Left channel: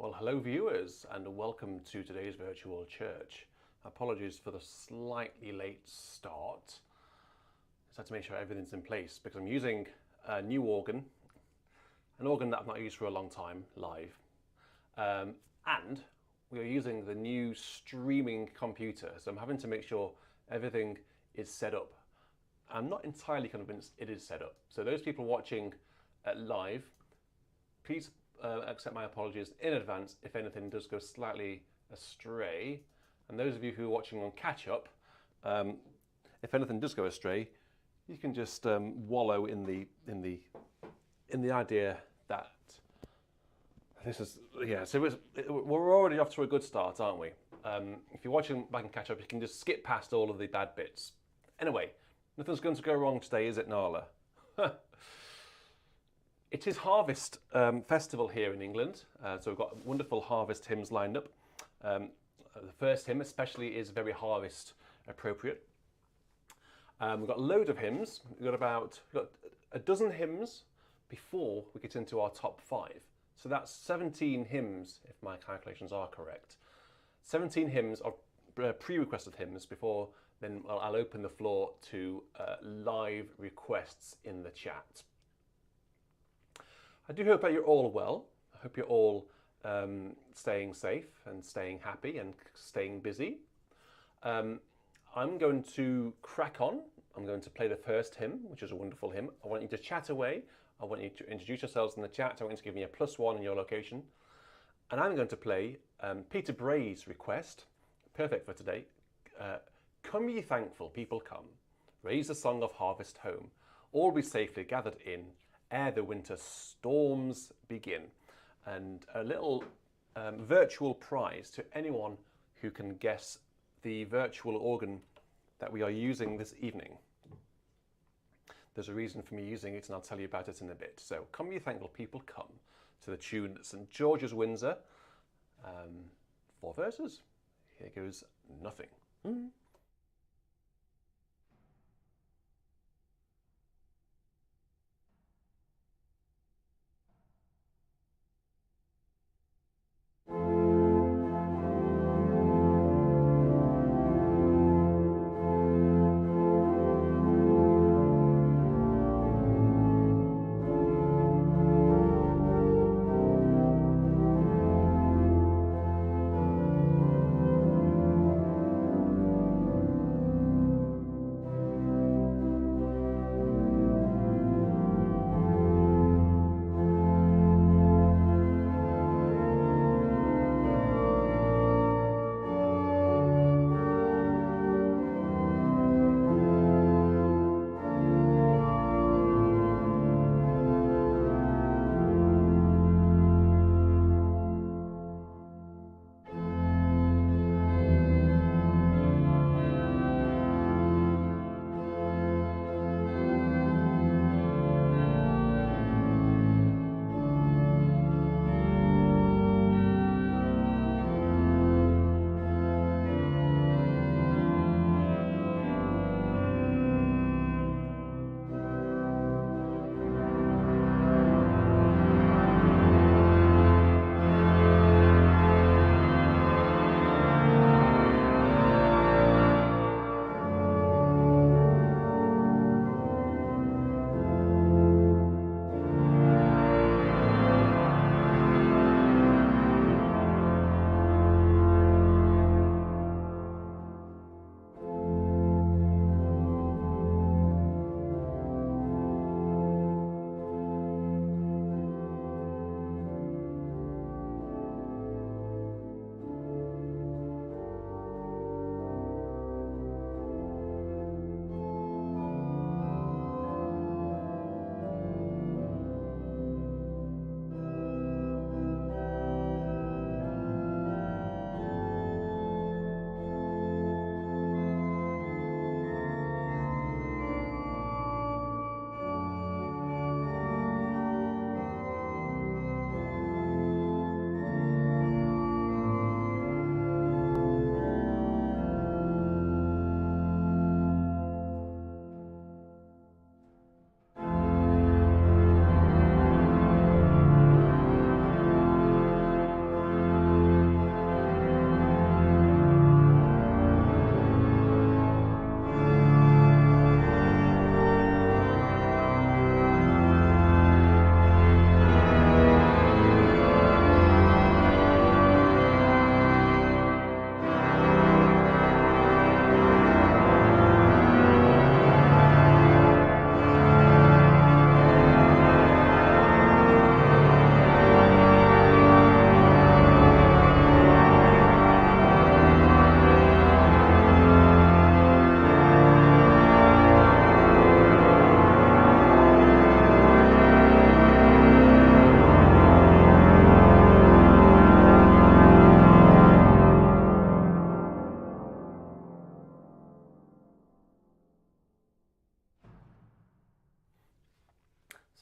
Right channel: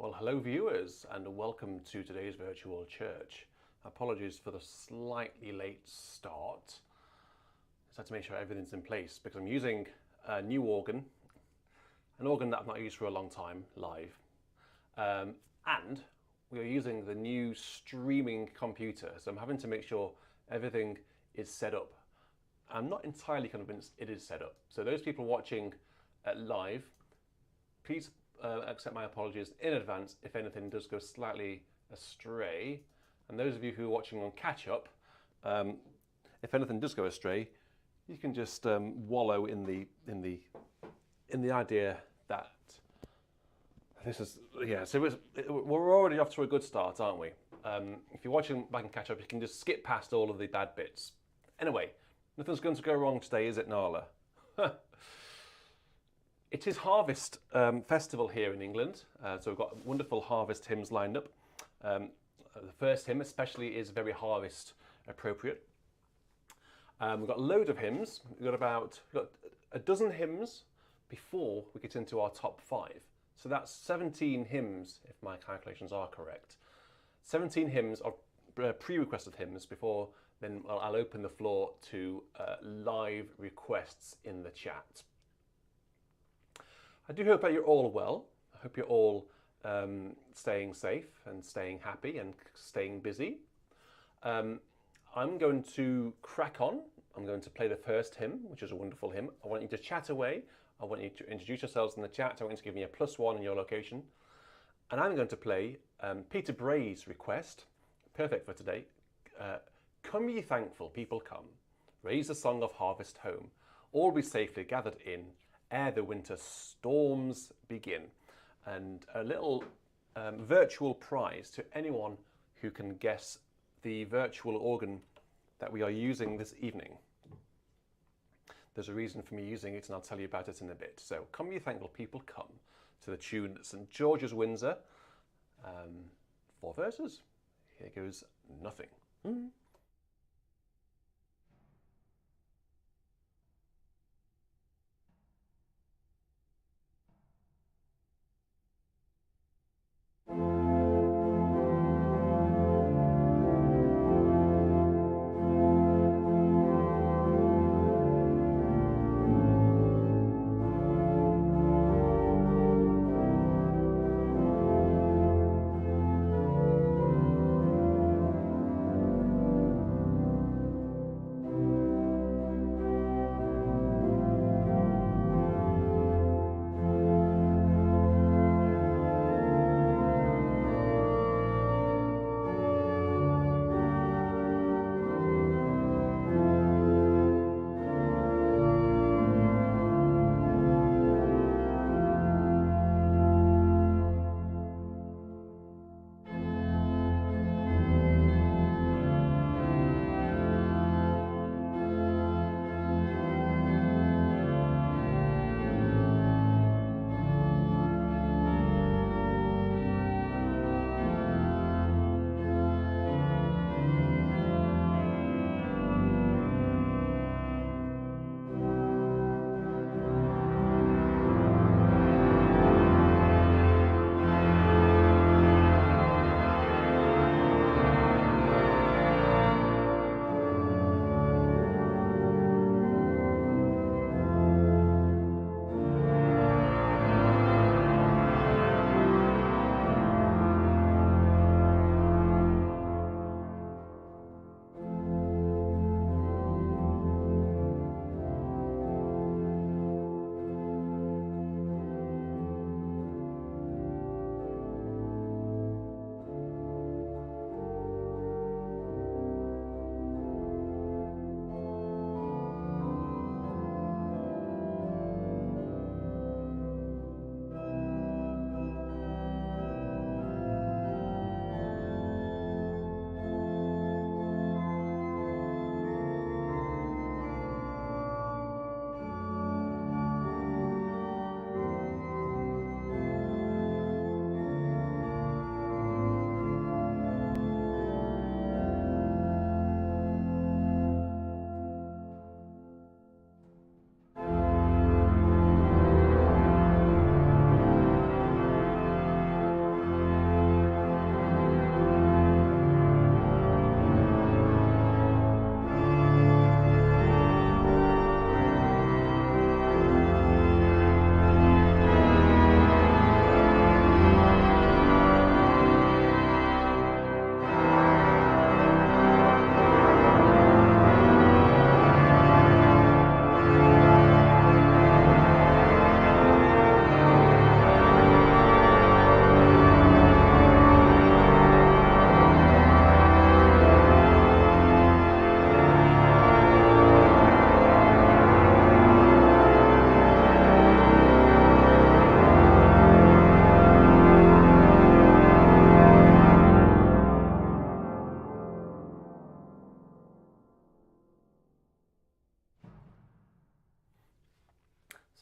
Well, hello viewers, and welcome to today's virtual church. Apologies for the slightly late start. Just had to make sure everything's in place because I'm using a new organ, an organ that I've not used for a long time, live. And we are using the new streaming computer, so I'm having to make sure everything is set up. I'm not entirely convinced it is set up. So those people watching live, please accept my apologies in advance if anything does go slightly astray. And those of you who are watching on catch up, if anything does go astray, you can just wallow in the idea that this is So we're already off to a good start, aren't we? If you're watching back and catch up, you can just skip past all of the bad bits. Anyway, nothing's going to go wrong today, is it, Nala? It is Harvest Festival here in England, so we've got wonderful harvest hymns lined up. The first hymn especially is very harvest appropriate. We've got a load of hymns. We've got a dozen hymns before we get into our top 5. So that's 17 hymns, if my calculations are correct. 17 hymns of pre-requested hymns before then I'll open the floor to live requests in the chat. I do hope that you're all well. I hope you're all staying safe and staying happy and staying busy. I'm going to crack on. I'm going to play the first hymn, which is a wonderful hymn. I want you to chat away. I want you to introduce yourselves in the chat. I want you to give me a +1 in your location. And I'm going to play Peter Bray's request, perfect for today. Come ye thankful, people come. Raise the song of harvest home. All be safely gathered in, ere the winter storms begin. And a little virtual prize to anyone who can guess the virtual organ that we are using this evening. There's a reason for me using it, and I'll tell you about it in a bit. So, come ye thankful people, come, to the tune St. George's Windsor. 4 verses. Here goes nothing.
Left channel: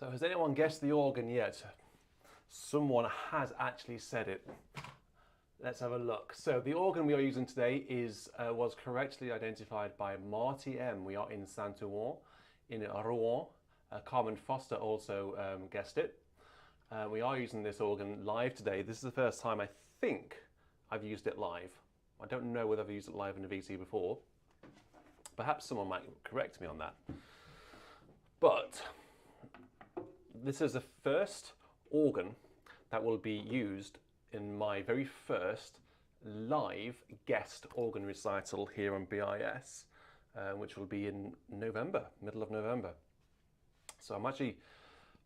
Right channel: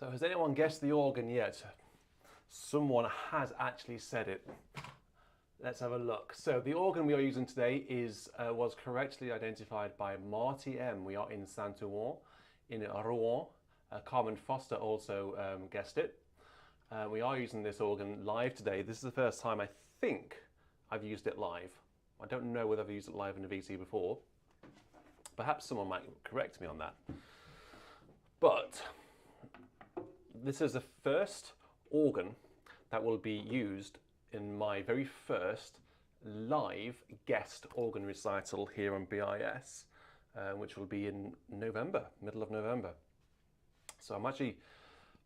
So has anyone guessed the organ yet? Someone has actually said it. Let's have a look. So the organ we are using today was correctly identified by Marty M. We are in Saint-Ouen, in Rouen. Carmen Foster also guessed it. We are using this organ live today. This is the first time I think I've used it live. I don't know whether I've used it live in a VC before. Perhaps someone might correct me on that. But this is the first organ that will be used in my very first live guest organ recital here on BIS, which will be in November, middle of November. So I'm actually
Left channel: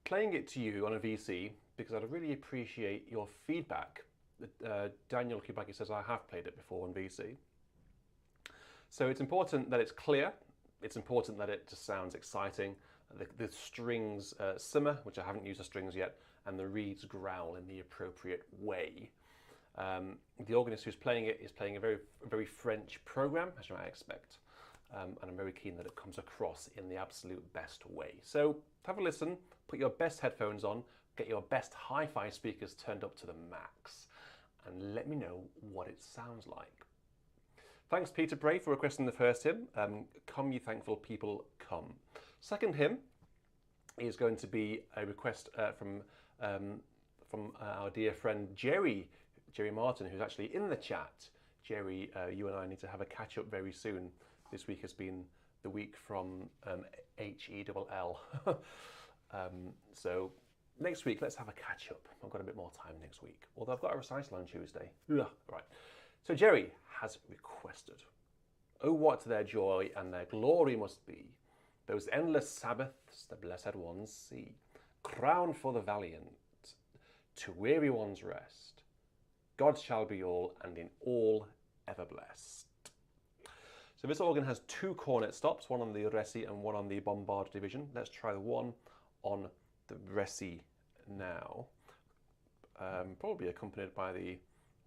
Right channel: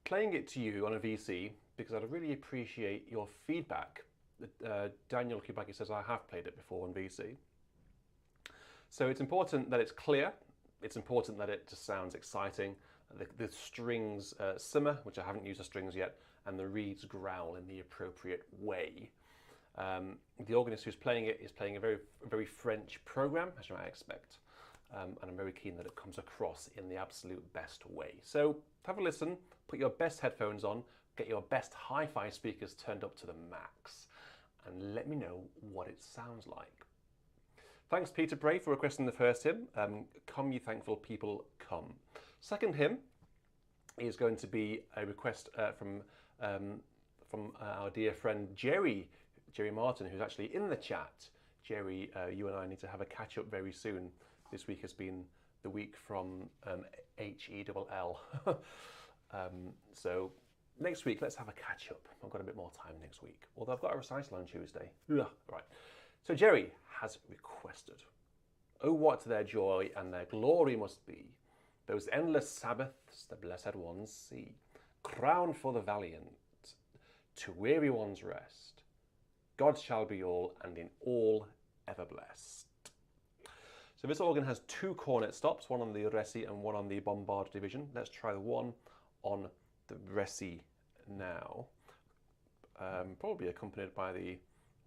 playing it to you on a VC because I'd really appreciate your feedback. Daniel Kubaki says I have played it before on VC. So it's important that it's clear, it's important that it just sounds exciting, the strings simmer, which I haven't used the strings yet, and the reeds growl in the appropriate way. The organist who's playing it is playing a very French program, as you might expect, and I'm very keen that it comes across in the absolute best way. So have a listen, put your best headphones on, get your best hi-fi speakers turned up to the max, and let me know what it sounds like. Thanks Peter Bray for requesting the first hymn, Come Ye Thankful People Come. Second hymn is going to be a request from our dear friend Jerry Martin, who's actually in the chat. Jerry, you and I need to have a catch up very soon. This week has been the week from HELL. So next week, let's have a catch up. I've got a bit more time next week, although I've got a recital on Tuesday. Right. So Jerry has requested, "Oh, what their joy and their glory must be, those endless Sabbaths the blessed ones see, crowned for the valiant, to weary ones rest. God shall be all, and in all ever blessed." So this organ has two cornet stops, one on the Resi and one on the Bombard division. Let's try the one on the Resi now. Probably accompanied by the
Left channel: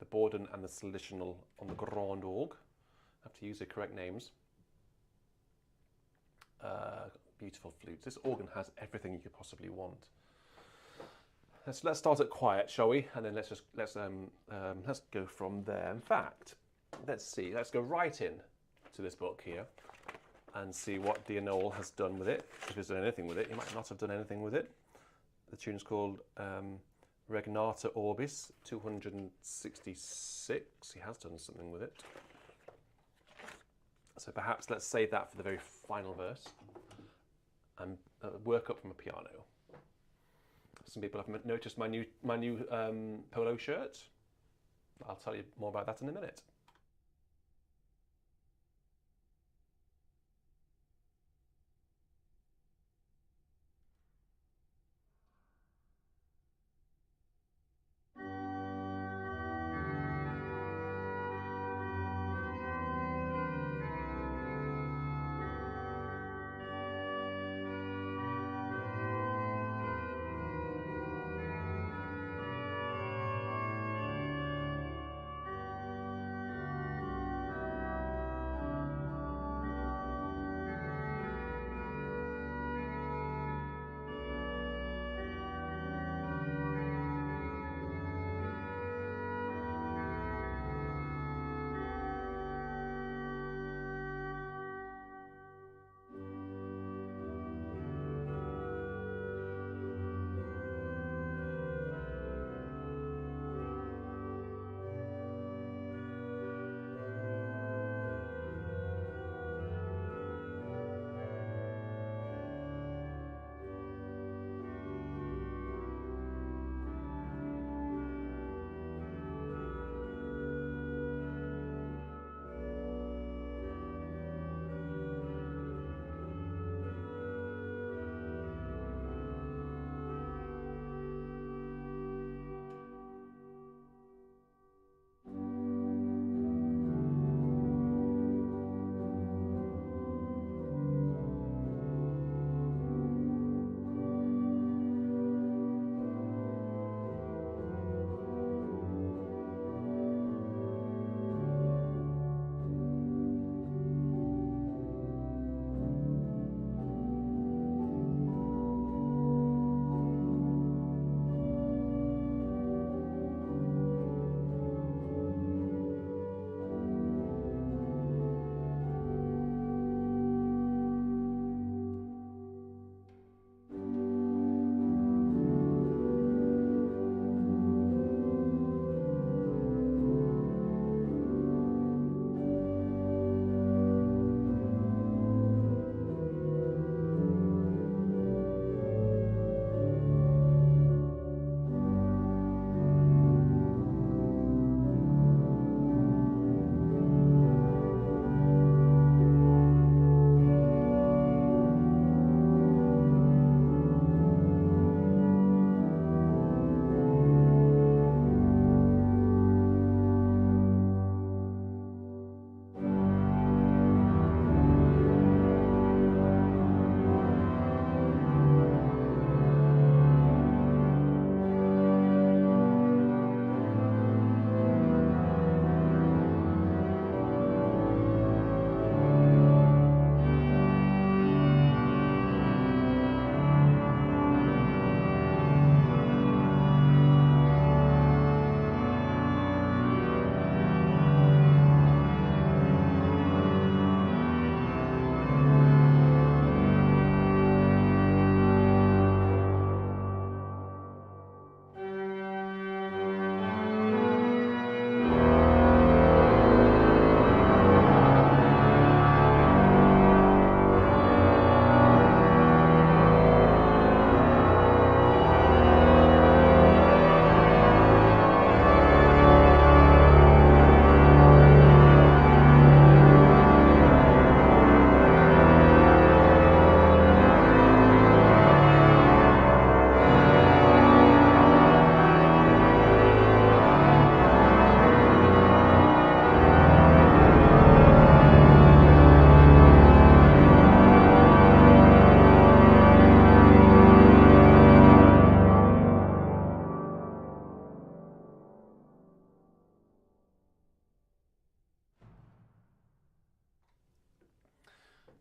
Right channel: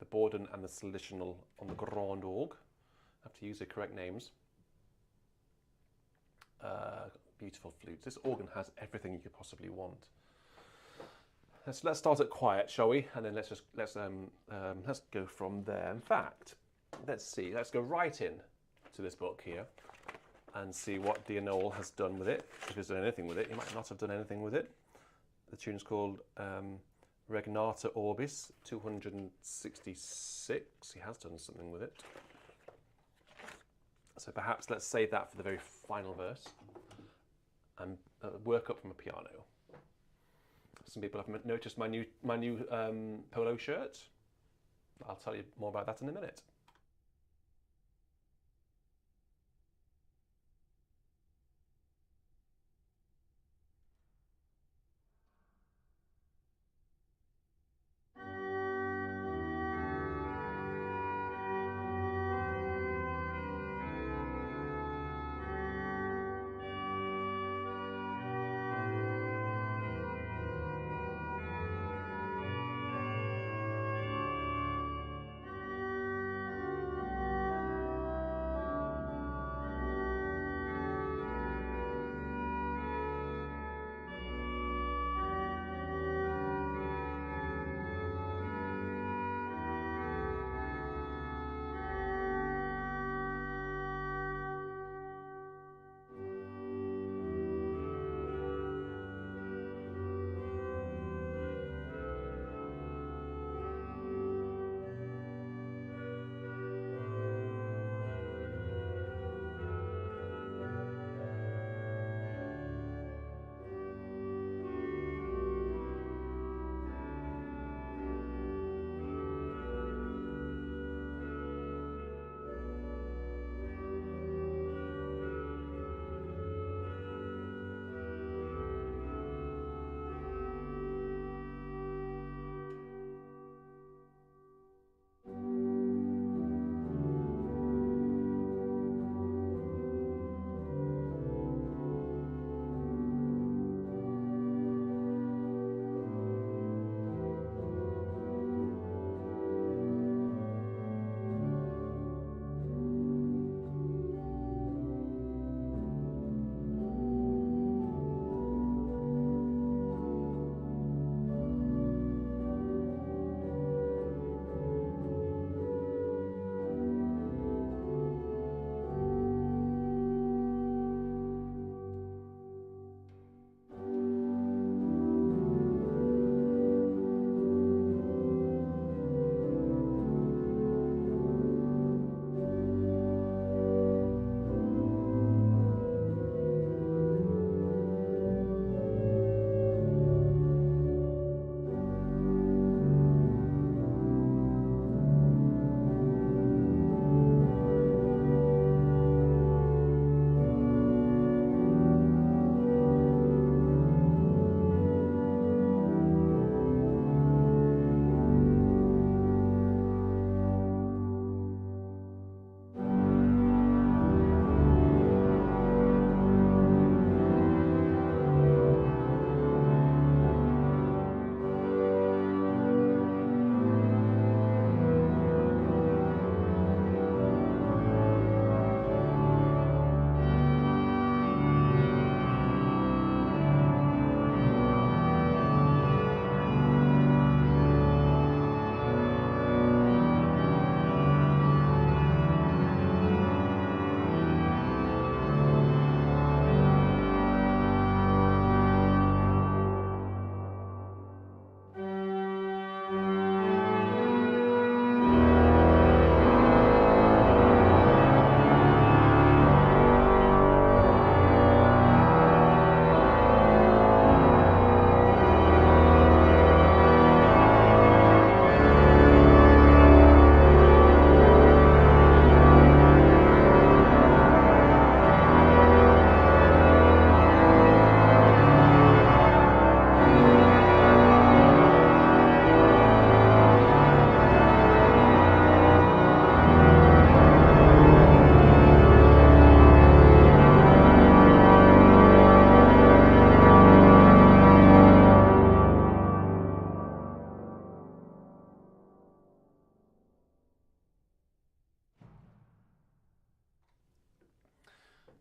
Borden and the Solitional on the Grand Orgue. I have to use the correct names. Beautiful flutes. This organ has everything you could possibly want. Let's start at quiet, shall we? And then let's go from there. In fact, let's go right in to this book here and see what Dear Noel has done with it. If he's done anything with it, he might not have done anything with it. The tune's called Regnata Orbis 266. He has done something with it. So perhaps let's save that for the very final verse and work up from a piano. Some people have noticed my new polo shirt. I'll tell you more about that in a minute.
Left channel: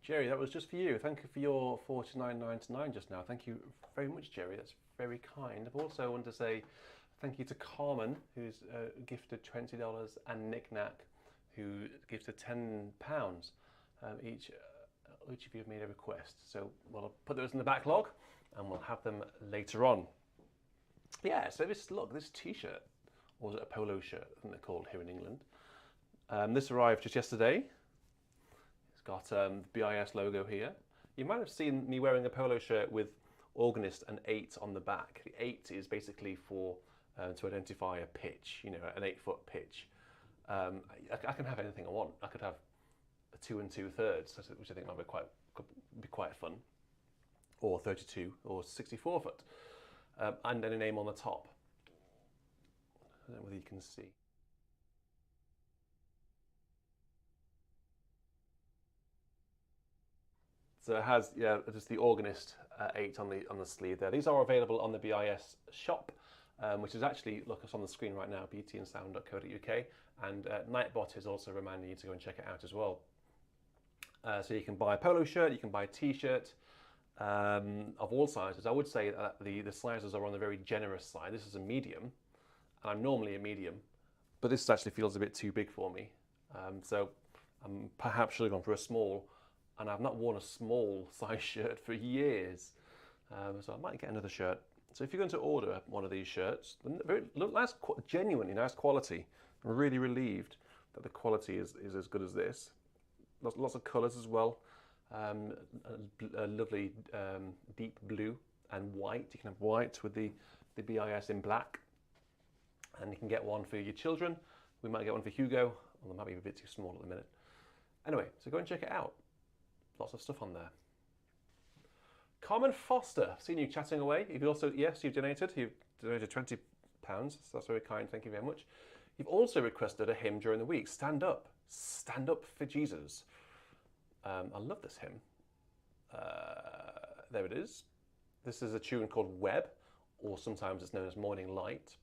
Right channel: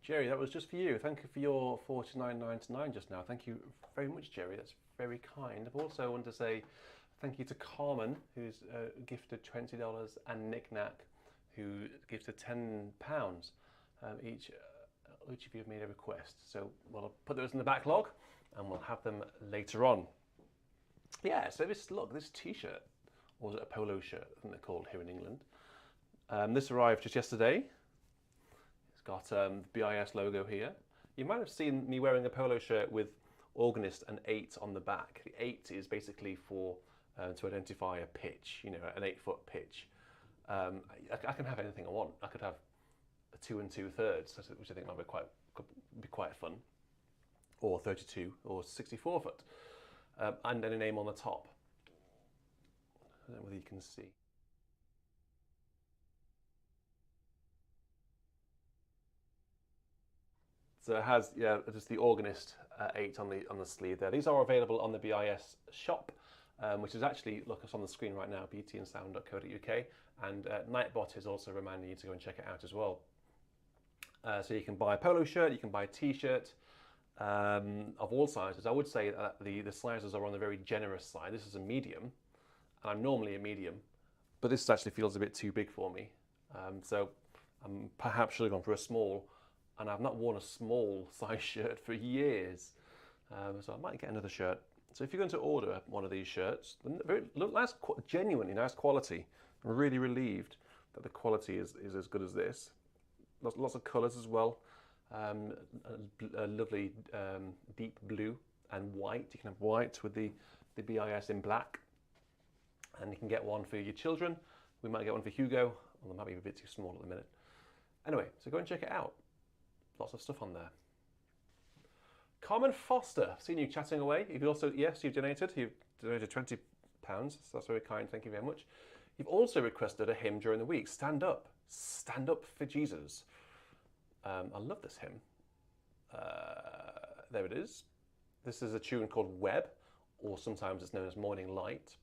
Jerry, that was just for you. Thank you for your $49.99 just now. Thank you very much, Jerry. That's very kind. I also want to say thank you to Carmen, who's gifted $20, and Nick Knack, who gifted £10. Each of you have made a request. So we'll put those in the backlog and we'll have them later on. Yeah, so this t-shirt, or is it a polo shirt, I think they're called here in England. This arrived just yesterday. It's got the BIS logo here. You might have seen me wearing a polo shirt with organist and 8 on the back. The 8 is basically for to identify a pitch, you know, an 8-foot pitch. I can have anything I want. I could have a 2 2/3, which I think might be quite fun, or 32 or 64 foot, and then a name on the top. I don't know whether you can see. So it has, yeah, just the organist 8 on the sleeve there. These are available on the BIS shop, which is actually, look, it's on the screen right now, beautyandsound.co.uk, and Nightbot is also reminding you to go and check it out as well. So you can buy a polo shirt, you can buy a t-shirt of all sizes. I would say that the sizes are on the very generous side. This is a medium, and I'm normally a medium, but this actually feels a bit too big for me. So I perhaps should have gone for a small, and I've not worn a small size shirt for years. So I might get another shirt. So if you're going to order one of these shirts, look nice, genuinely nice quality. I'm really relieved that the quality is as good as this. Lots of colours as well. A lovely deep blue and white. You can have white with the BIS in black. And you can get one for your children. We might get one for Hugo, although it might be a bit too small at the minute. Anyway, so go and check it out. Lots of stuff on there. Carmen Foster, I've seen you chatting away. You've also, yes, you've donated. You've donated £20, so that's very kind. Thank you very much. You've also requested a hymn during the week. Stand up for Jesus. I love this hymn. There it is. This is a tune called Web, or sometimes it's known as Morning Light.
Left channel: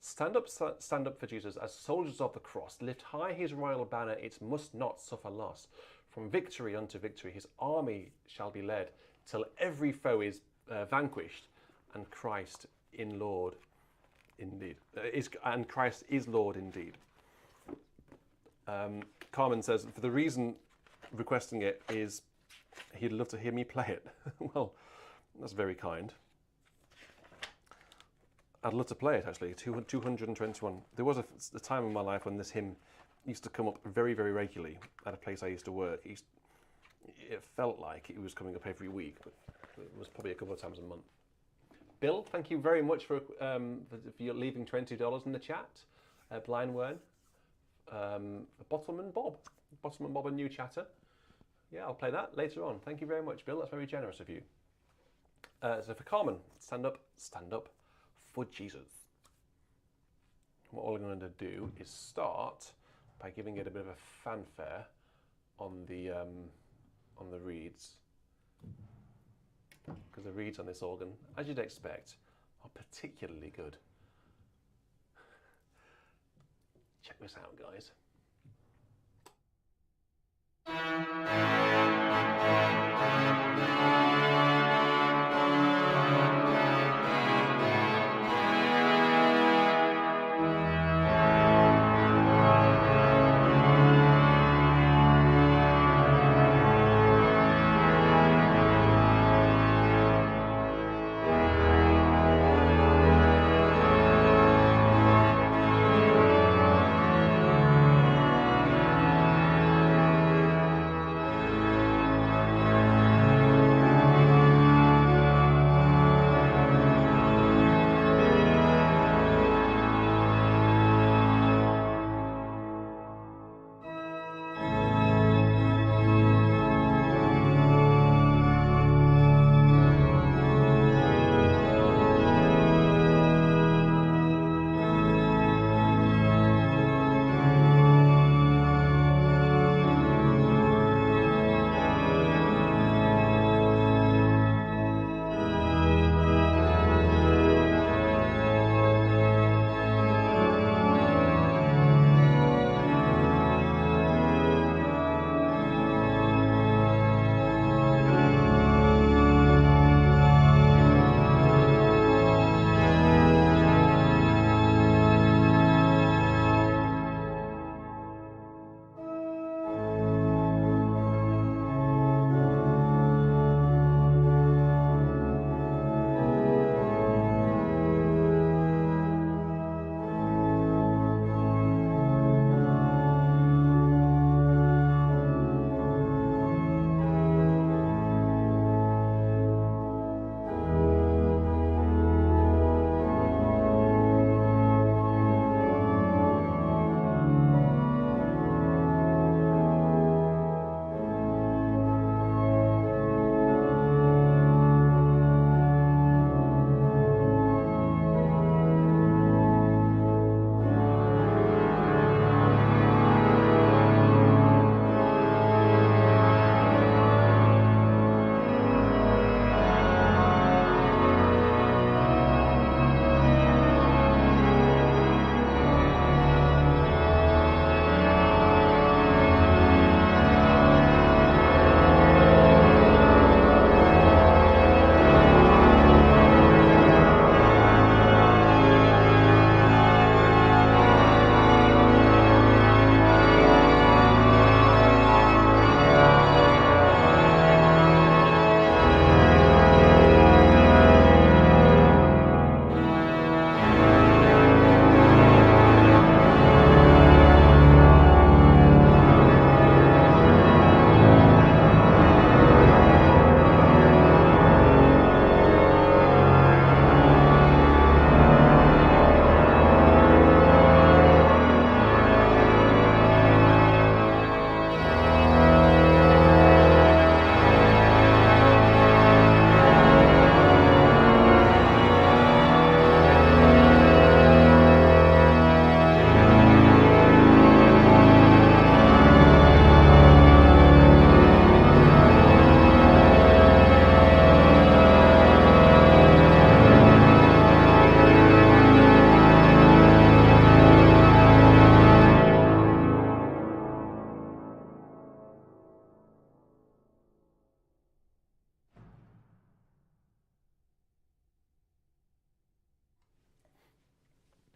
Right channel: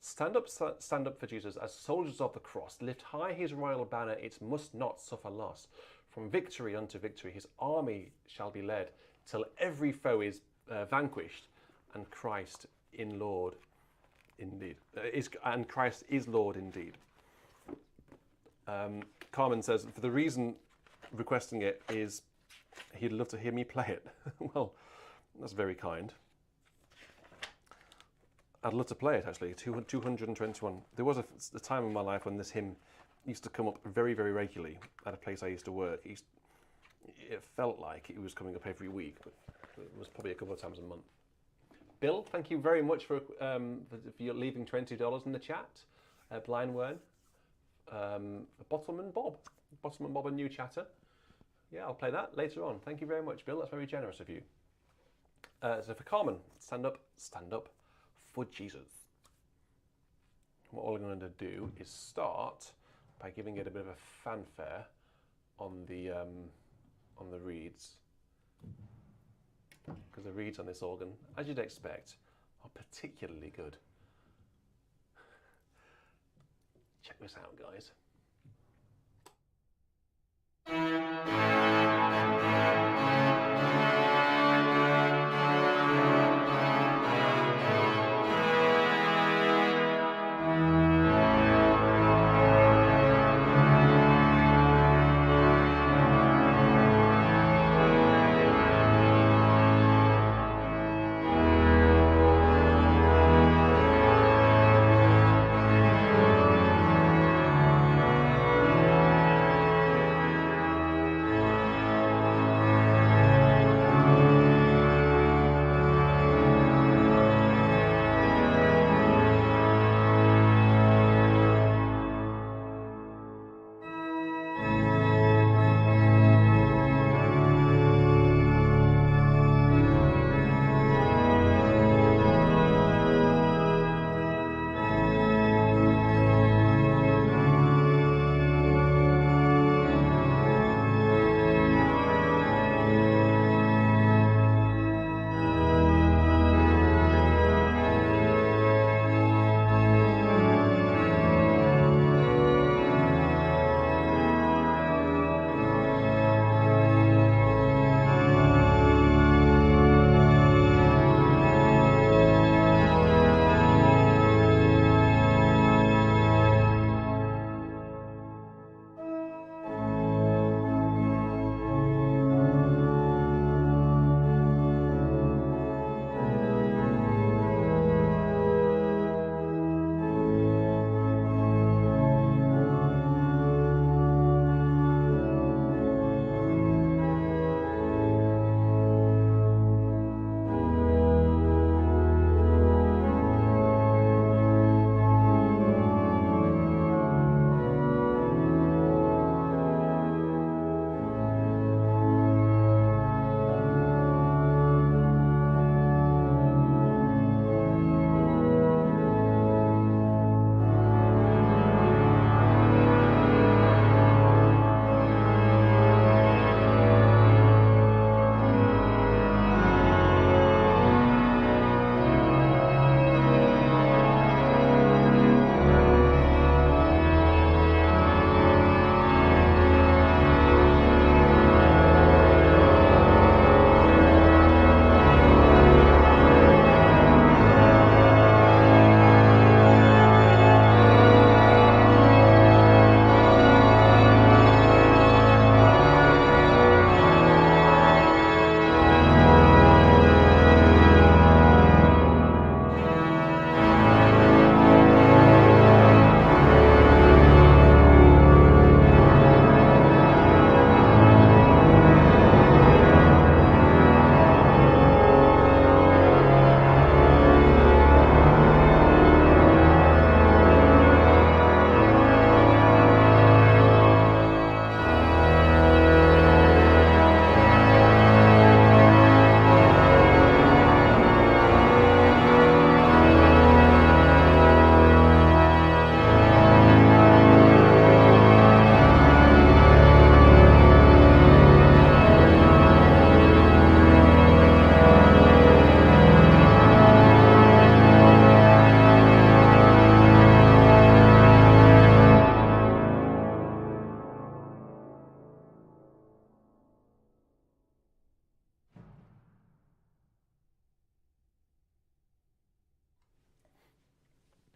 Stand up for Jesus as soldiers of the cross. Lift high his royal banner, it must not suffer loss. From victory unto victory, his army shall be led, till every foe is vanquished, and Christ in Lord indeed. And Christ is Lord indeed. Carmen says, for the reason requesting it is he'd love to hear me play it. Well, that's very kind. I'd love to play it, actually. 221. There was a time in my life when this hymn used to come up very, very regularly at a place I used to work. It felt like it was coming up every week, but it was probably a couple of times a month. Bill, thank you very much for leaving $20 in the chat. Blind Wern, Bottleman Bob, a new chatter. Yeah, I'll play that later on. Thank you very much, Bill. That's very generous of you. So for Carmen, stand up for Jesus. What we're going to do is start by giving it a bit of a fanfare on the reeds, because the reeds on this organ, as you'd expect, are particularly good. Check this out, guys.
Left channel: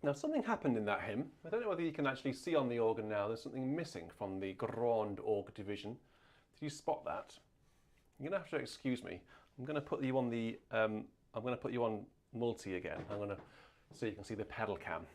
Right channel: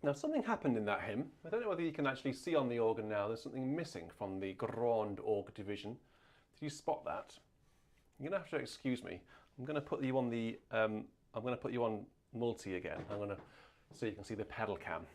Now, something happened in that hymn. I don't know whether you can actually see on the organ now. There's something missing from the Grand Org division. Did you spot that? You're gonna have to excuse me. I'm gonna put you on the. I'm gonna put you on multi again. I'm gonna so you can see the pedal cam.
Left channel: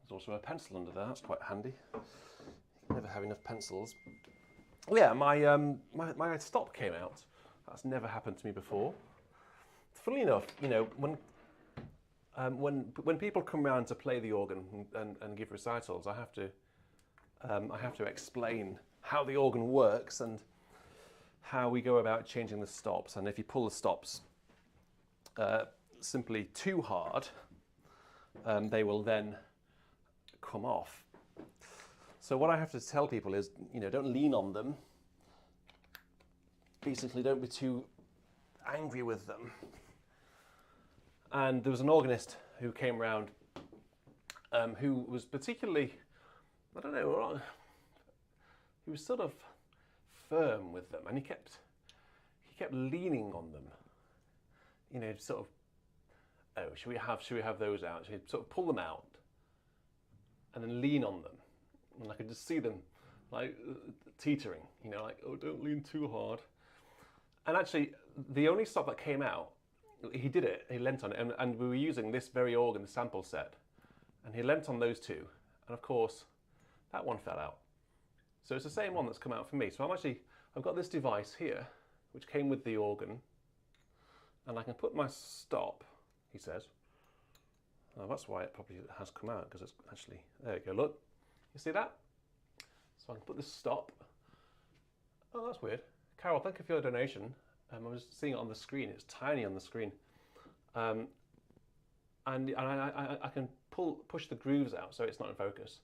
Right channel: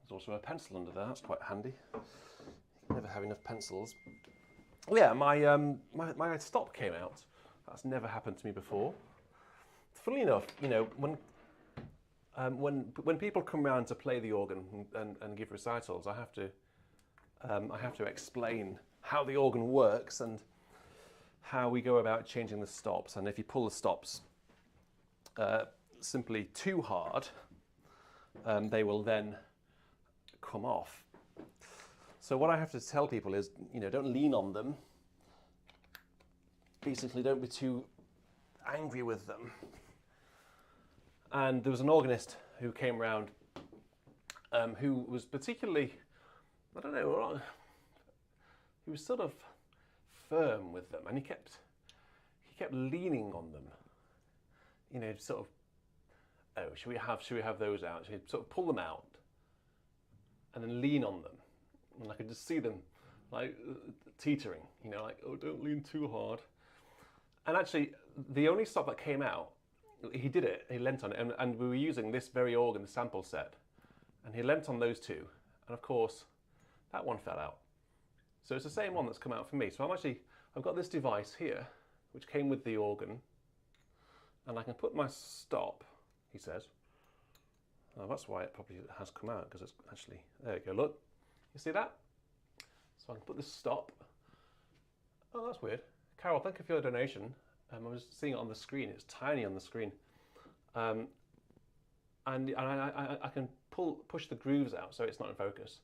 There's also a pencil under there. That's quite handy. You never have enough pencils. Yeah, my stop came out. That's never happened to me before. Funnily enough, you know, when people come around to play the organ and give recitals, I have to explain how the organ works and how we go about changing the stops. And if you pull the stops simply too hard, they will then come off. So what I have to tell people is, you know, don't lean on them. Basically, don't be too angry with them. And there was an organist who came around who was particularly, I don't know, he was sort of firm with them, and he kept leaning on them. You know, sort of, oh, should we have those out? Should we sort of pull them out and then lean on them? And I could just see them like teetering, you know, like, oh, don't lean too hard. And actually, the only stop that came out, he did it, he leant on it, and we were using this very organ, the sample set, and he leant on those two, and of course, that one fell out. So it's the same one that's come out for me. So I've got this device here, which came with the organ, and I can put my stop, he says. Oh, that's why it probably has come out, because it's actually, there you go, look. You see that? So I can put this stop. Oh, that's weird. Carol, thank you for your donation. I was seeing it on the screen. It's tiny on the screen. And I can push the grooves out, so it's not in focus.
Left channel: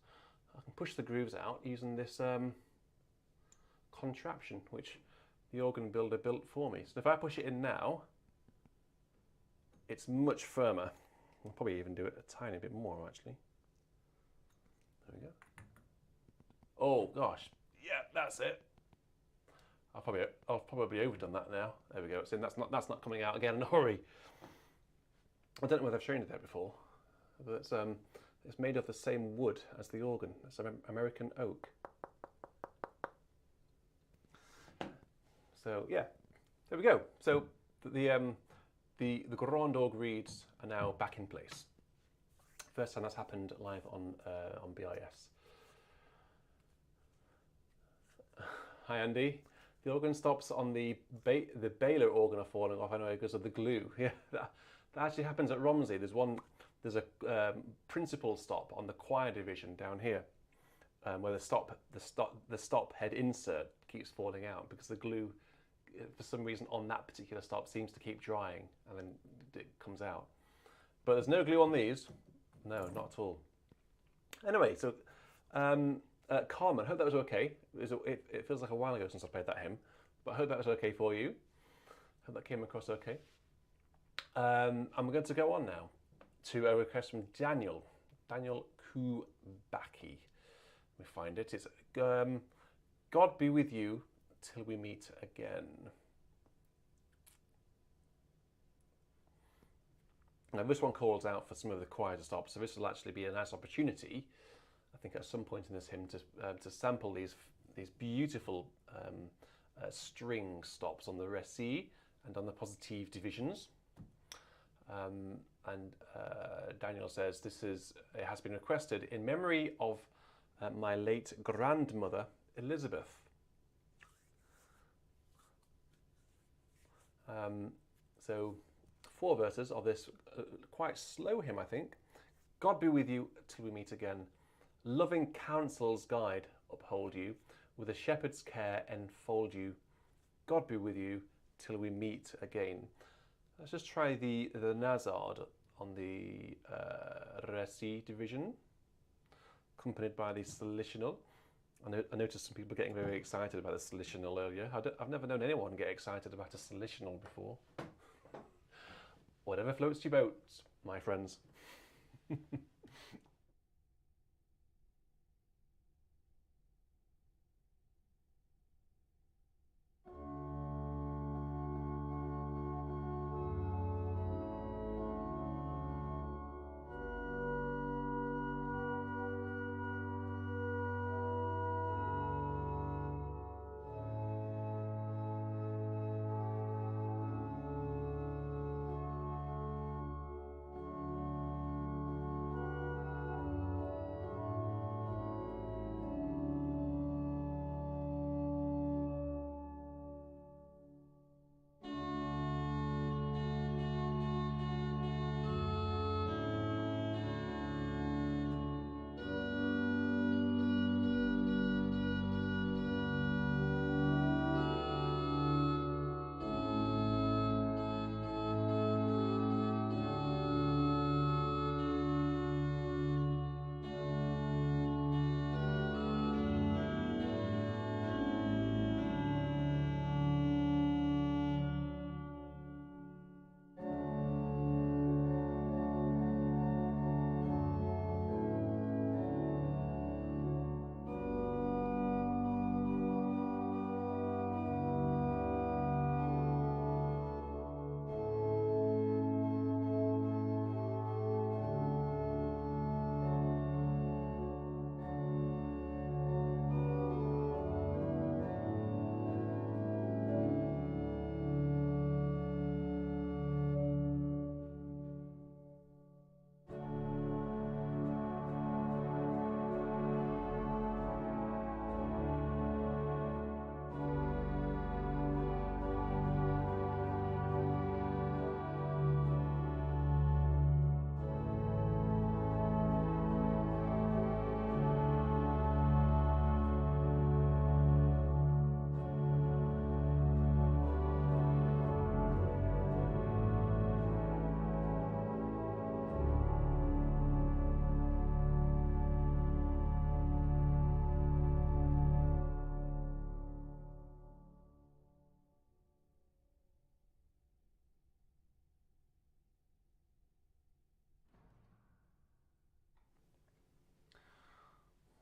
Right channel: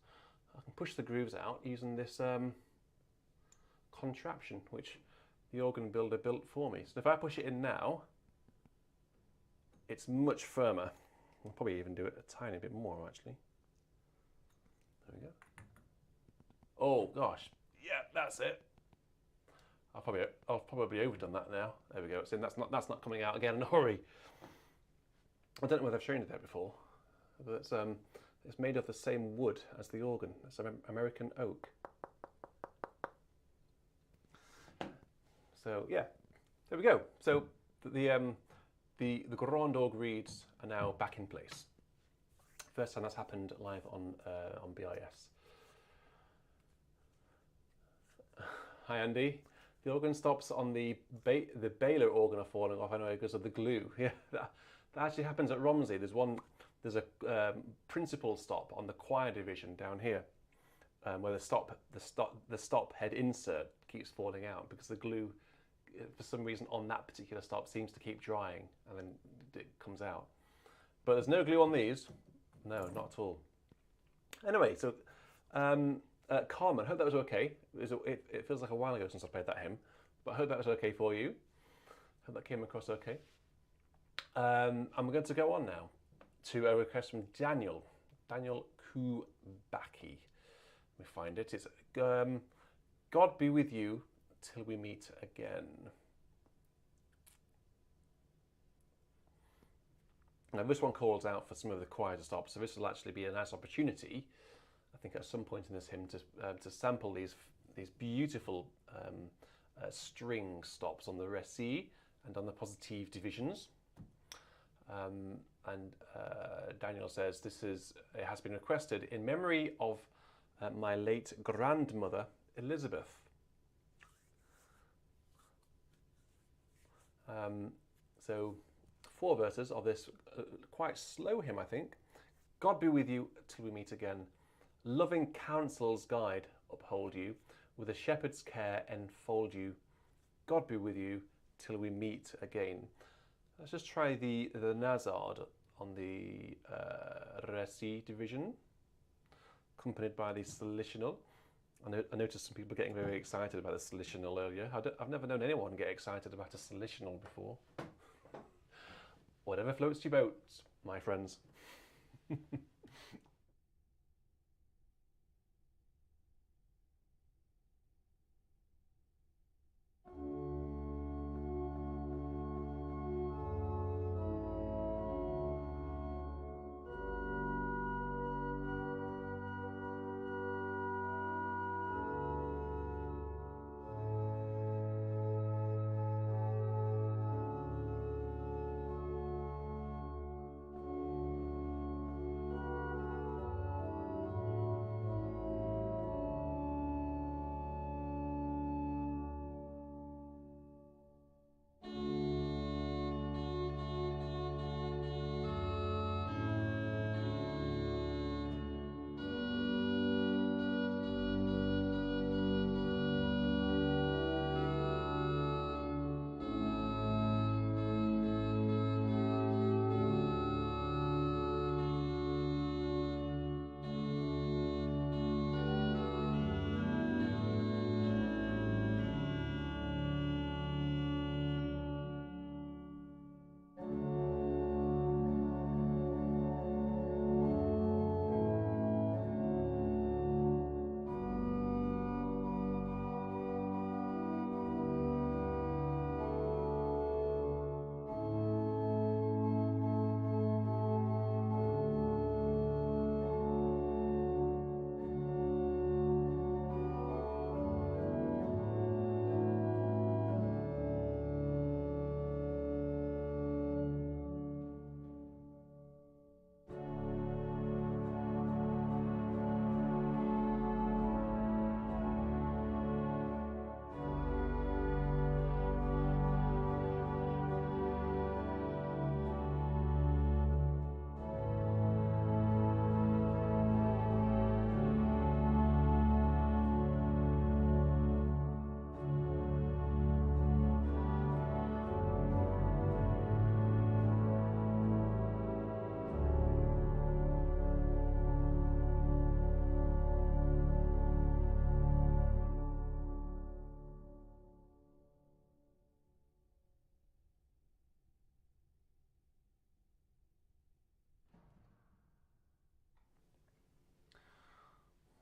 I can push the grooves out using this contraption, which the organ builder built for me. So if I push it in now, it's much firmer. I'll probably even do it a tiny bit more, actually. There we go. Oh gosh, yeah, that's it. I've probably overdone that now. There we go. It's in. That's not coming out again in a hurry. I don't know whether I've shown you that before, but it's made of the same wood as the organ. It's American oak. So yeah, there we go. So the Grand Org reeds are now back in place. First time that's happened live on BIS. Hi Andy. The organ stops on the Baylor organ are falling off anyway because of the glue. Yeah, that actually happens at Romsey. There's a principal stop on the choir division down here, where the stop head insert keeps falling out because the glue, for some reason, on that particular stop seems to keep drying and then it comes out. But there's no glue on these. No, not at all. Anyway, so. Carmen, hope that was okay. It feels like a while ago since I played that hymn, but I hope that was okay for you. Hope that came across okay. And we're going to go on now to a request from Daniel Kubacki. Let me find it. It's God be with you till we meet again. Now this one calls out for some of the choir to stop, so this will actually be a nice opportunity, I think, at some point in this hymn to sample these beautiful string stops on the Réci and on the positive divisions. Daniel says it has been requested in memory of my late grandmother Elizabeth. So 4 verses of this quite slow hymn, I think. God be with you till we meet again. Loving counsel's guide uphold you, with a shepherd's care enfold you. God be with you till we meet again. Let's just try the Nazard on the Réci division, accompanied by the Solitional. I noticed some people getting very excited about the Solitional earlier. I've never known anyone get excited about a Solitional before. Whatever floats your boat, my friends.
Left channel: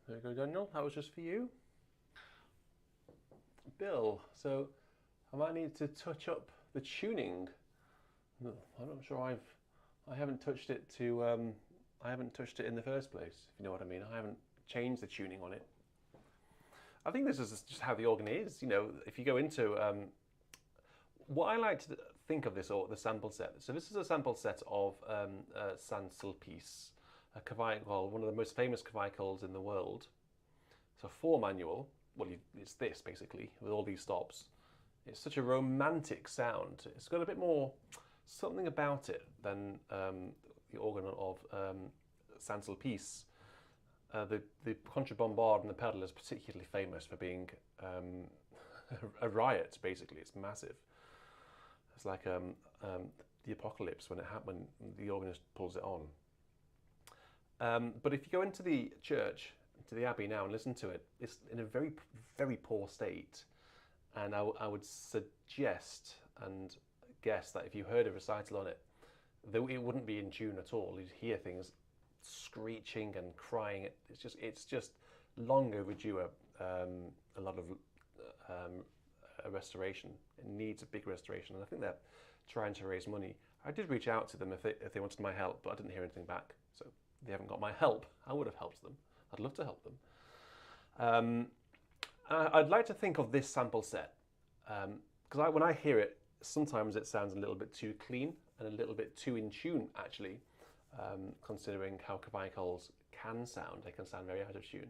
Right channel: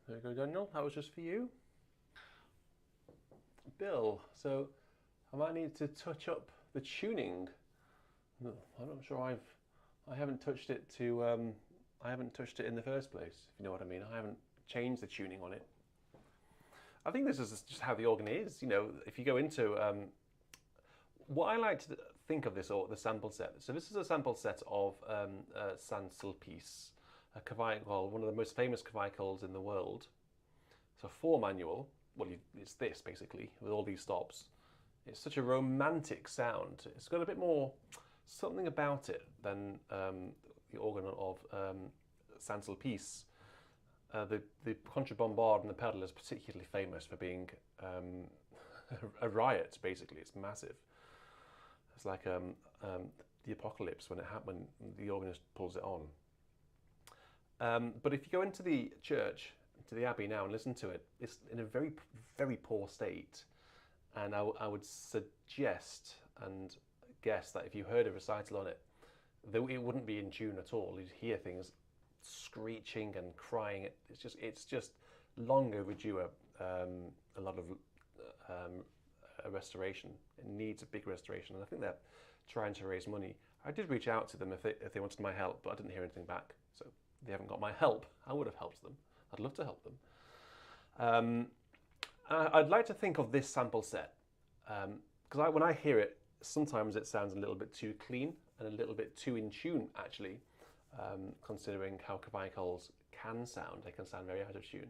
There you go, Daniel. That was just for you. Bill, so I might need to touch up the tuning. No, I'm not sure I haven't touched it to I haven't touched it in the first place, if you know what I mean. I haven't changed the tuning on it. I think this is just how the organ is. You know, if you go into what I like to think of this, or the sample set. So this is a sample set of Sulpice, a clavicle, one of the most famous clavicles in the world. So 4 manual. Well, it's this basically with all these stops. It's such a romantic sound. It's got a bit more something about it than the organ of Sulpice. The contrabombarde and the pedal is particularly famous for being a riot. Basically, it's massive. It's like the apocalypse when the organist pulls it on. But if you go into the church, to the abbey now, and listen to it, it's in a very, very poor state. And I would suggest and guess that if you heard a recital on it, it wouldn't be in tune at all. You'd hear things screeching and crying. It's just long overdue a lot of a restoration. It needs a big restoration, and I think they're trying to raise money. I did reach out to them if they wanted my help, but I didn't hear anything back. So they haven't got my help. I would have helped them. I'd love to help them. I'd like to think of this sample set because when I hear it, sometimes it sounds a little bit too clean and a little bit too in tune, actually, considering how clavicles can sound. They can sound very out of tune.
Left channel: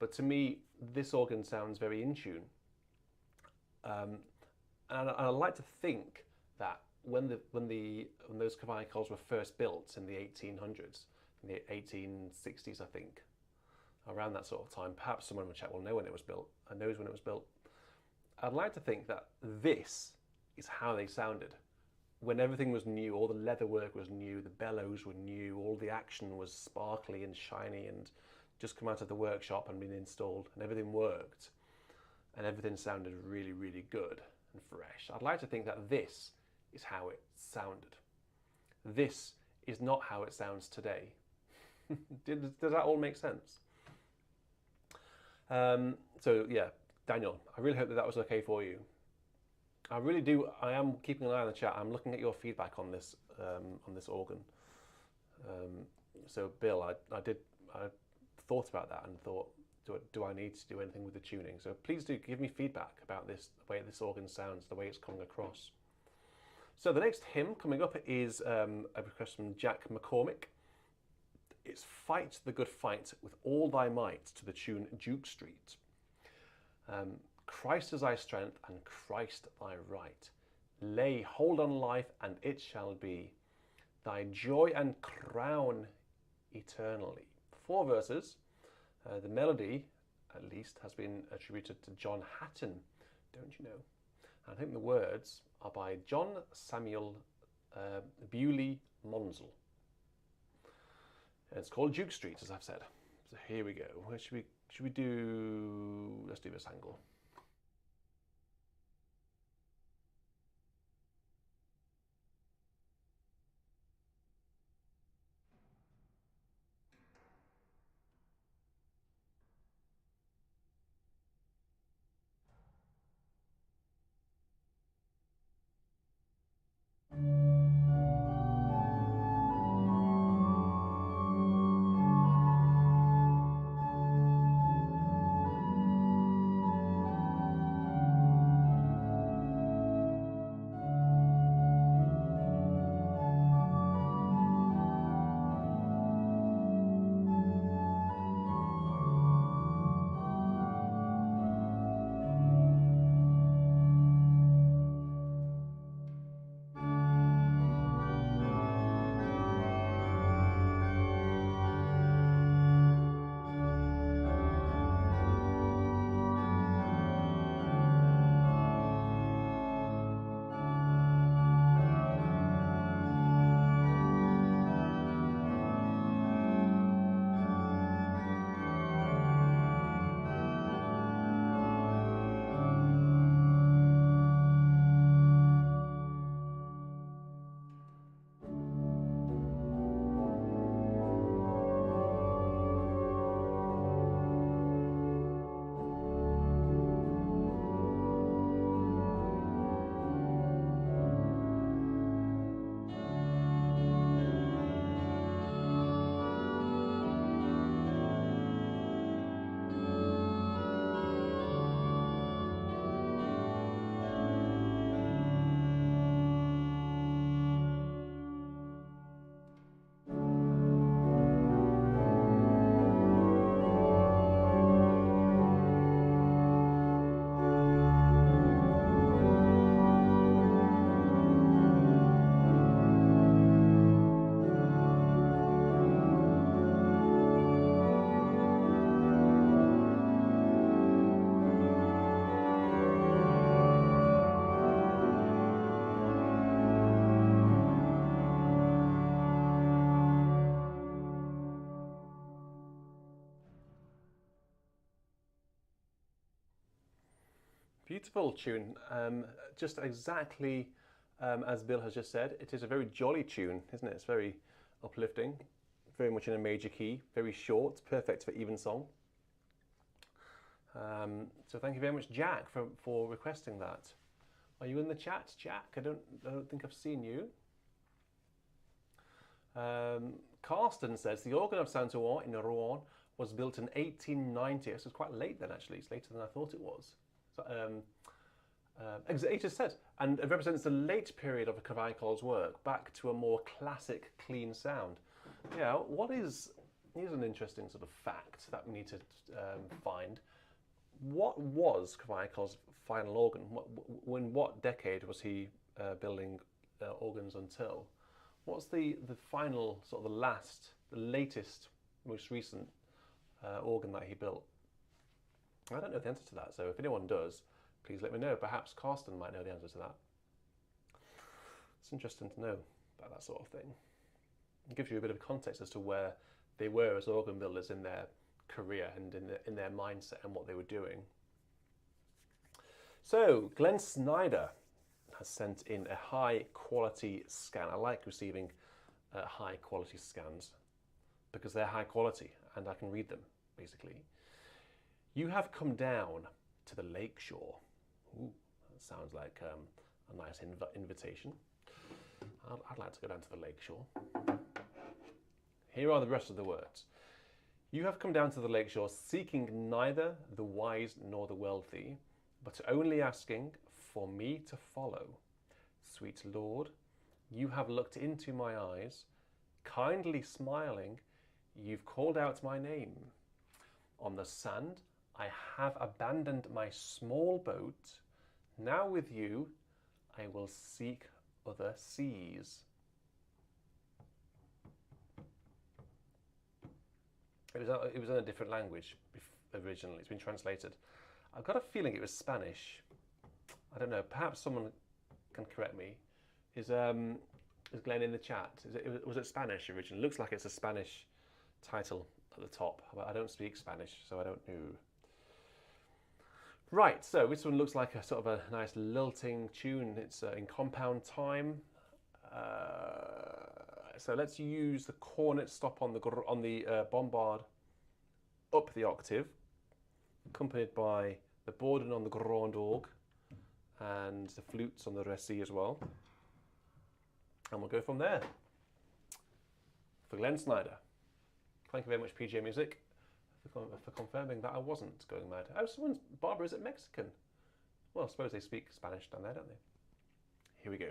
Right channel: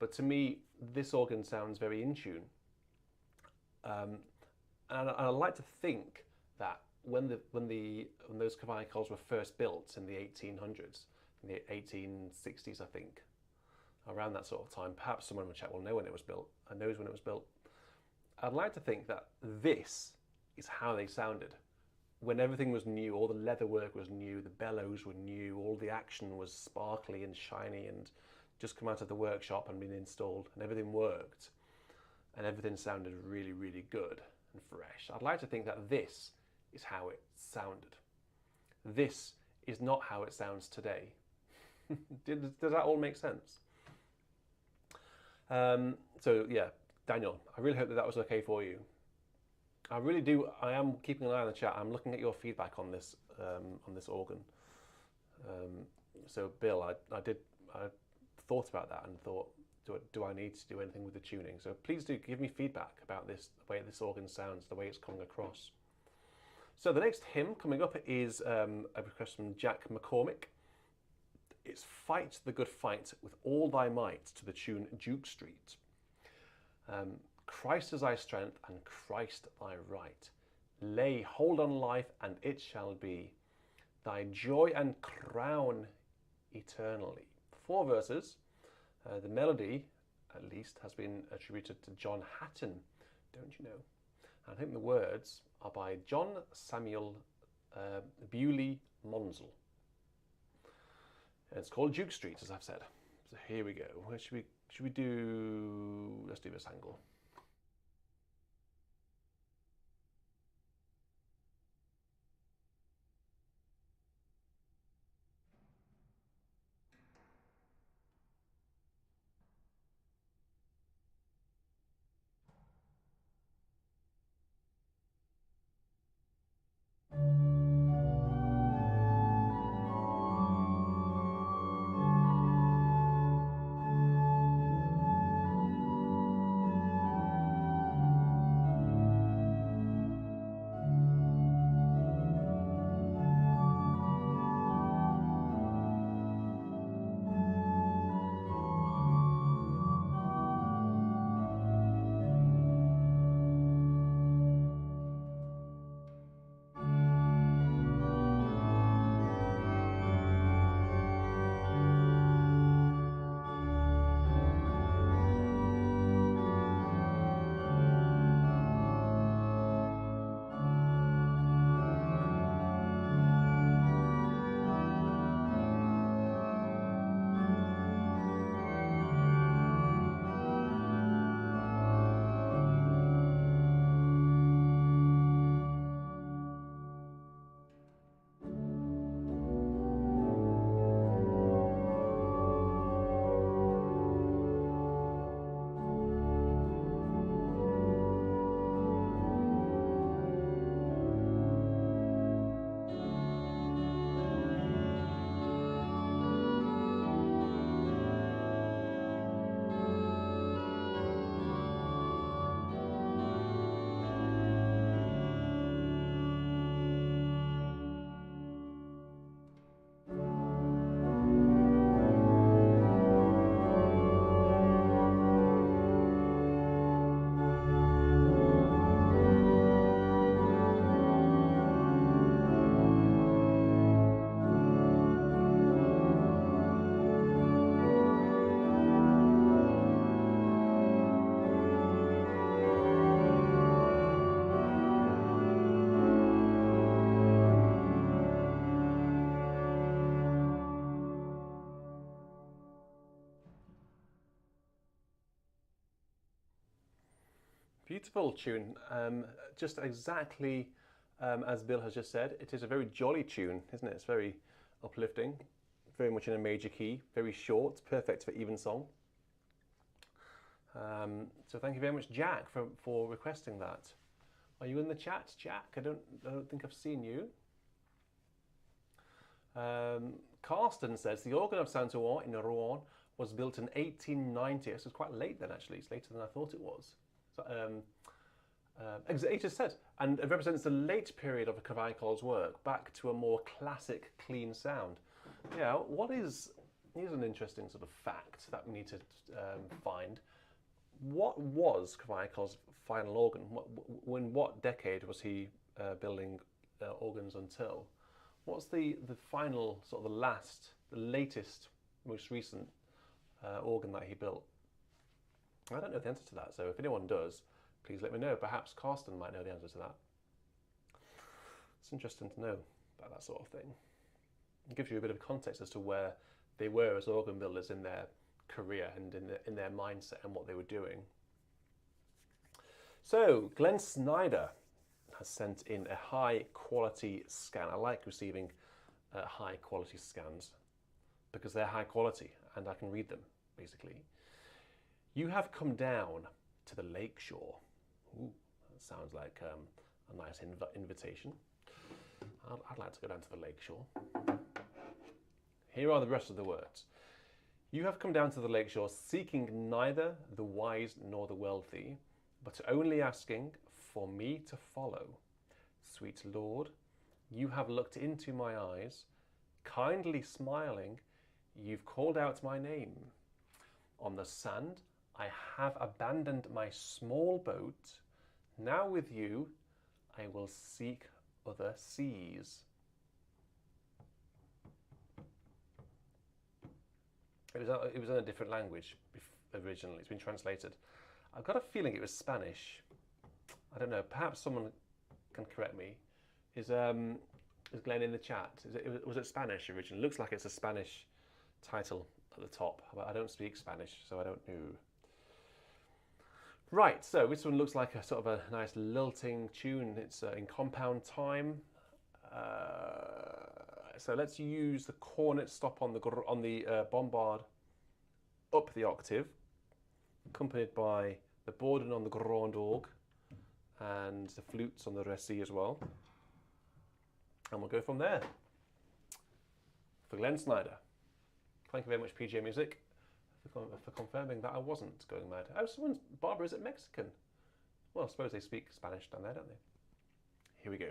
But to me, this organ sounds very in tune. And I like to think that when those clavicles were first built in the 1800s, in the 1860s, I think, around that sort of time, perhaps someone in the chat will know when it was built and knows when it was built. I'd like to think that this is how they sounded. When everything was new, all the leather work was new, the bellows were new, all the action was sparkly and shiny and just come out of the workshop and been installed, and everything worked, and everything sounded really, really good and fresh. I'd like to think that this is how it sounded. this is not how it sounds today. Does that all make sense? So yeah, Daniel, I really hope that was okay for you. I really do. I am keeping an eye on the chat. I'm looking at your feedback on this organ. So Bill, I thought about that and thought, do I need to do anything with the tuning? So please do give me feedback about this, the way this organ sounds, the way it's coming across. So the next hymn coming up is a request from Jack McCormick. It's Fight the Good Fight with All Thy Might to the tune Duke Street. Christ is thy strength and Christ thy right. Lay hold on life and it shall be thy joy and crown eternally. 4 verses. The melody, at least, has been attributed to John Hatton, don't you know? I think the words are by John Samuel Bewley Monsell. And it's called Duke Street, as I've said. So here we go. Where should we do? Let's do this angle. Beautiful tune. Just exactly as Bill has just said, it is a very jolly tune, isn't it? It's very uplifting, very much in a major key, very short, perfect for evensong. So thank you very much, Jack, for requesting that. Are you in the chat, Jack? I don't think I've seen you. Carsten says the organ of Saint-Ouen in Rouen was built in 1890. This is quite late then, actually. It's later than I thought it was. So, it just said, and it represents the late period of Carmichael's work back to a more classic, clean sound. Yeah, here's an interesting sort of fact that we need to find. What was Carmichael's final organ? In what decade was he building organs until? What's the final, sort of the latest, most recent organ that he built? I don't know the answer to that, so if anyone does, please let me know. Perhaps Carsten might know the answer to that. It's interesting to know about that sort of thing. It gives you a bit of context as to where they were as organ builders in their career and in their mindset and what they were doing. So, Glenn Snyder has sent in a high quality scan. I like receiving high quality scans because they're high quality and I can read them, basically. You have come down to the lake shore. Ooh, that sounds like a nice invitation. I'd like to go down to the lake shore. Here are the rest of the words. You have come down to the lake shore seeking neither the wise nor the wealthy, but only asking for me to follow. Sweet Lord, you have looked into my eyes, kindly smiling, you've called out my name. On the sand, I have abandoned my small boat. Now with you, I will seek other seas. It was in a different language originally. It's been translated. I've got a feeling it was Spanish. I don't know. Perhaps someone can correct me. Is Glenn in the chat? Was it Spanish originally? Looks like it's a Spanish title at the top. But I don't speak Spanish, so I don't know. Right. So this one looks like a sort of a nice lilting tune. It's in compound time. So let's use the cornet stop on the bombard up the octave, accompanied by the Borden on the grand orgue and the flutes on the récit as well. And we'll go from there. For Glenn Snyder. Thank you very much, PJ Music, for confirming that I wasn't going mad. Oh, Barbara, is it Mexican? Well, I suppose they speak Spanish down there, don't they? Here we go.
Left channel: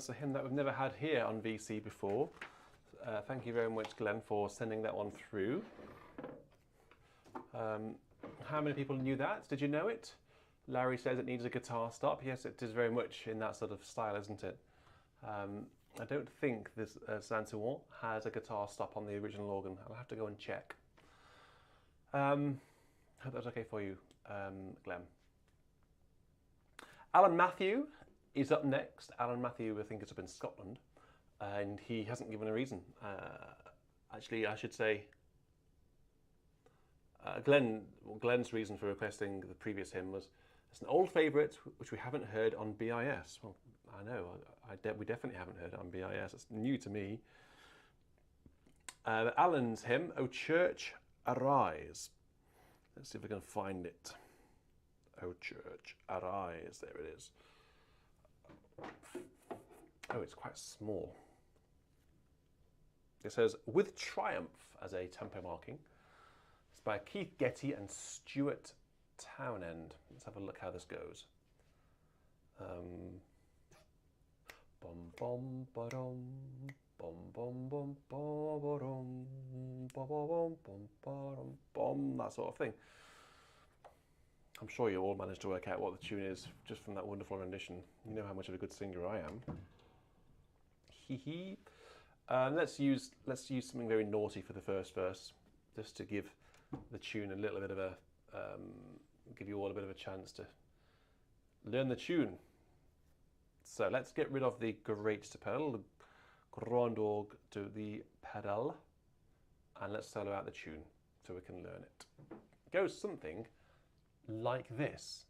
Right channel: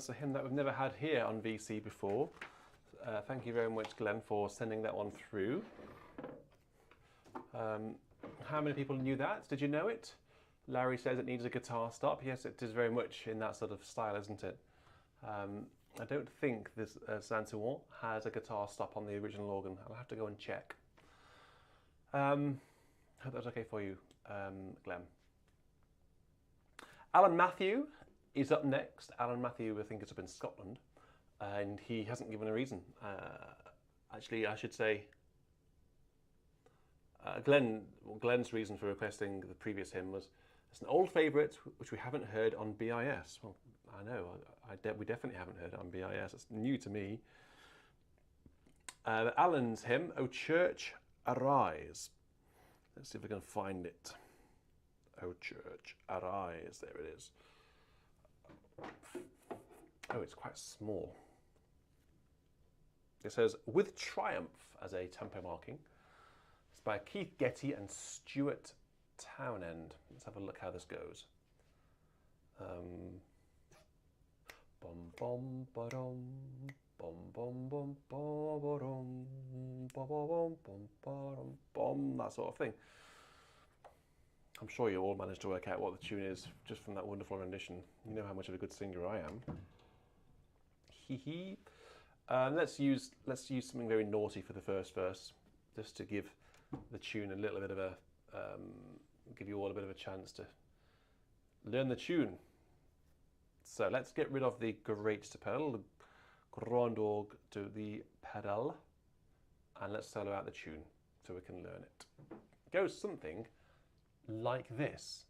that's a hymn that we've never had here on VC before. Thank you very much, Glenn, for sending that one through. How many people knew that? Did you know it? Larry says it needs a guitar stop. Yes, it is very much in that sort of style, isn't it? I don't think this Saint-Ouen has a guitar stop on the original organ. I'll have to go and check. Hope that's okay for you, Glenn. Alan Matthew is up next. Alan Matthew, I think, is up in Scotland, and he hasn't given a reason. Actually, I should say, Glenn's reason for requesting the previous hymn was it's an old favourite which we haven't heard on BIS. Well, I know, we definitely haven't heard it on BIS. It's new to me. Alan's hymn, O Church, Arise. Let's see if we can find it. O Church, Arise. There it is. Oh, it's quite small. It says, With Triumph as a tempo marking. It's by Keith Getty and Stuart Townend. Let's have a look how this goes. Bum bum ba-dum, bum bum bum ba-ba-dum, ba-ba-bum bum ba-dum, bum, that sort of thing. I'm sure you all managed to work out what the tune is just from that wonderful rendition. You know how much of a good singer I am. Hee hee. Let's use something very naughty for the first verse, just to give the tune a little bit of a give you all a bit of a chance to learn the tune. So let's get rid of the great to pedal, the grand orgue to the pedal, and let's solo out the tune so we can learn it. It goes something like this.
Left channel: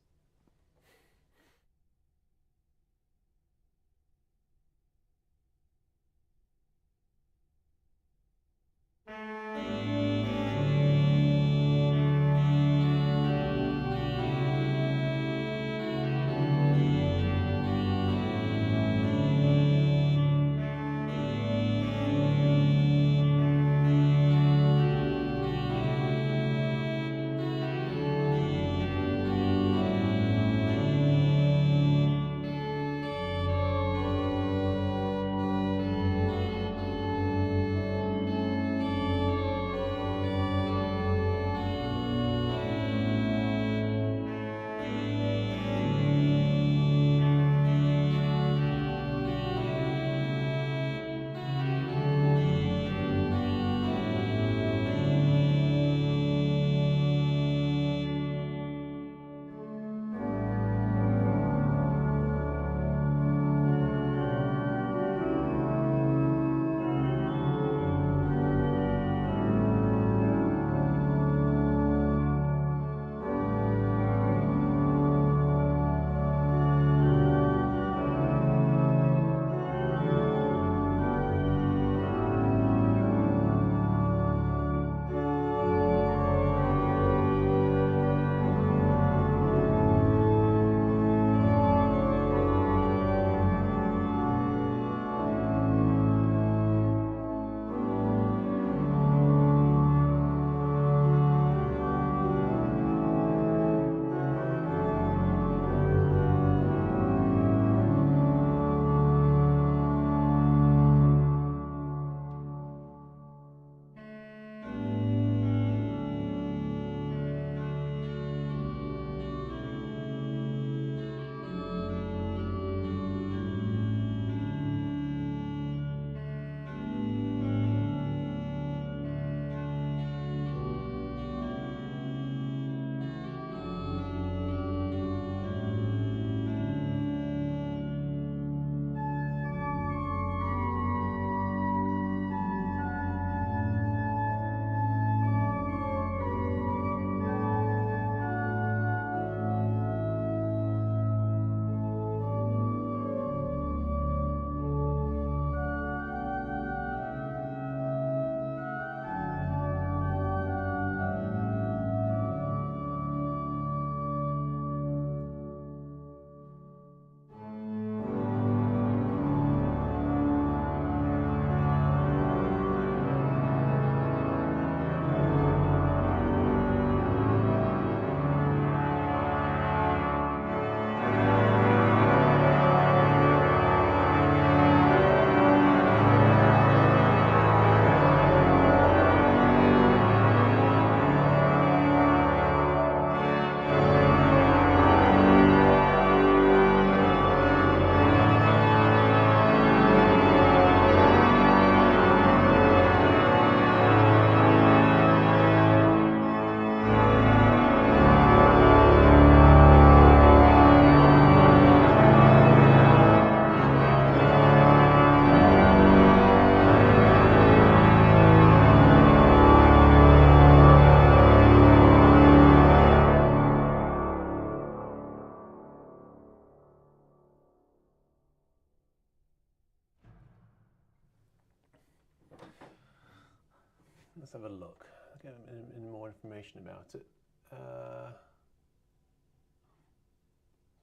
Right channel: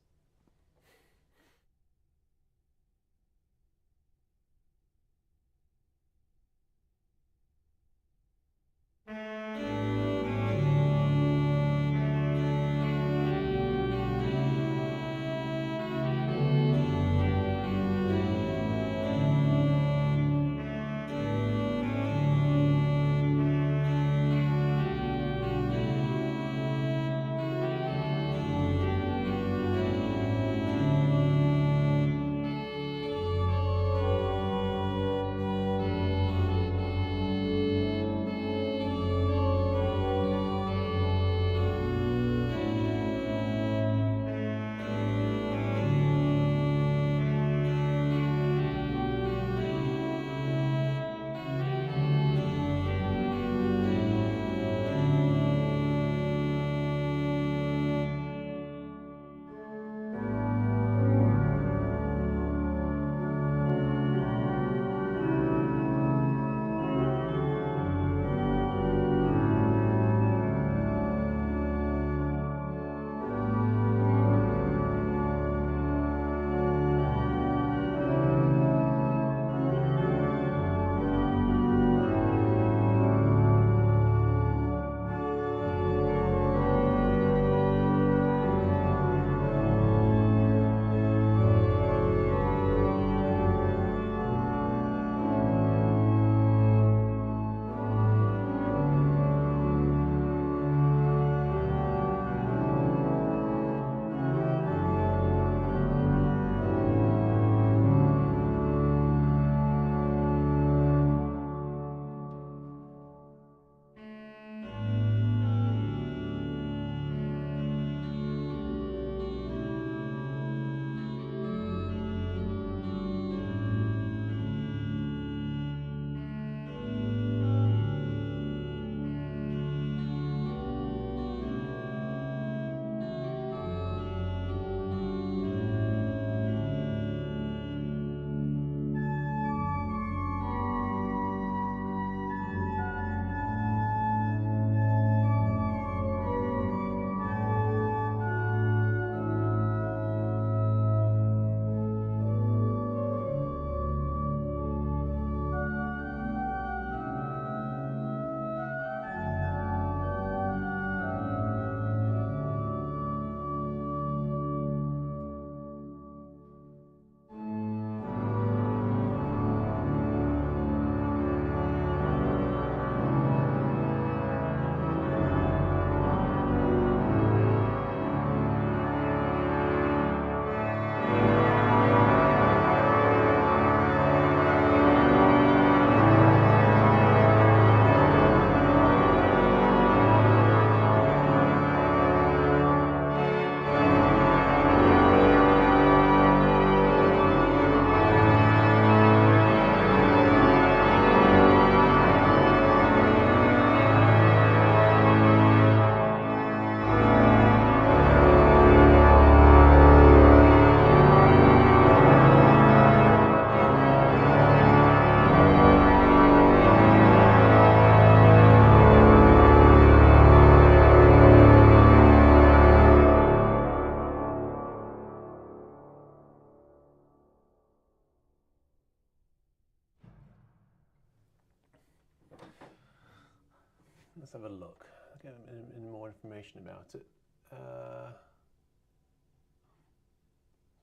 Let's have a look. Get in more information about it.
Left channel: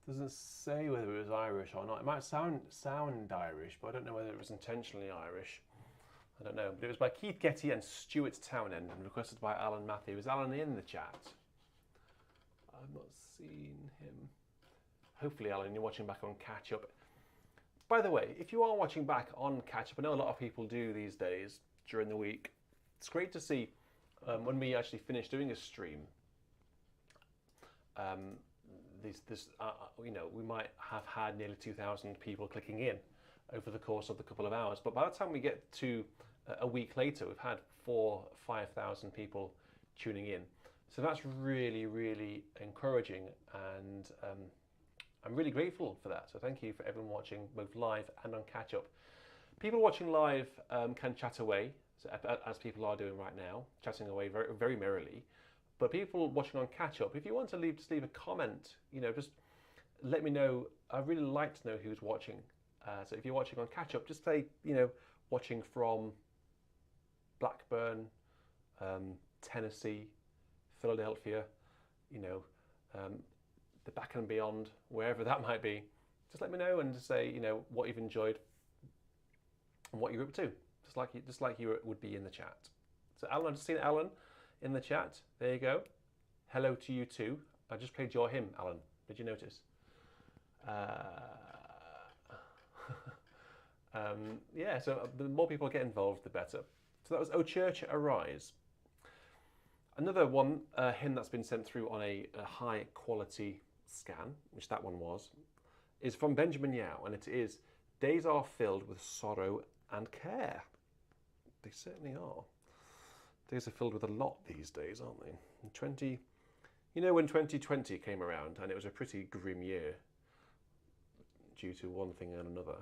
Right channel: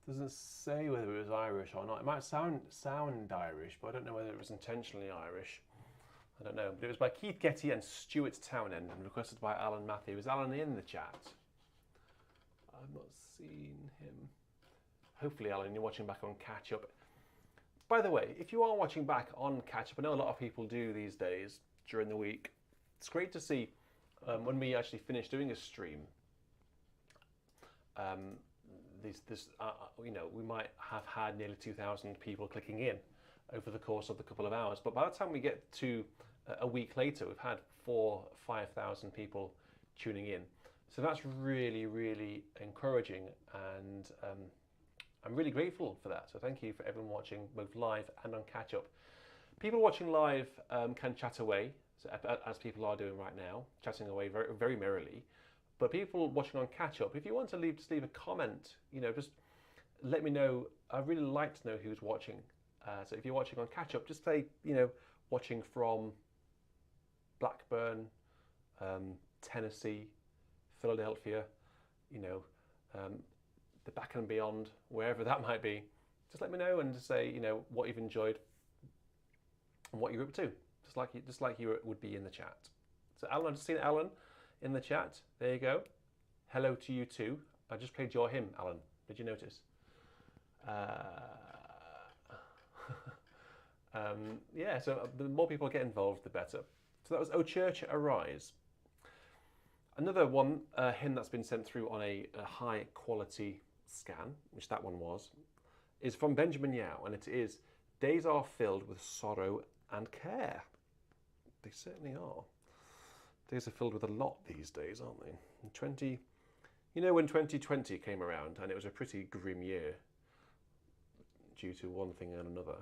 Doesn't say whether it was Irish or not. It might sound Irish, but I don't know whether it was intentionally Irish. I don't know. But it was by Keith Getty and Stuart Townend and requested by Alan Matthew. Was Alan in the chat? I've not seen him. Hopefully, Alan, you're watching back on Catch Up. By the way, if you are watching back on Catch Up, I know a lot of people do these days during the week. It's great to see when we actually finish doing a stream. You know, we might have had nearly 2,000 people clicking in over the course of the couple of hours, but by the time we get to a week later, we've had 4,000 or 5,000 people tuning in. So that's really, really encouraging, and I'm really grateful for that. So thank you for everyone watching both live and on catch up. People watching live can chat away, so, as people are doing right now, chatting away very, very merrily. But people watching on catch up, if you want to just leave a comment, you know, just let me know. I'd really like to know who's watching. So if you're watching on catch up, just say, you know, watching from Blackburn, Tennessee, Philadelphia, you know, the back and beyond, wherever that might be. Just let me know and just say, you know, what you've enjoyed and what you're up to, just like you would be in the chat. So Alan, I've just seen Alan in the chat. There you go. Hello to you too. I just played your hymn, Alan. Did you notice? Yeah, so the more people get involved, the better. So that was O Church Arise. Another one, hymn that's been sent through on a high quality scan, which that one was, is from Benjamin Yao, and it is, Days are filled with sorrow and care. They certainly are. Days are filled with a lot these days, aren't they? You know, when 2020 came around, and it was a pretty grim year due to one thing and another,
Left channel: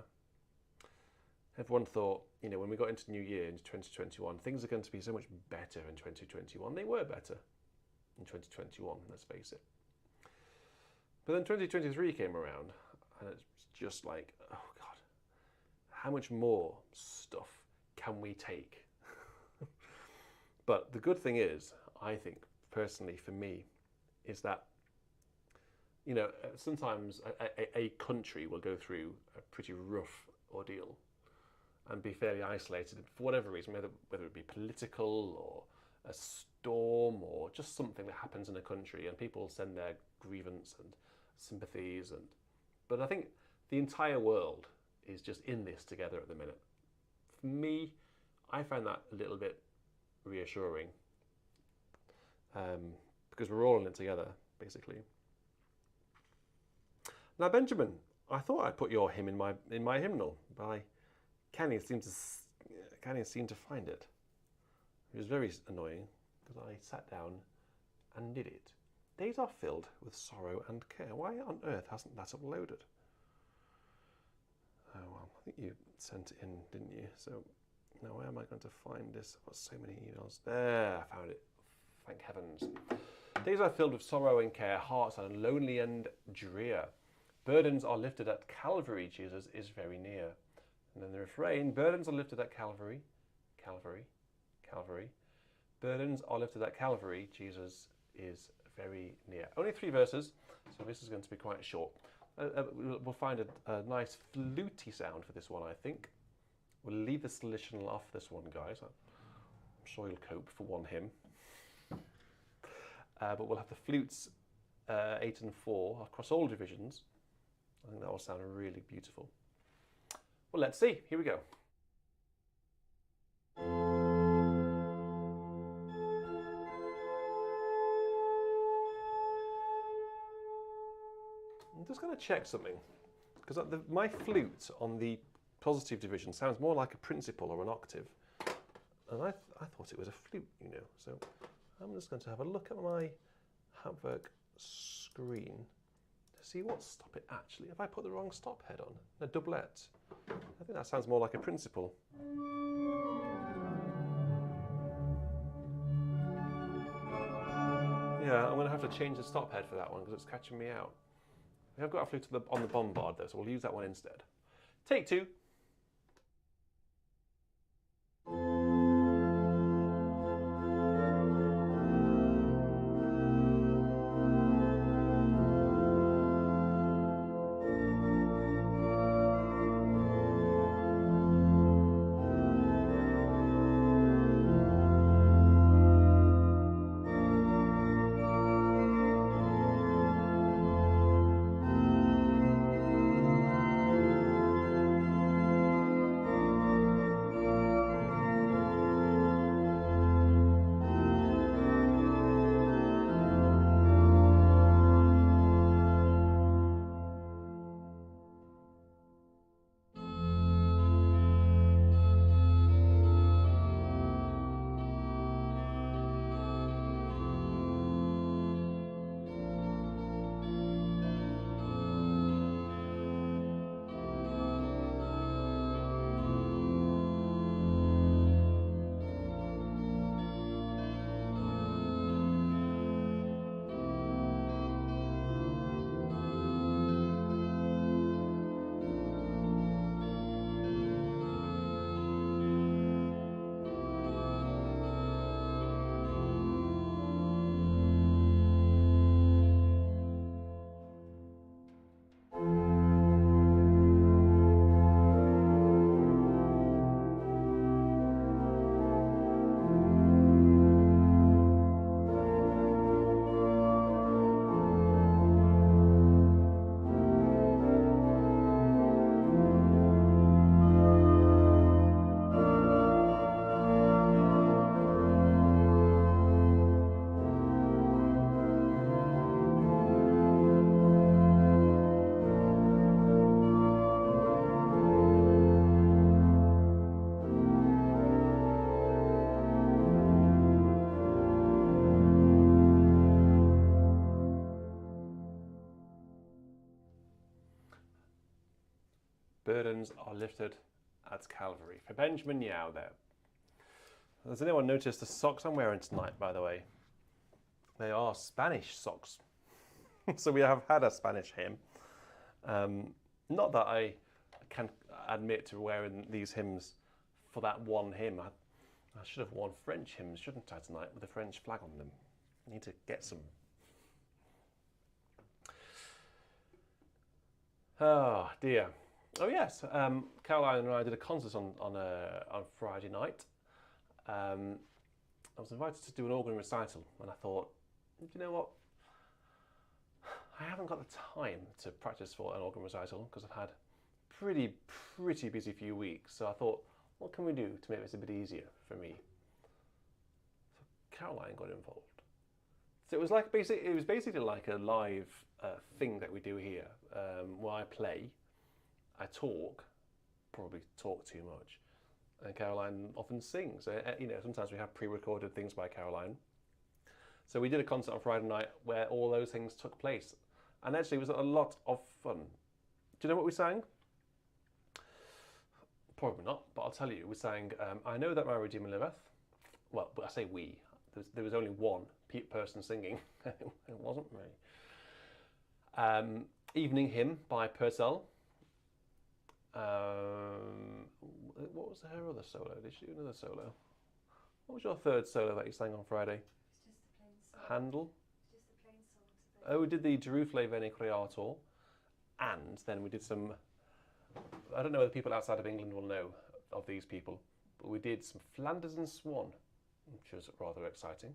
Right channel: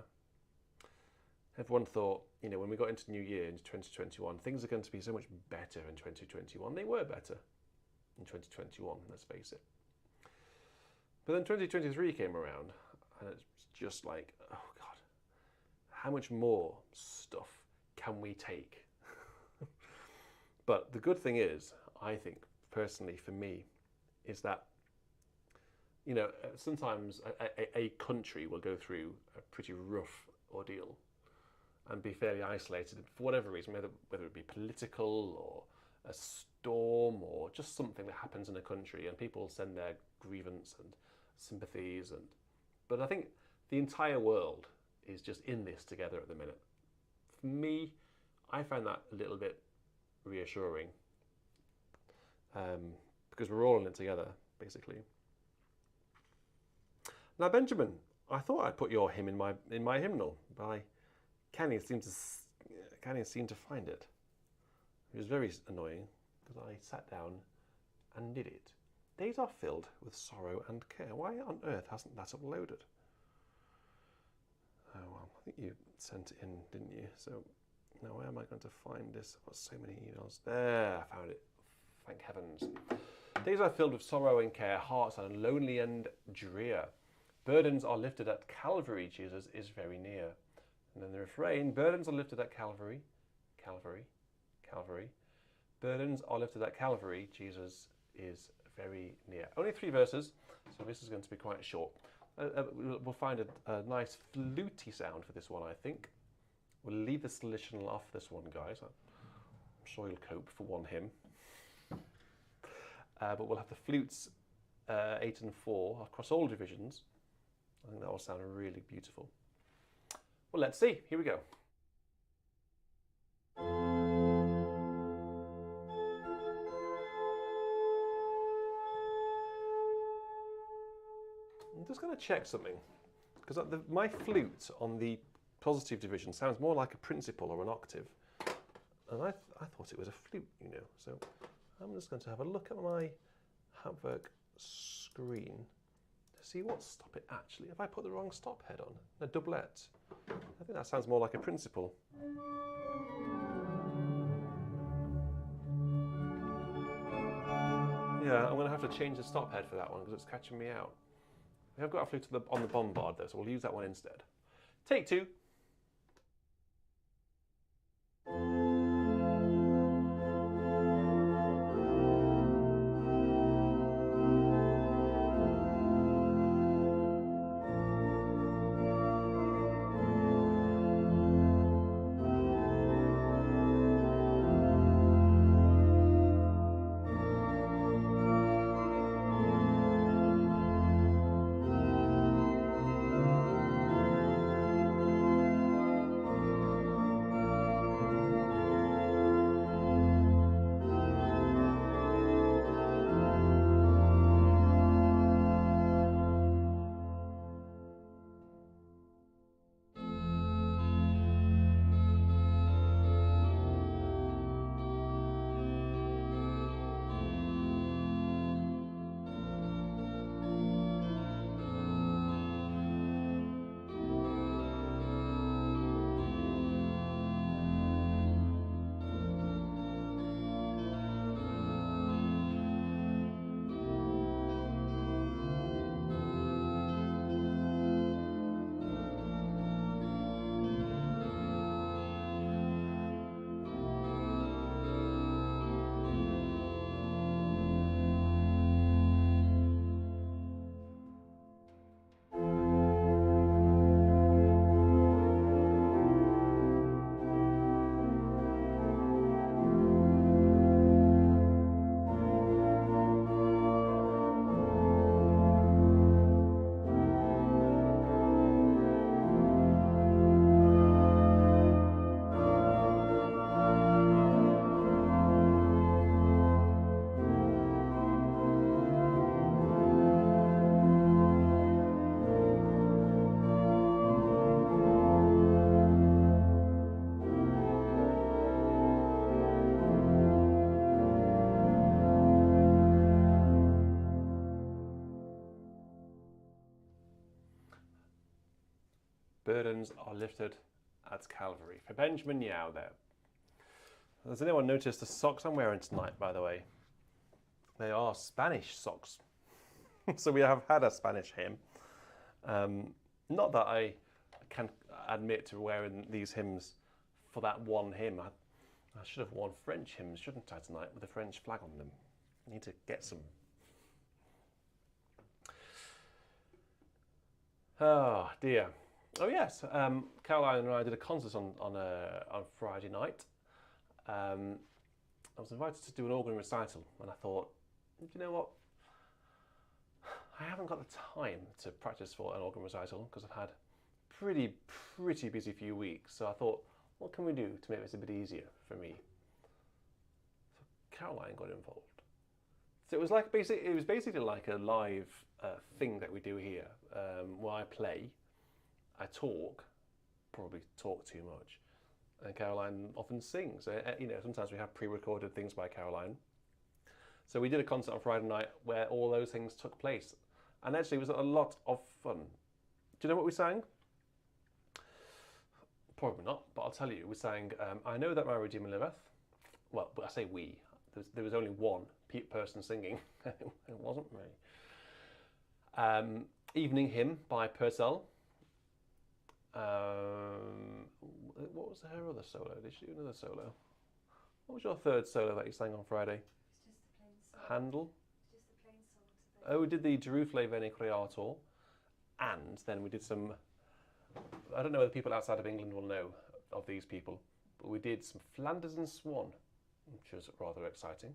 everyone thought, you know, when we got into New Year, into 2021, things are going to be so much better in 2021. They were better in 2021, let's face it. But then 2023 came around, and it's just like, oh God, how much more stuff can we take? But the good thing is, I think, personally for me, is that, you know, sometimes a country will go through a pretty rough ordeal and be fairly isolated for whatever reason, whether it be political or a storm or just something that happens in a country, and people send their grievance and sympathies. But I think the entire world is just in this together at the minute. For me, I find that a little bit reassuring, because we're all in it together, basically. Now, Benjamin, I thought I'd put your hymn in my hymnal, but Kenny seemed to find it. It was very annoying because I sat down and did it. Days are filled with sorrow and care. Why on earth hasn't that uploaded? Oh well, I think you sent it in, didn't you? So now where am I going to find this? I've got so many emails. There, I found it. Thank heavens. Days are filled with sorrow and care, hearts are lonely and drear. Burdens are lifted at Calvary, Jesus is very near. And then the refrain, burdens are lifted at Calvary, Calvary, Calvary. Burdens are lifted at Calvary, Jesus is very near. Only 3 verses, so this is going to be quite short. We'll find a nice fluty sound for this one, I think. We'll leave the solutional off this one, guys. I'm sure you'll cope for one hymn. But we'll have the flutes 8 and 4 across all divisions. I think that will sound really beautiful. Well, let's see. Here we go. I'm just going to check something, because my flute on the positive division sounds more like a principal or an octave, and I thought it was a flute, you know. So I'm just going to have a look at my Hamburg screen to see what stop it actually. Have I put the wrong stop head on? A doublet. I think that sounds more like a principal. Yeah, I'm going to have to change the stop head for that one because it's catching me out. We have got a flute on the bombard though, so we'll use that one instead. Take 2. burdens are lifted at Calvary. For Benjamin Yao there. Has anyone noticed the socks I'm wearing tonight, by the way? They are Spanish socks. So we have had a Spanish hymn. Not that I can admit to wearing these hymns for that one hymn. I should have worn French hymns, shouldn't I, tonight, with a French flag on them. I need to get some. Oh dear. Oh yes, Caroline and I did a concert on Friday night. I was invited to do an organ recital, and I thought, you know what? I haven't got the time to practice for an organ recital because I've had pretty busy few weeks. So I thought, what can we do to make this a bit easier for me? So Caroline got involved. So it was basically like a live thing that we do here, where I play, I talk, probably talk too much, and Caroline often sings. You know, sometimes we have pre-recorded things by Caroline. So we did a concert on Friday night where all those things took place, and actually it was a lot of fun. Do you know what we sang? Probably not, but I'll tell you. We sang I Know That My Redeemer Liveth. Well, I say we. There was only one person singing. It wasn't me. Evening Hymn by Purcell. What was her other solo? Did she do another solo? What was your third solo that you sang on Friday? It's just the plain song. Handel? It's just the plain songs. Oh, we did the Jerusalem Veni Creator, and then we did some, I don't know whether people outside of England will know of these people, but we did some Flanders and Swan, which was rather exciting.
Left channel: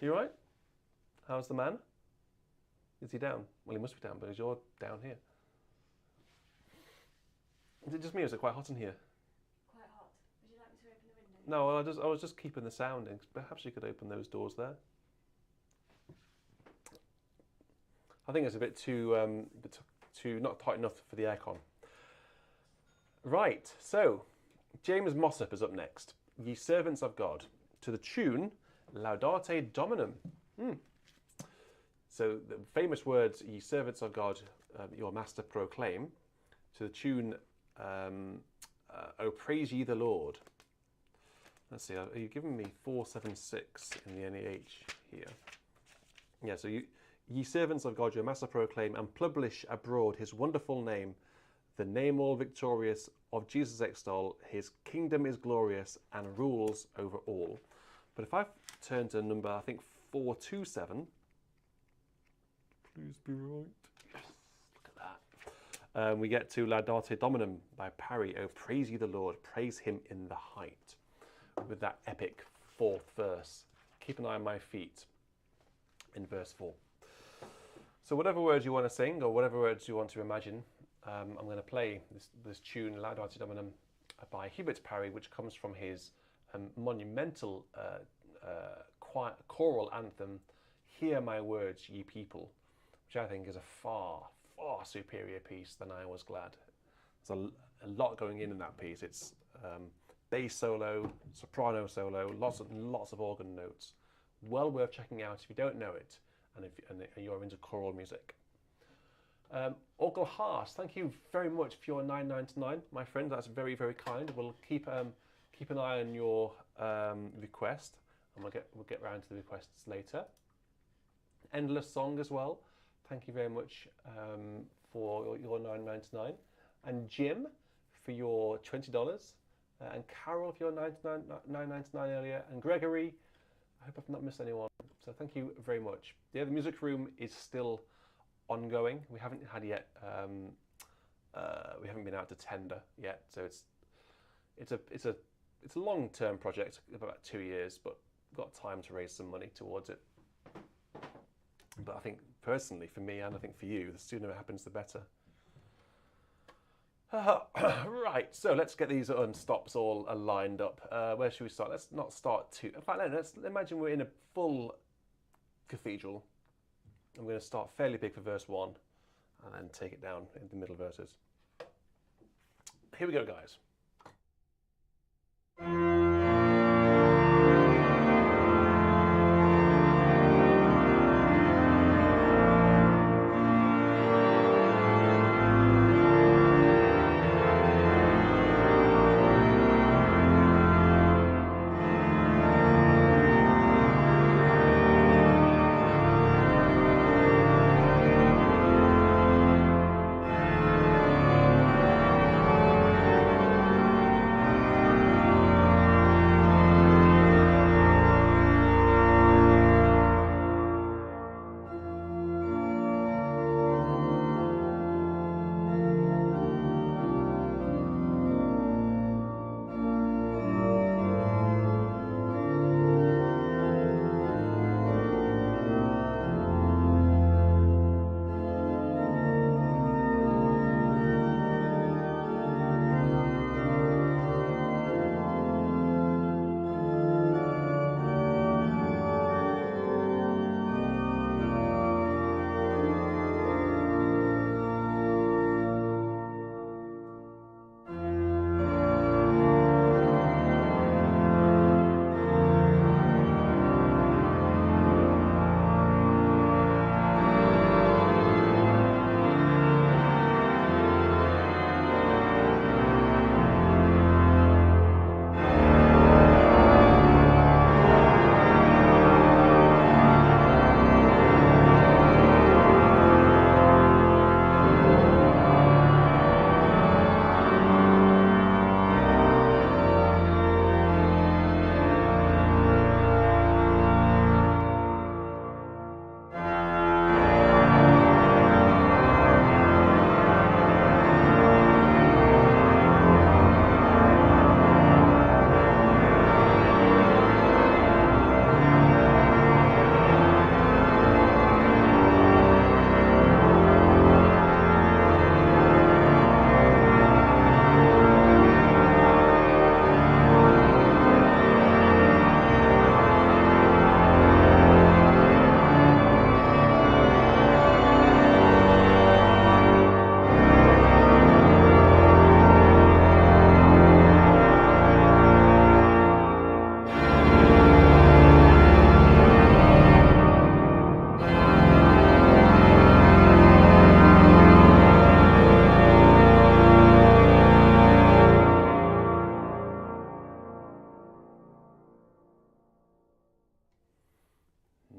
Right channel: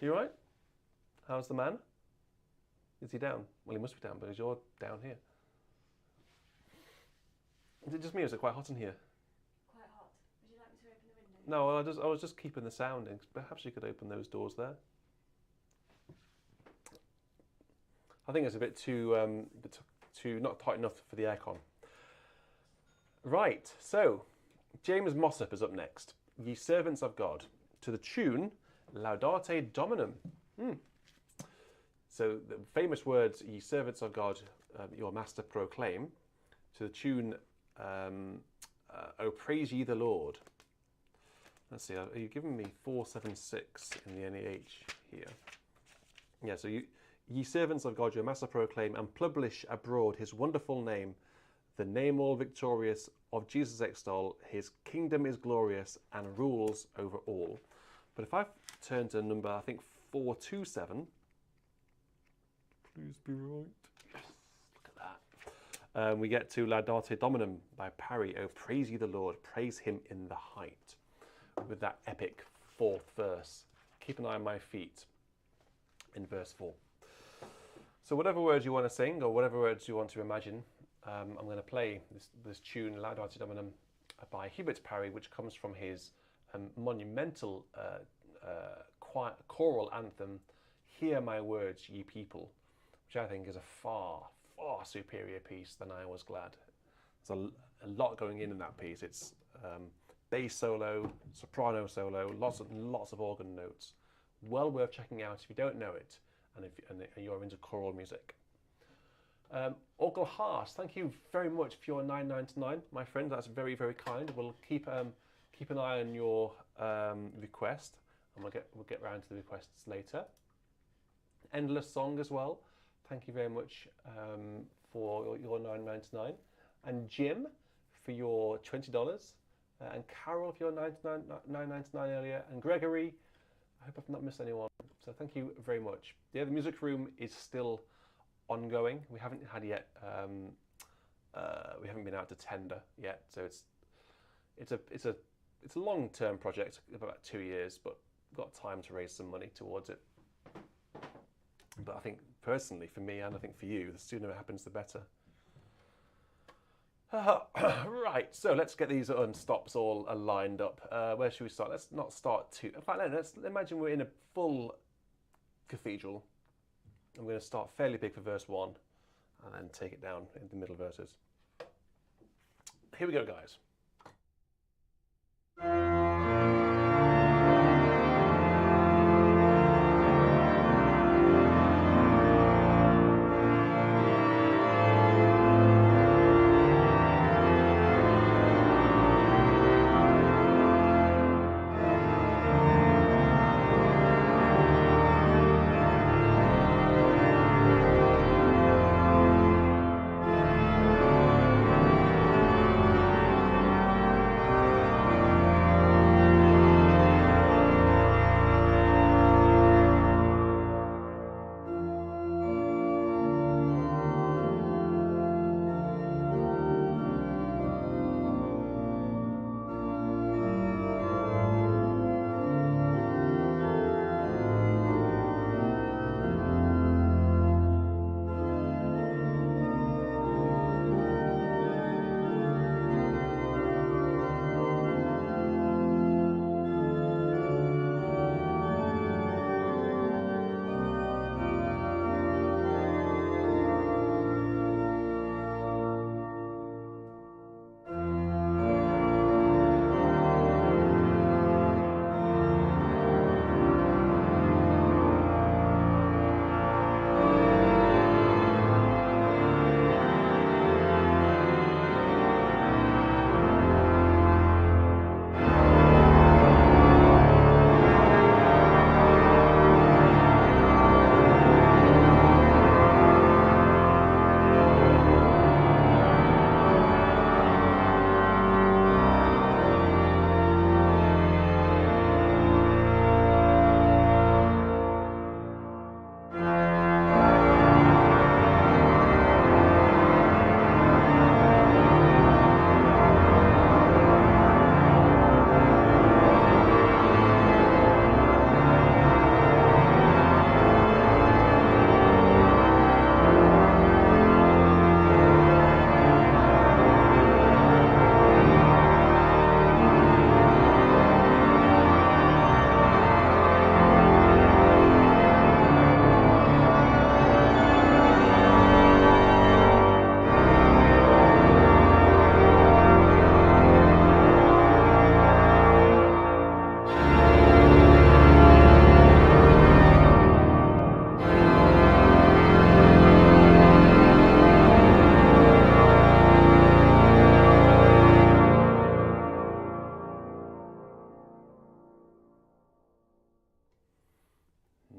You right? How's the man? Is he down? Well, he must be down, because you're down here. Is it just me, or is it quite hot in here? Quite hot. Would you like me to open the window? No, well, I was just keeping the sound in. Perhaps you could open those doors there. I think it's a bit too not tight enough for the aircon. Right, so James Mossop is up next. Ye servants of God, to the tune Laudate Dominum. So the famous words, ye servants of God, your master proclaim, to the tune O praise ye the Lord. Let's see, are you giving me 476 in the NEH here? Yeah, so ye servants of God, your master proclaim and publish abroad his wonderful name, the name all victorious of Jesus extol, his kingdom is glorious and rules over all. But if I turn to number, I think 427, please be right. Yes, look at that. We get to Laudate Dominum by Parry. Oh, praise ye the Lord, praise him in the height. With that epic fourth verse. Keep an eye on my feet in verse 4. So whatever words you want to sing or whatever words you want to imagine, I'm going to play this tune, Laudate Dominum, by Hubert Parry, which comes from his monumental choral anthem, Hear My Words, Ye People, which I think is a far superior piece than I Was Glad. There's a lot going in that piece. It's bass solo, soprano solo, lots of organ notes. Well worth checking out if you don't know it and you're into choral music. Orgel Haas, thank you very much for your $9.99, my friend. That's very, very kind. We'll keep an eye on your request, and we'll get round to the requests later. Endless Song as well. Thank you very much for your $9.99, and Jim for your $20, and Carol for your $9.99 earlier, and Gregory. I hope I've not missed anyone. So thank you very much. The music room is still ongoing. We haven't had yet. We haven't been out to tender yet. So it's a long-term project, about 2 years, but got time to raise some money towards it. But I think personally, for me, and I think for you, the sooner it happens, the better. Right, so let's get these stops all lined up. Where should we start? Let's not start too. In fact, let's imagine we're in a full cathedral. I'm going to start fairly big for verse 1 and then take it down in the middle verses. Here we go, guys.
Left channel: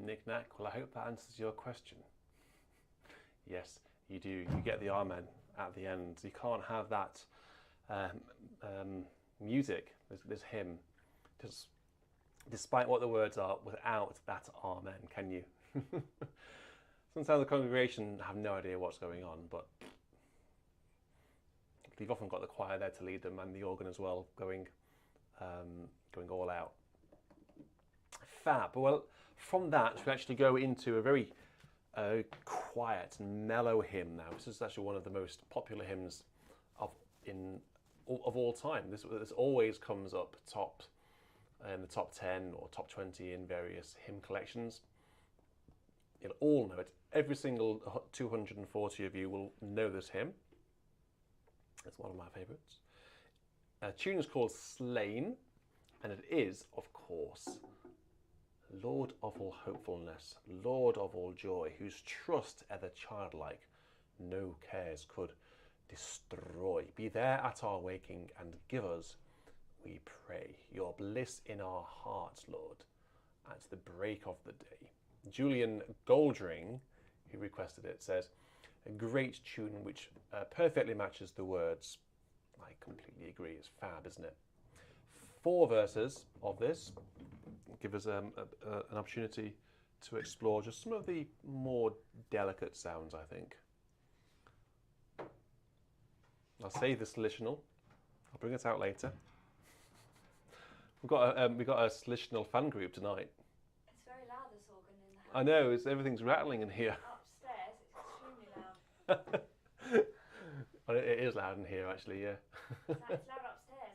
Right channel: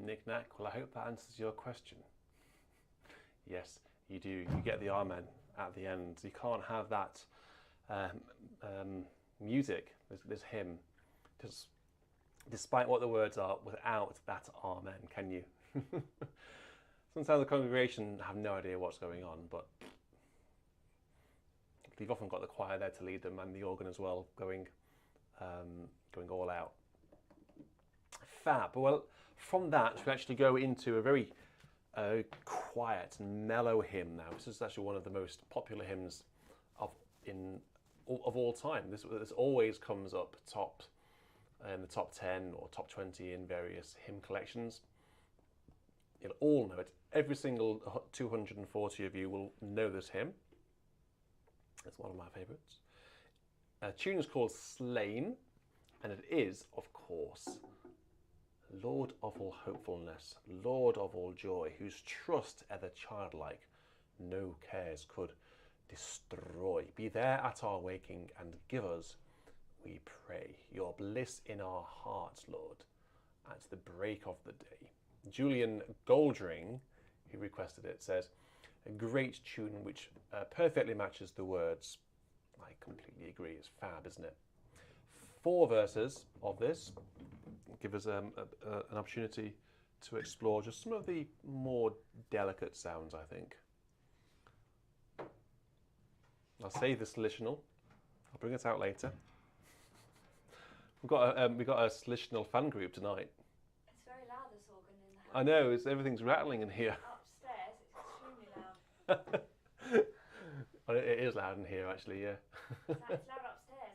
Knick-knack. Well, I hope that answers your question. Yes, you do. You get the amen at the end. You can't have that music, this hymn, just despite what the words are, without that amen, can you? Sometimes the congregation have no idea what's going on, but you've often got the choir there to lead them and the organ as well, going all out. Fab. Well, from that we actually go into a very quiet and mellow hymn now. This is actually one of the most popular hymns of all time. This always comes up top in the top 10 or top 20 in various hymn collections. You'll all know it. Every single 240 of you will know this hymn. It's one of my favourites. The tune is called Slain, and it is, of course, Lord of all hopefulness, Lord of all joy, whose trust ever childlike, no cares could destroy. Be there at our waking, and give us, we pray, your bliss in our hearts, Lord, at the break of the day. Julian Goldring, who requested it, says, a great tune which perfectly matches the words. I completely agree. It's fab, isn't it? 4 verses of this give us an opportunity to explore just some of the more delicate sounds, I think. I'll save the solutional. I'll bring it out later. We've got a solutional fan group tonight. It's very loud, this organ in the house. I know, everything's rattling in here. Upstairs, it's extremely loud. Well, it is loud in here, actually, yeah. It's loud upstairs,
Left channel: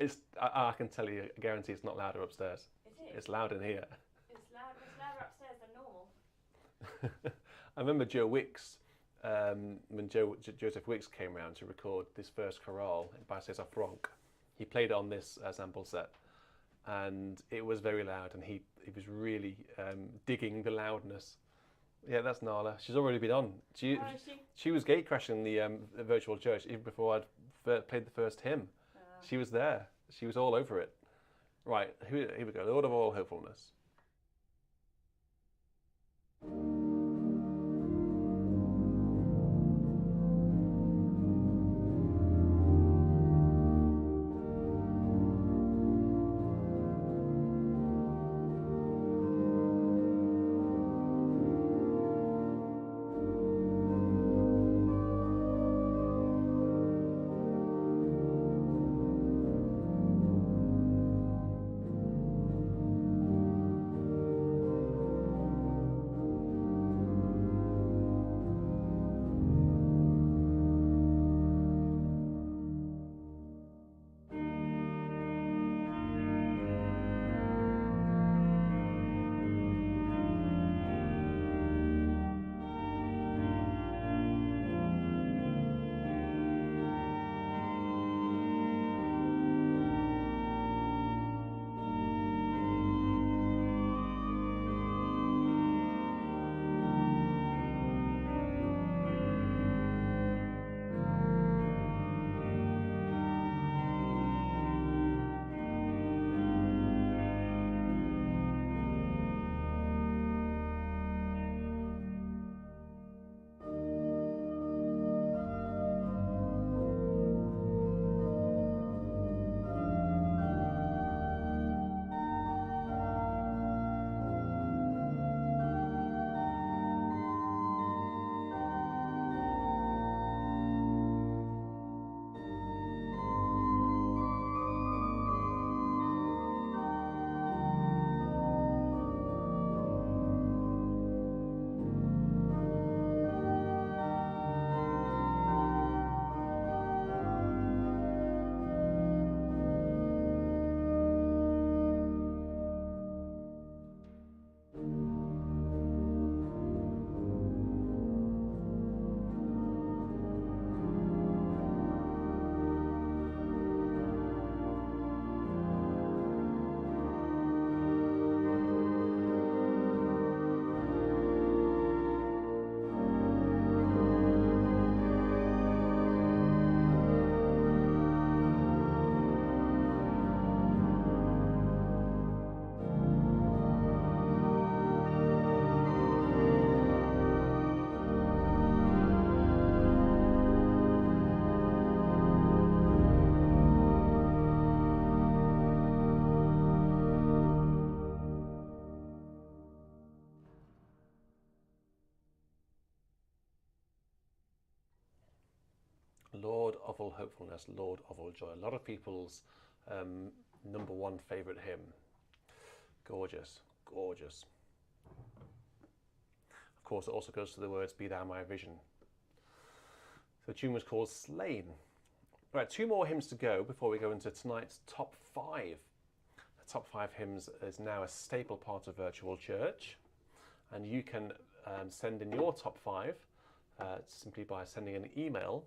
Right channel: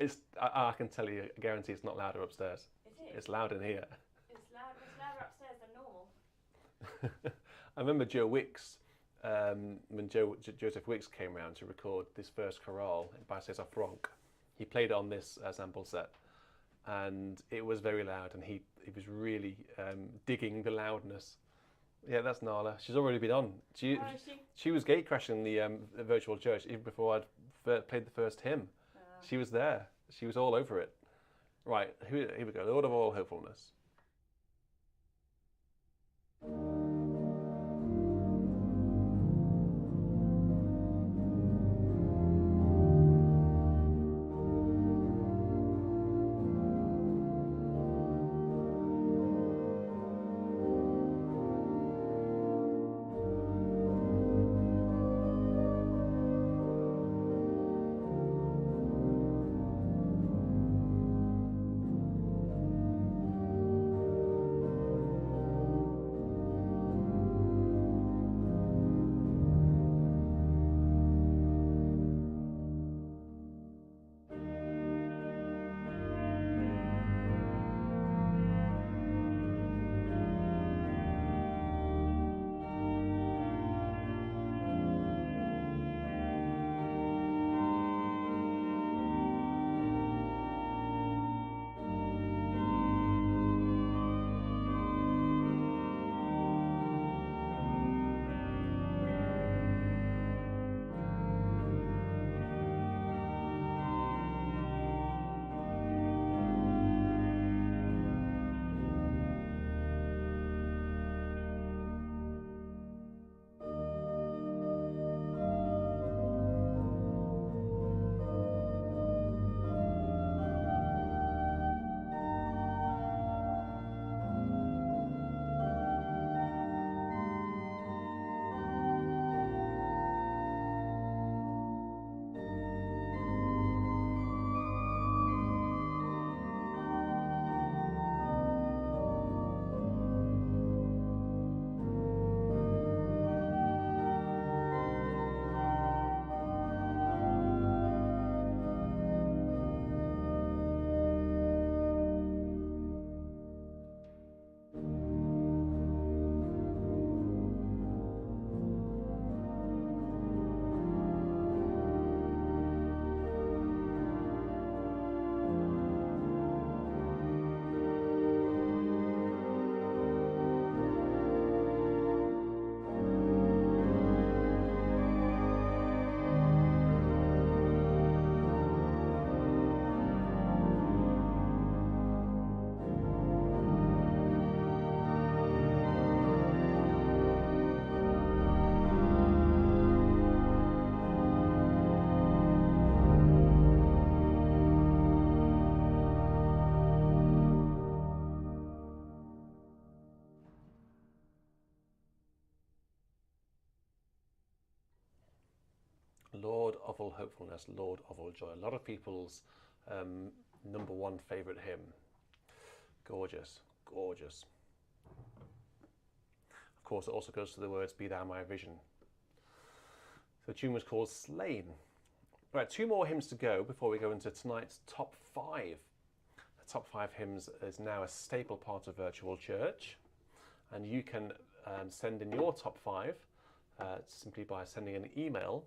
I can tell you. I can tell you, I guarantee it's not louder upstairs. It is. It's loud in here. It's louder upstairs than normal. I remember Joe Wicks, when Joseph Wicks came round to record this first chorale by César Franck. He played it on this sample set, and it was very loud, and he was really digging the loudness. Yeah, that's Nala. She's already been on. She was gate crashing the virtual church even before I'd played the first hymn. She was there. She was all over it. Right, here we go. Lord of all hopefulness. of all hopefulness, Lord of all joy. A lot of people's number one favourite hymn. Gorgeous, gorgeous. Of course, it also goes to the words, Be Thou My Vision. So the tune was called Slain. Right, 2 more hymns to go before we go into tonight's top 5. The top 5 hymns is now a staple part of virtual church, and you can send in your top 5 simply by sending an email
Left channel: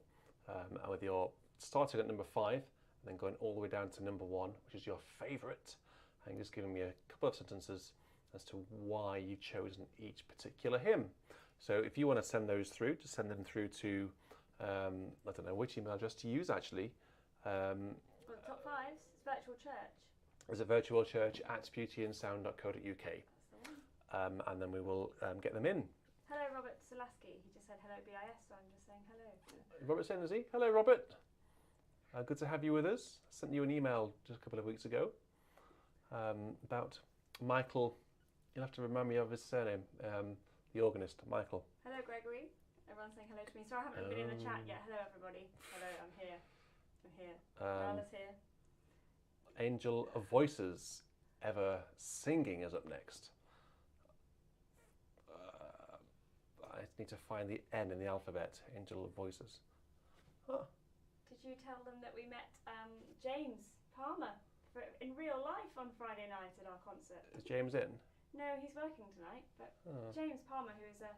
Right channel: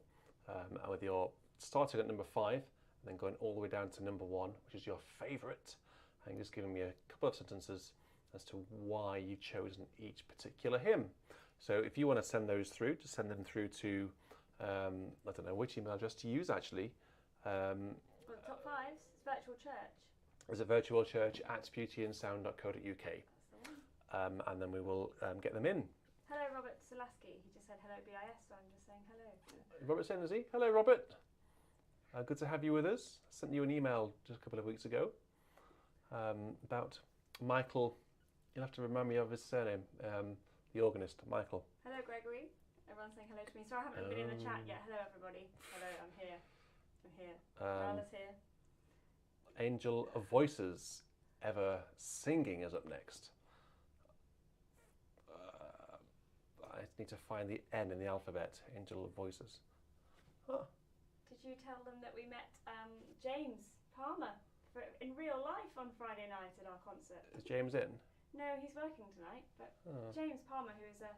with your starting at number 5 and then going all the way down to number 1, which is your favourite, and just giving me a couple of sentences as to why you've chosen each particular hymn. So if you want to send those through, just send them through to I don't know which email address to use actually. Well, the top 5's it's virtual church. Is it virtualchurch@beautyandsound.co.uk? That's the one. And then we will get them in. Hello, Robert Solaski. He just said hello, BIS, so I'm just saying hello. Robert saying, is he? Hello, Robert. Good to have you with us. I sent you an email just a couple of weeks ago about Michael. You'll have to remind me of his surname, the organist, Michael. Hello, Gregory. Everyone's saying hello to me. Sorry, I haven't been in the chat yet. Hello, everybody. Hello, I'm here. I'm here. Marla's here. Angel of Voices, Ever Singing is up next. I need to find the N in the alphabet. Angel of Voices. Huh. Did you tell them that we met James Palmer in real life on Friday night at our concert? Is James in? No, he's working tonight, but James Palmer, who is a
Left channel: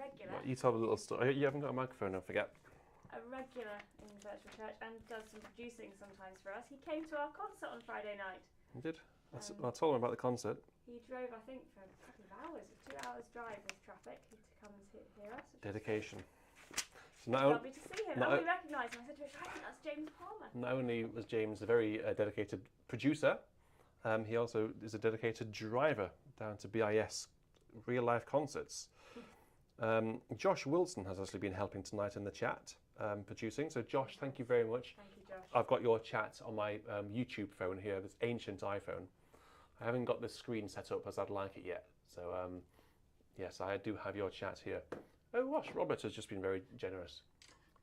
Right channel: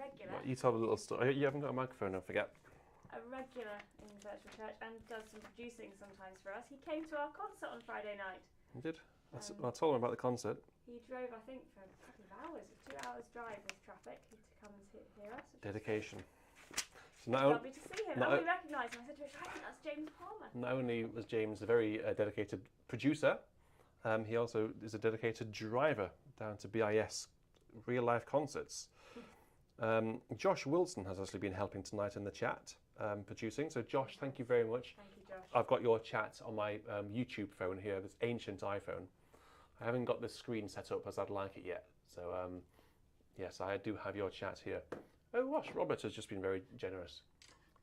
regular. Well, you tell a little story. You haven't got a microphone, don't forget. A regular in virtual church and does some producing sometimes for us. He came to our concert on Friday night. You did? I told him about the concert. He drove, I think, for a couple of hours, a 2 hours drive with traffic to come and hear us. Dedication. So Lovely to see him. We recognised him. I said to him, I think that's James Palmer. Not only was James a very dedicated producer, he also is a dedicated driver down to BIS real life concerts. Josh Wilson has actually been helping tonight in the chat, producing. So Josh, thank you very much. Thank you, Josh. I've got your chat on my YouTube phone here, this ancient iPhone. I haven't got the screen set up as I'd like it yet. So yes, I do have your chat here. Oh gosh, Robert has just been very generous.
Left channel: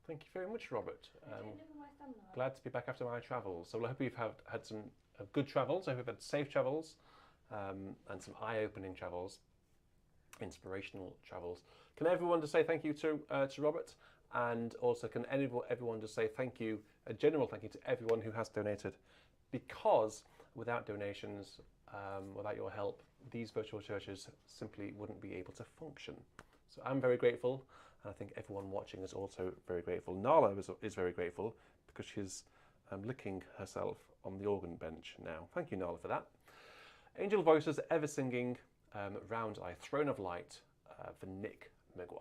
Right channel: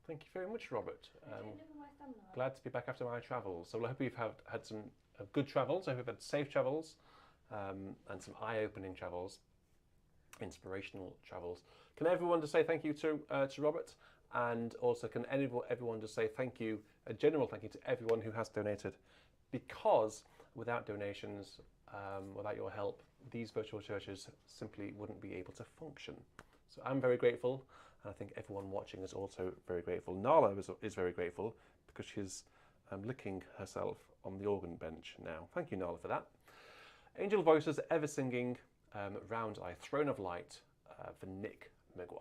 Thank you very much, Robert. Glad to be back after my travels. So I hope you've had some good travels. I hope you've had safe travels and some eye-opening travels, inspirational travels. Can everyone just say thank you to Robert? And also can everyone just say thank you, a general thank you to everyone who has donated, because without donations, without your help, these virtual churches simply wouldn't be able to function. So I'm very grateful, and I think everyone watching is also very grateful. Nala is very grateful because she's licking herself on the organ bench now. Thank you, Nala, for that. Angel Voices, Ever Singing, Round Eye, Throne of Light for Nick McVeigh.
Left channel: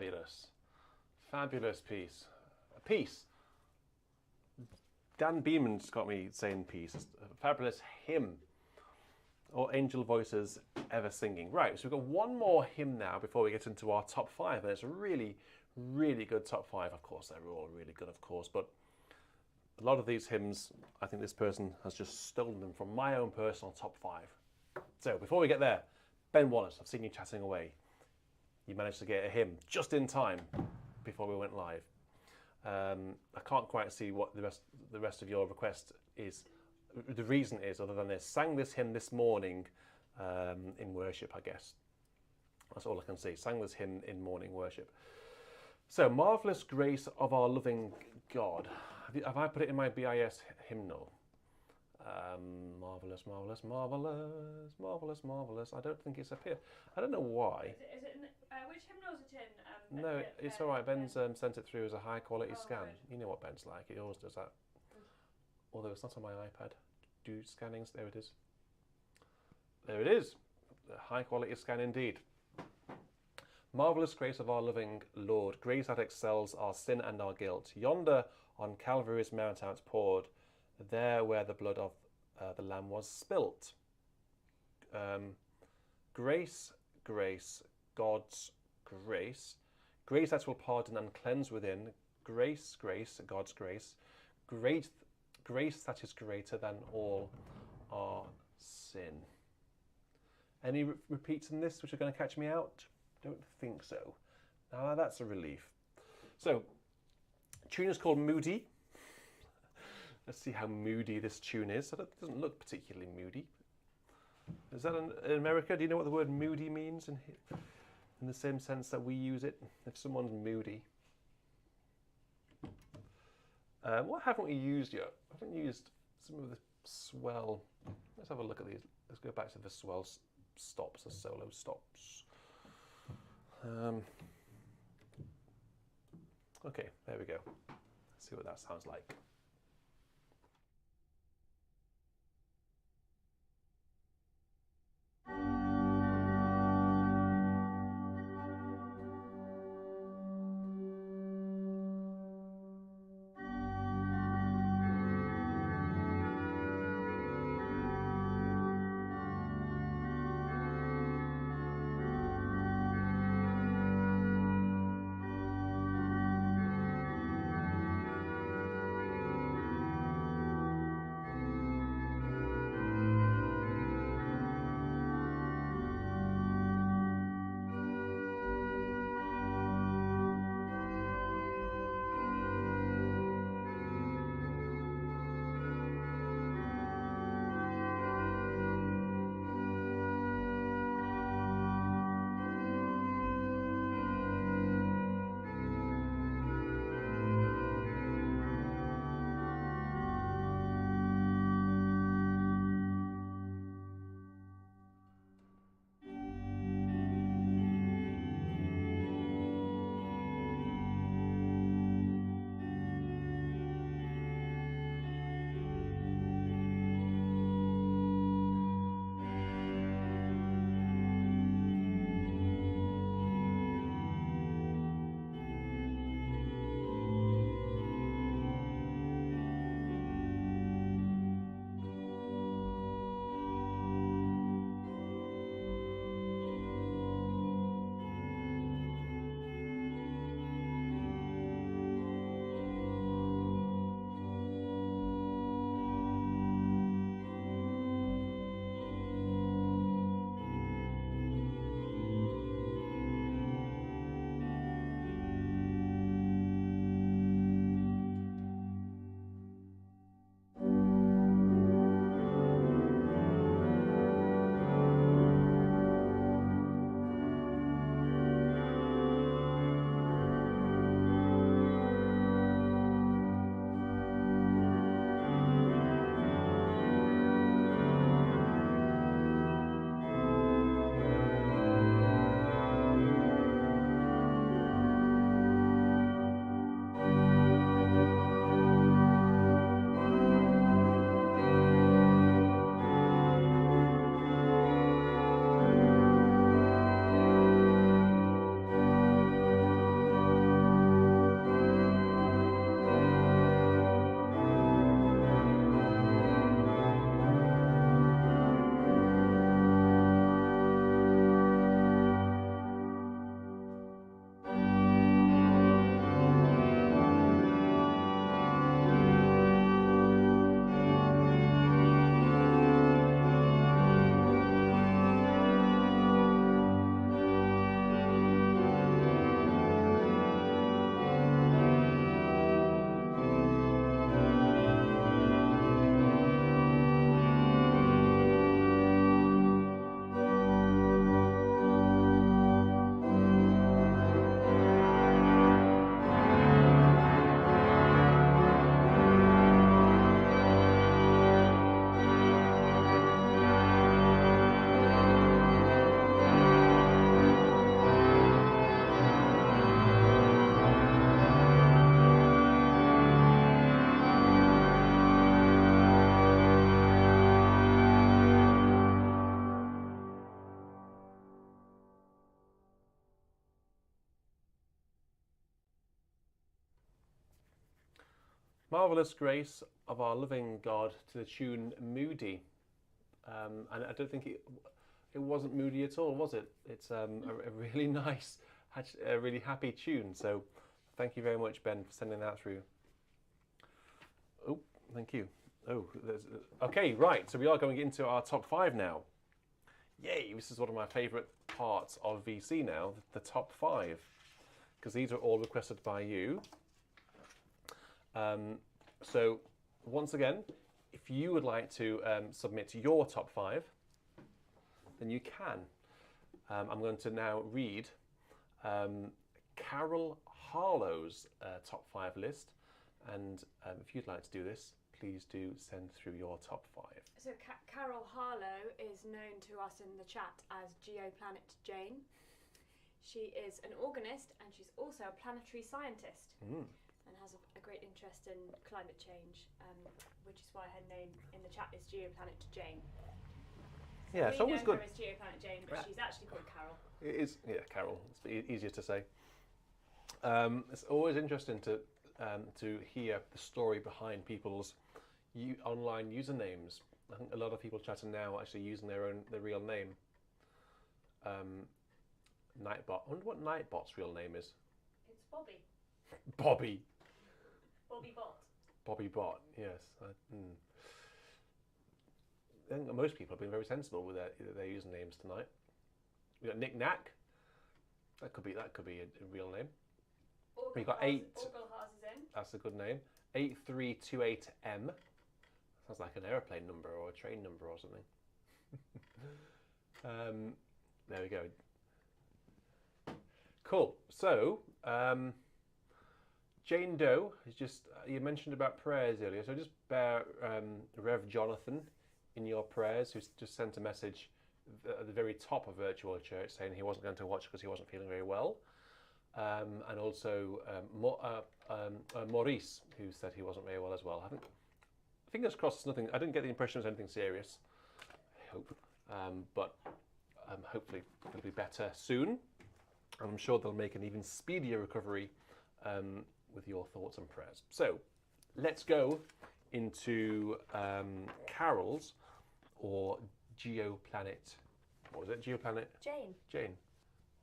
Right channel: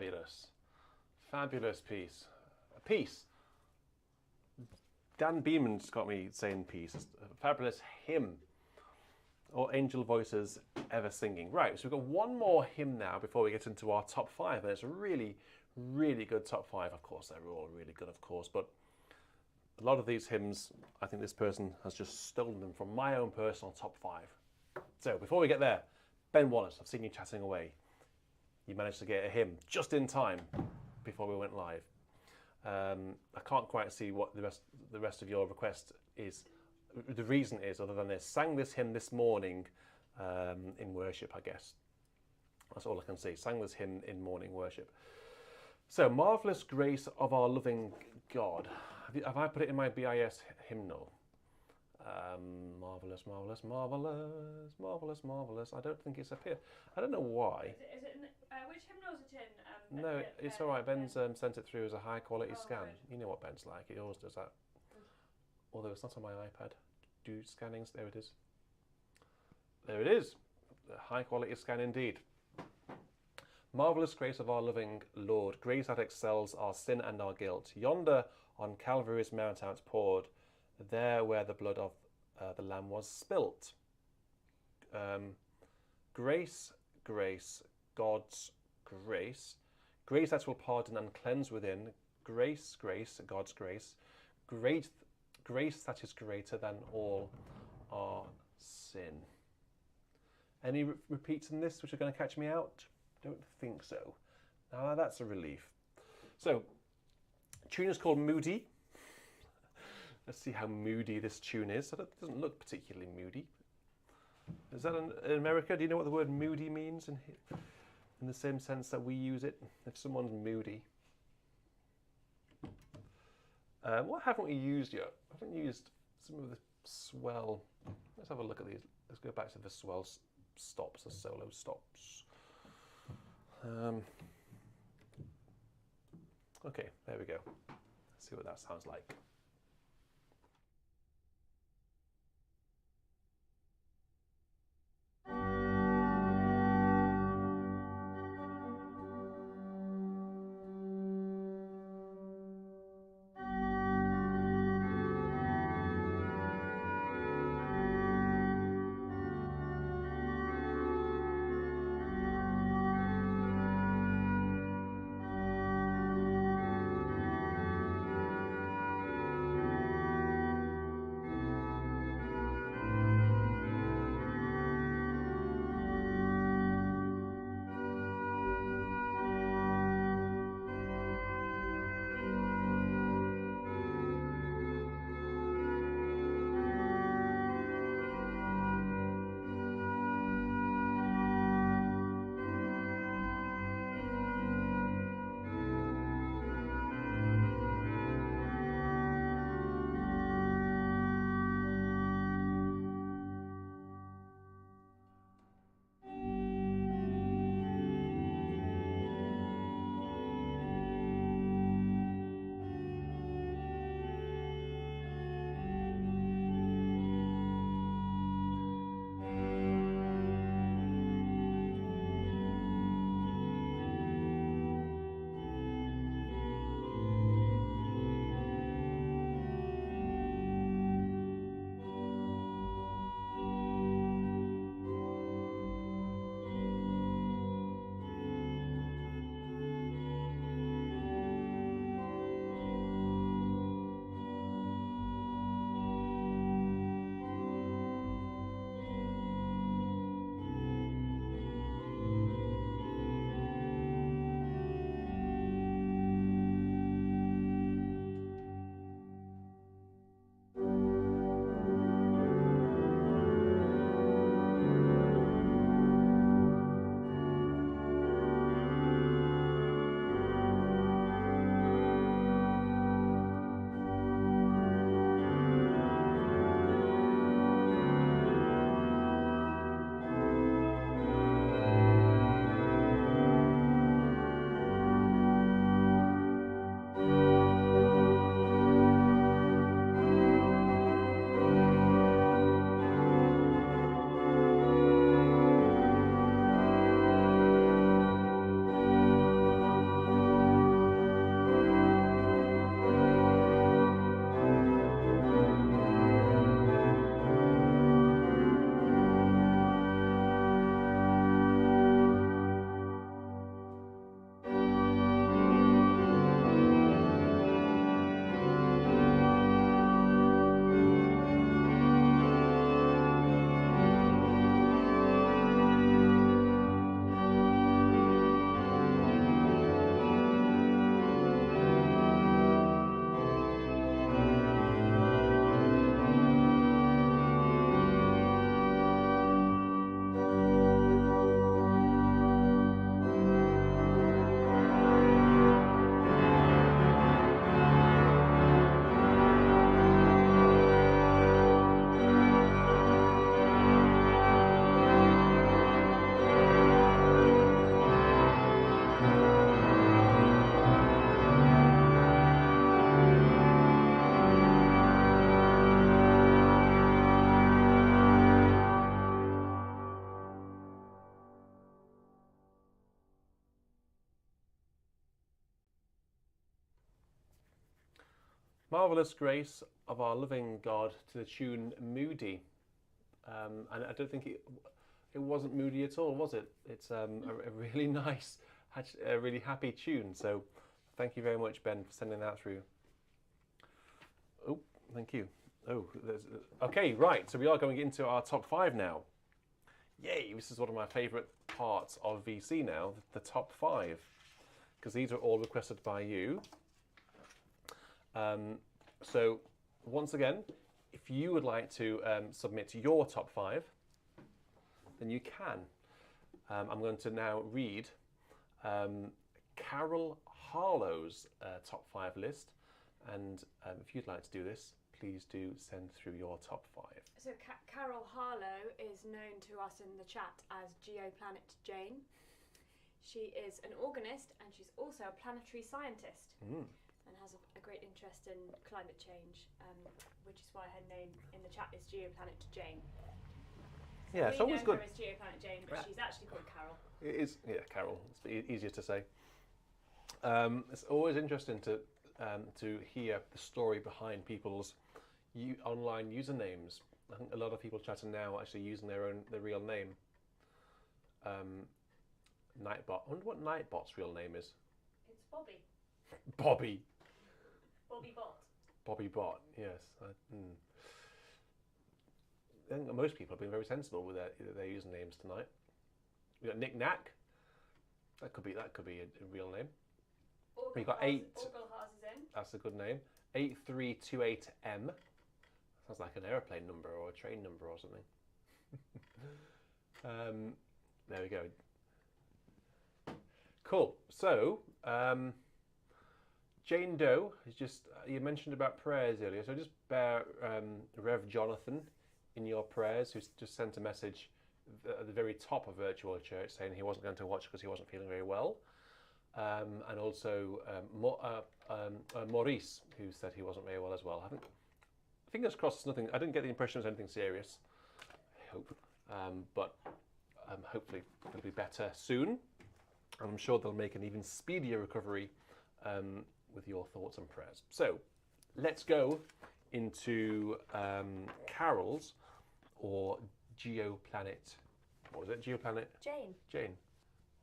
Fabulous. Fabulous piece. Peace. Dan Beeman's got me saying peace. A fabulous hymn. Or angel voices ever singing. Right, so we've got one more hymn now before we get into our top 5. And it's a really, really good top 5. Of course, they're all really good, of course. But a lot of these hymns, I think this person has just stolen them from my own personal top 5. So before we get there, Ben Wallace, I've seen you chatting away. You managed to get a hymn just in time before we went live. I can't quite see what the rest of your request is. The reason is, other than this, sang this hymn this morning in worship, I guess. That's all I can see. Sang this hymn in morning worship. So, Marvellous Grace of Our Loving God. Have I put it in my BIS hymnal? Marvellous, marvellous, marvellous, marvellous, marvellous. I don't think it's up here. I don't know why. Is it in, which hymnal is it in? No, it's all right. Ben's sent it through as a high quality scan. Good. You know what Ben's like. He always does that. Good. Although it's not on my iPad. Do scannings. There it is. There it is. A high quality scan indeed. Marvellous grace of our loving Lord, grace that excels our sin and our guilt. Yonder on Calvary's mount outpoured, there where the blood of the Lamb was spilt. Grace, grace, God's grace. Grace that will pardon and cleanse within. Grace, grace, God's grace. Great grace that is greater than all our sin. Any repeats in this which are going to catch me out? Don't think so. Now that's a relief. So, tune is called Moody. Let's see how moody this tune is. It doesn't look particularly moody. Is that in America? Do you know what the word moody means in the same sense that we use it? If someone's moody. What haven't we used yet? I haven't used some of the swell. Let's have a look at these. Let's go back to the swell stops, the solo stops. Okay, there we go. Let's see what that sounds like. Marvellous Grace of Our Loving God to the tune Moody. And I don't think it wasn't moody at all, was it? It's a really nice, a really happy tune. So thank you very much, Ben, for sending that through. Oh, thank you. Oh, okay, right. So we are going into our top 5 now. Yay, this is one of my favourite parts of VC now, the top 5. Because these are all requested by you. So once again, if you would like to submit your top 5, then you can. I'm going to now read Carol Harlow's top 5 list, and if you'd like to do this, please do send through your top 5. So Carol Harlow is known to us in the chat as Geoplanet Jane. She is an organist and she's also a planetary scientist and has a great interest in climate change, which is why her name in the chat is Geoplanet Jane. Yeah, it's always good. We know her as Geoplanet Jane, but she's actually called Carol. It is, yeah, Carol. It's easier to say. It's always interesting to hear the story behind people's online usernames. I think a lot of people chatting now are actually using their real name. Nightbot. I wonder what Nightbot's real name is. It's Bobby. Bobby. Bobby Bot. Bobby Bot. Yes. I think most people have been very sensible with their usernames tonight. We got Nick Knack. That could be a real name. We got 8. Orgelhaz is in. That's a good name. 8328M. Sounds like an aeroplane number or a train number or something. There we go. Cool. So, Jane Doe is just, you mentioned about prayers earlier, so just bear Rev Jonathan in your prayers, who's just sent a message at the very top of Virtual Church saying he wasn't going to watch because he wasn't feeling very well. And also Maurice, who said he wasn't very well as well. Fingers crossed it's nothing, I didn't get the impression it was anything serious, I hope. But hopefully it'll be better soon. I'm sure they'll make an even speedier recovery with your thoughts and prayers. So let's go into Carol's or Geoplanet. What was it? Geoplanet? Jane. Jane.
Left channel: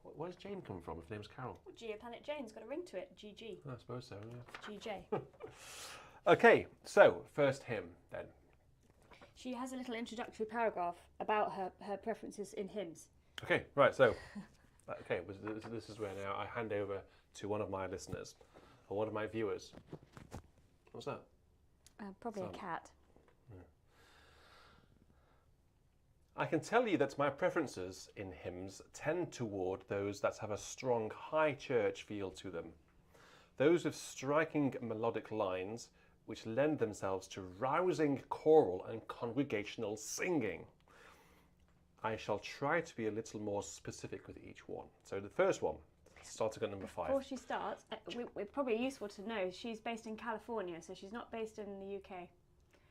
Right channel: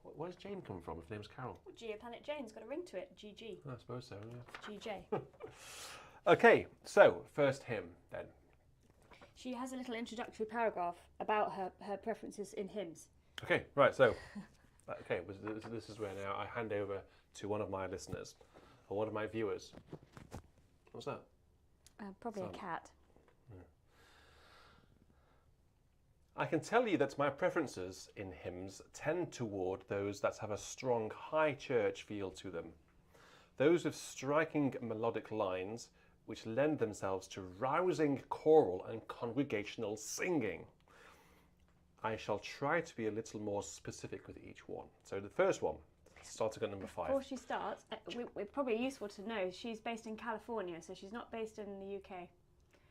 Where does Jane come from if the name's Carol? Well, Geoplanet Jane's got a ring to it. GG. I suppose so, yeah. GJ. Okay, so first hymn then. She has a little introductory paragraph about her preferences in hymns. Okay, right, so okay, this is where now I hand over to one of my listeners, or one of my viewers. What's that? Probably a cat. Yeah. I can tell you that my preferences in hymns tend toward those that have a strong high church feel to them. Those with striking melodic lines which lend themselves to rousing choral and congregational singing. I shall try to be a little more specific with each one. So the first one, starting at number 5. Before she starts, it's probably useful to know she's based in California, so she's not based in the UK.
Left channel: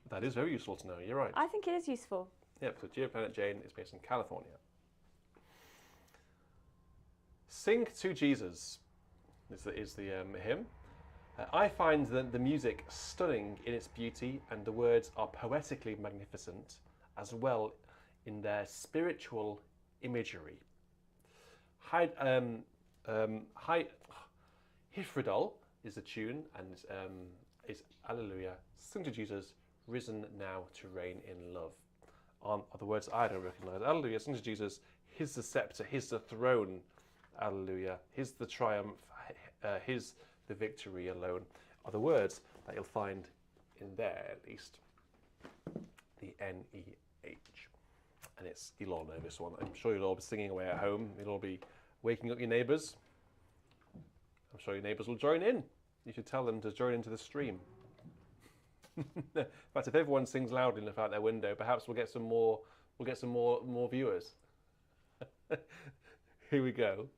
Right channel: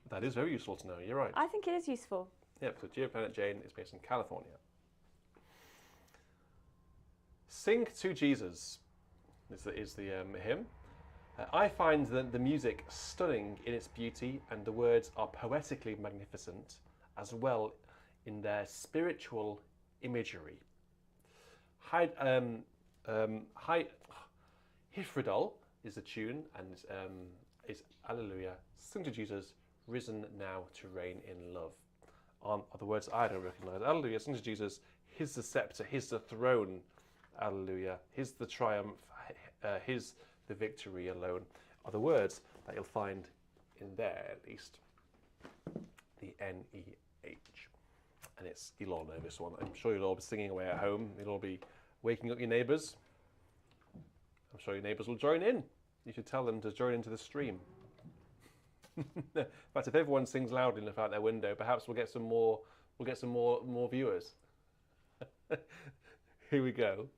That is very useful to know, you're right. I think it is useful. Yep, so Geoplanet Jane is based in California. Sing to Jesus is the hymn. I find the music stunning in its beauty, and the words are poetically magnificent as well in their spiritual imagery. Hifridol is the tune, and is Alleluia, sing to Jesus, risen now to reign in love. Are the words I don't recognise. Alleluia, sing to Jesus, his the sceptre, his the throne, Alleluia, his the triumph, his the victory alone, are the words that you'll find in there, at least. The N-E-H. And you'll all know this one. I'm sure you'll all be singing away at home. You'll all be waking up your neighbours. I'm sure your neighbours will join in. You should tell them to join into the stream. In fact, if everyone sings loudly enough out their window, perhaps we'll get some more viewers. Here we go.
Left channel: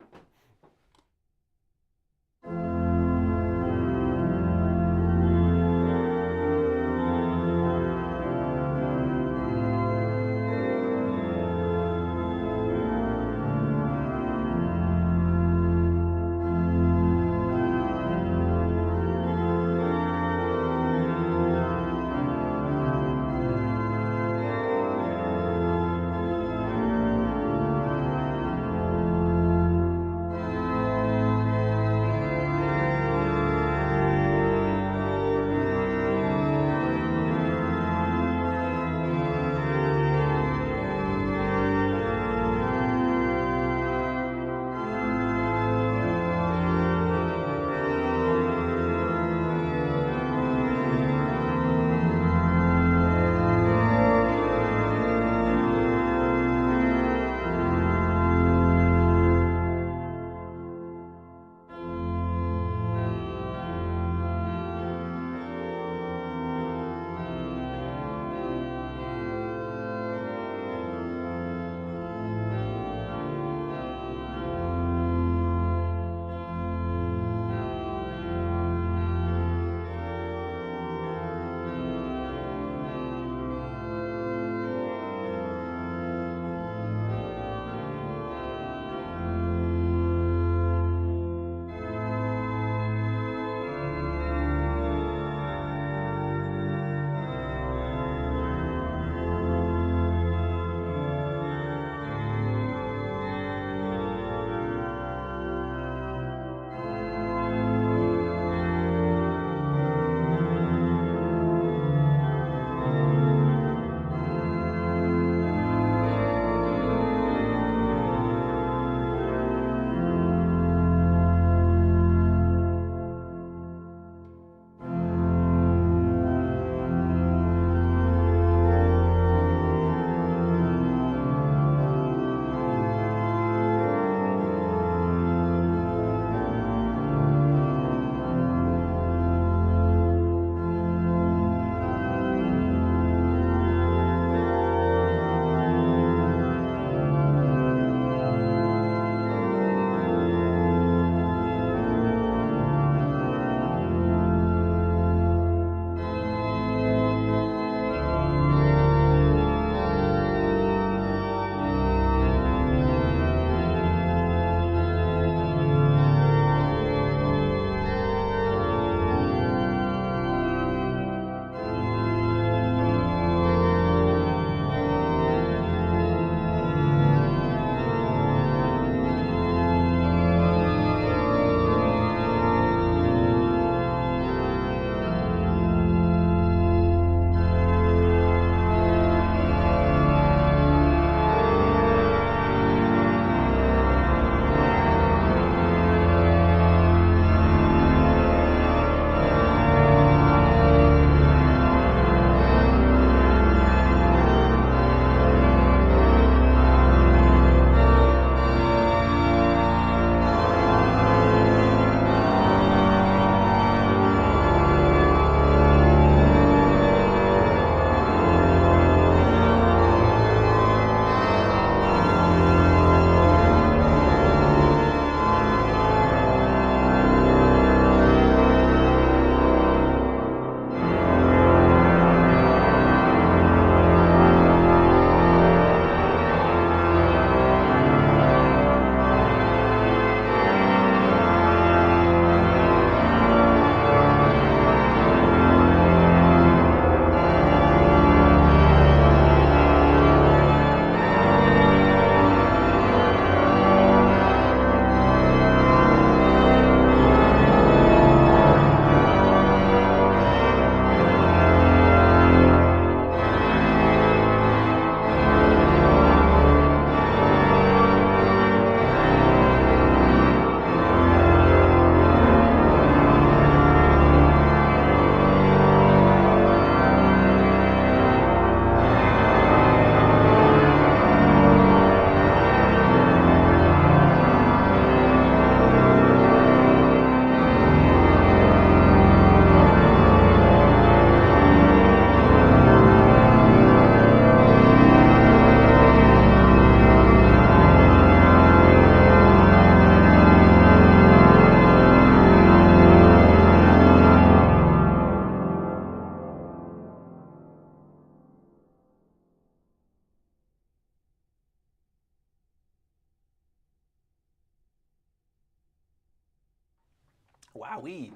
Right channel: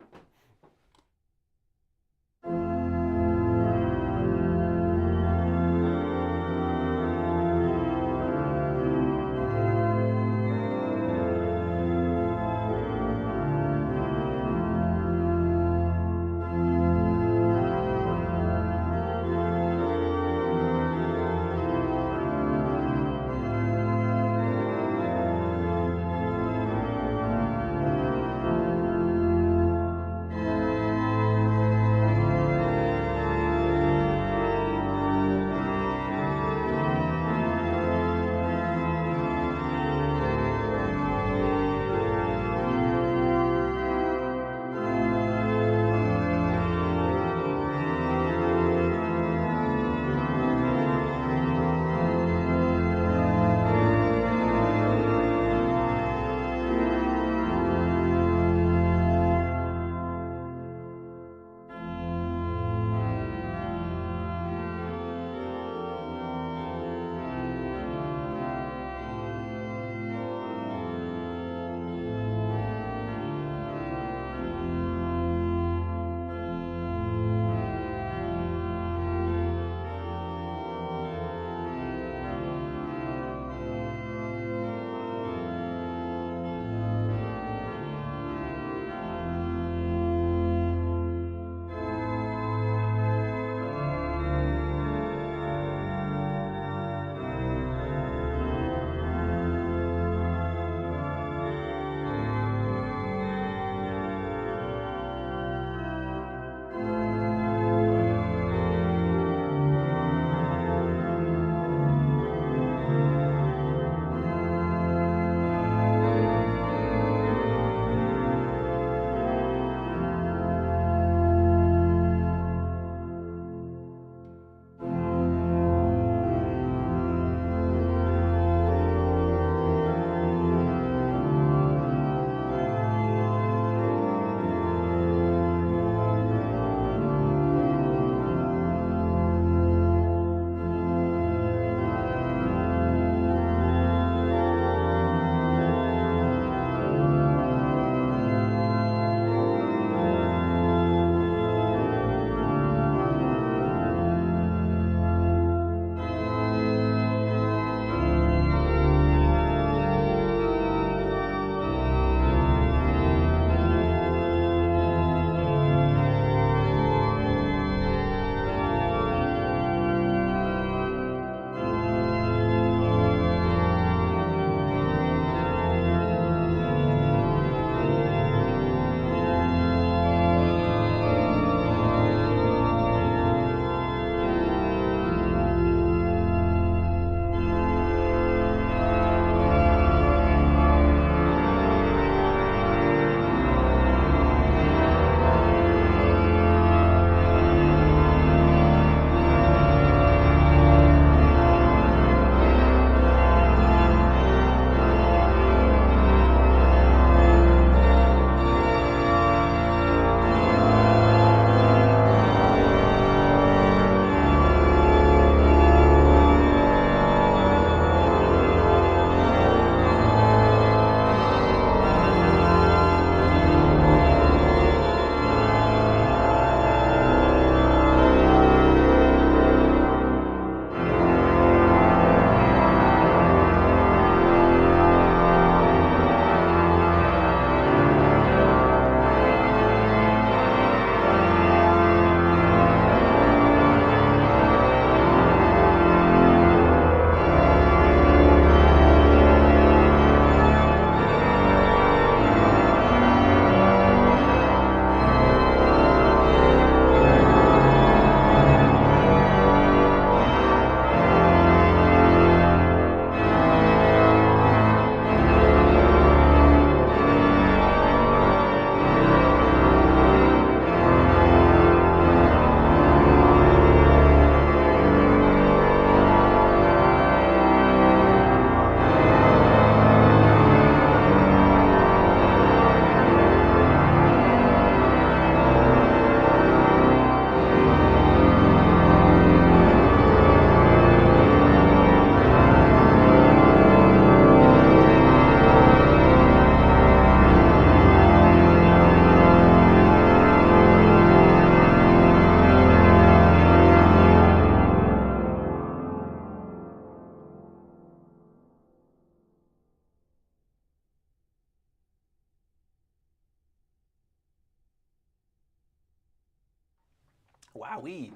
Wowee!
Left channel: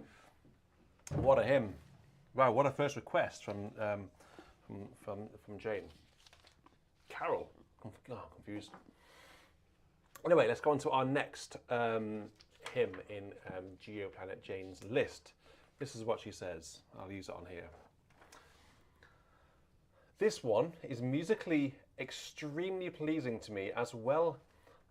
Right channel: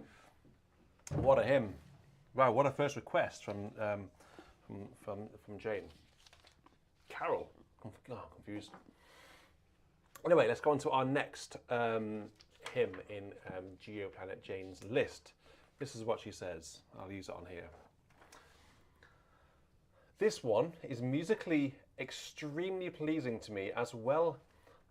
What a hymn! Wow, what a first request from Jane. Carol. Confused. Anyway, let's go on to our next hymn in Geoplanet Jane's list. This is what she says. I'll use it on here. This one is musically extremely pleasing to me, as well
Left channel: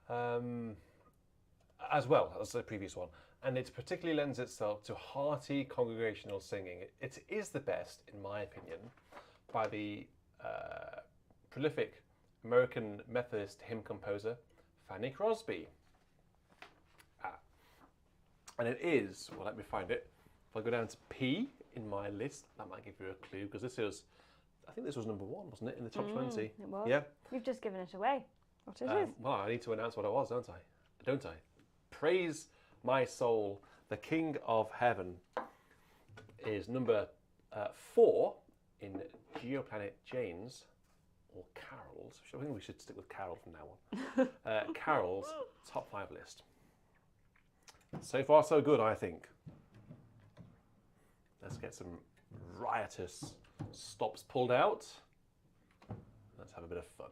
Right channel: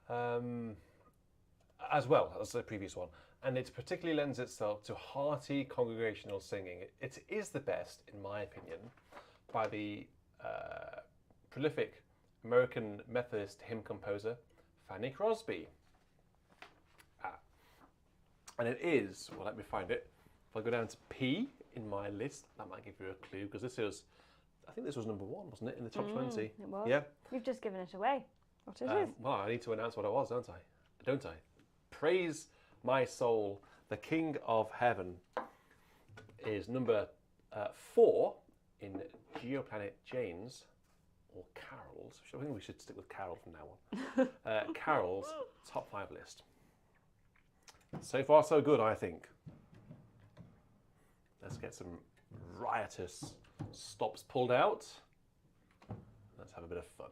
as the previous one, and it particularly lends itself to hearty congregational singing. It is the best, in my opinion, by the prolific American Methodist hymn composer Fanny Crosby. And it is, well, let me find it. If I go down to P in my list, that might give you a clue, because this is, I think this was number 1, wasn't it, in the top 20? It was. Yeah. You've just given it away. What it is. Well, I need to announce what it was, don't I? Praise my soul, the King of Heaven is number 4 in Geoplanet Jane's, or Carol's. I think we should stick with Carol from now on. Carol's top 5 list. So far, so good, I think. Let's get some riotous stops pulled out. Let's have a bit of fun.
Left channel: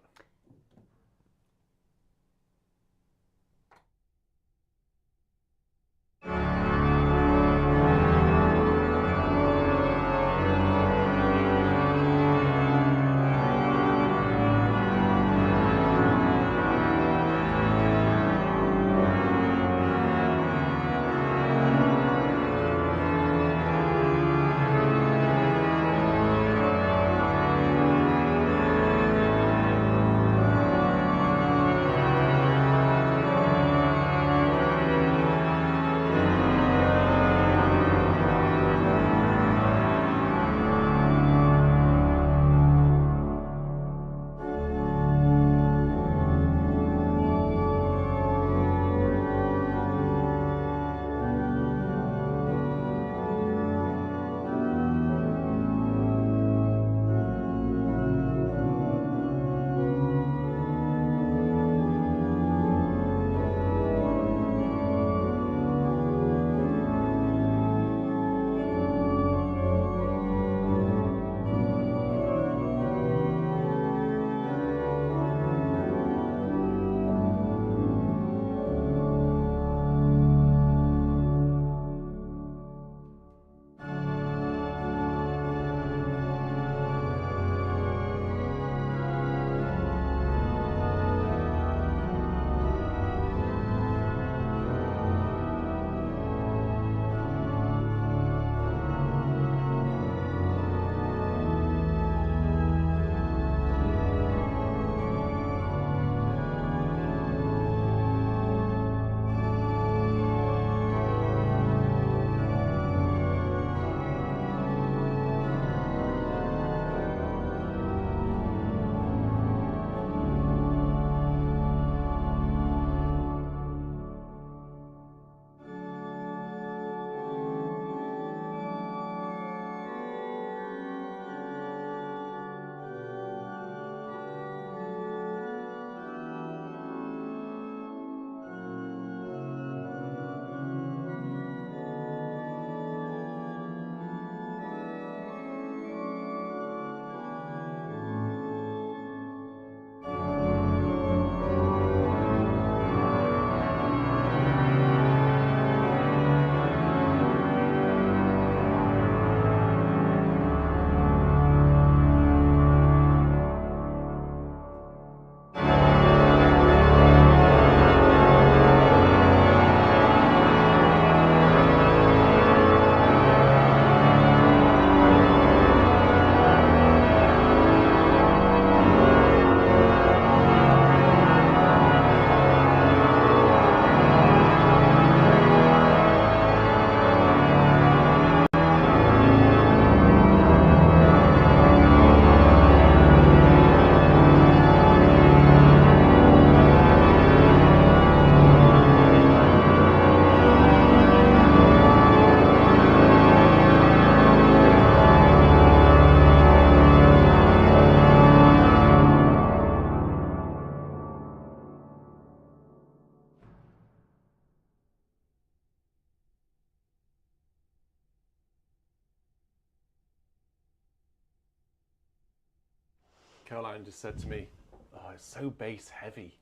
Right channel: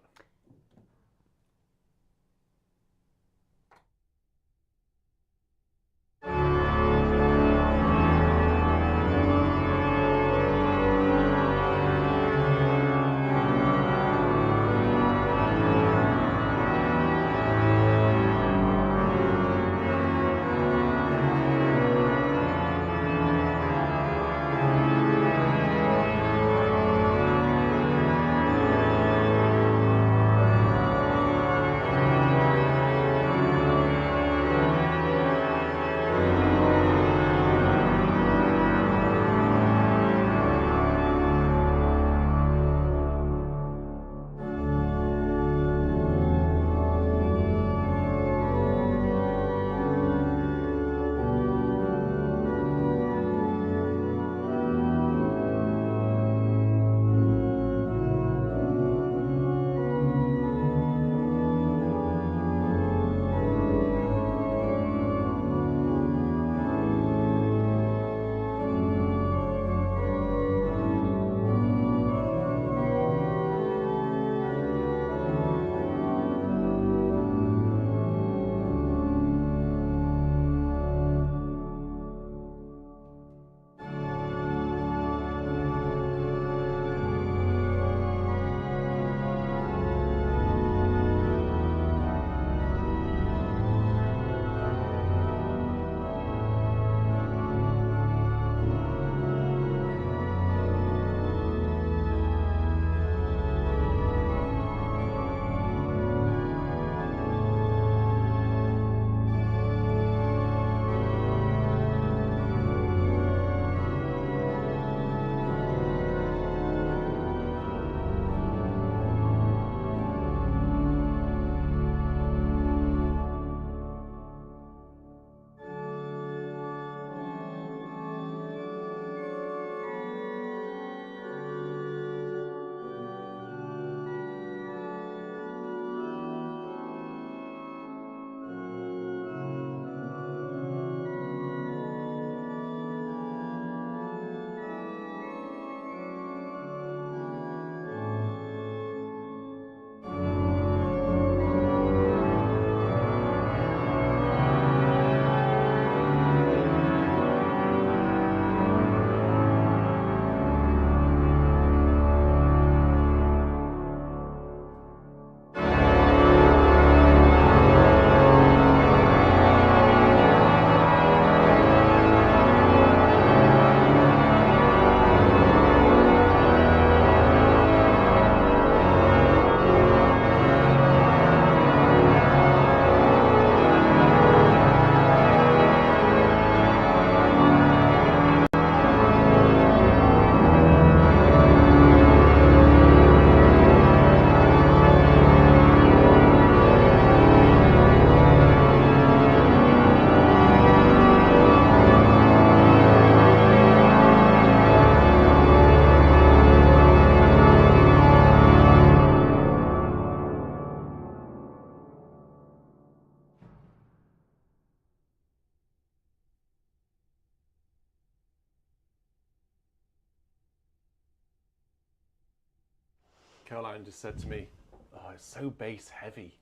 Caroline just said to me, "Oh, it's so bass heavy."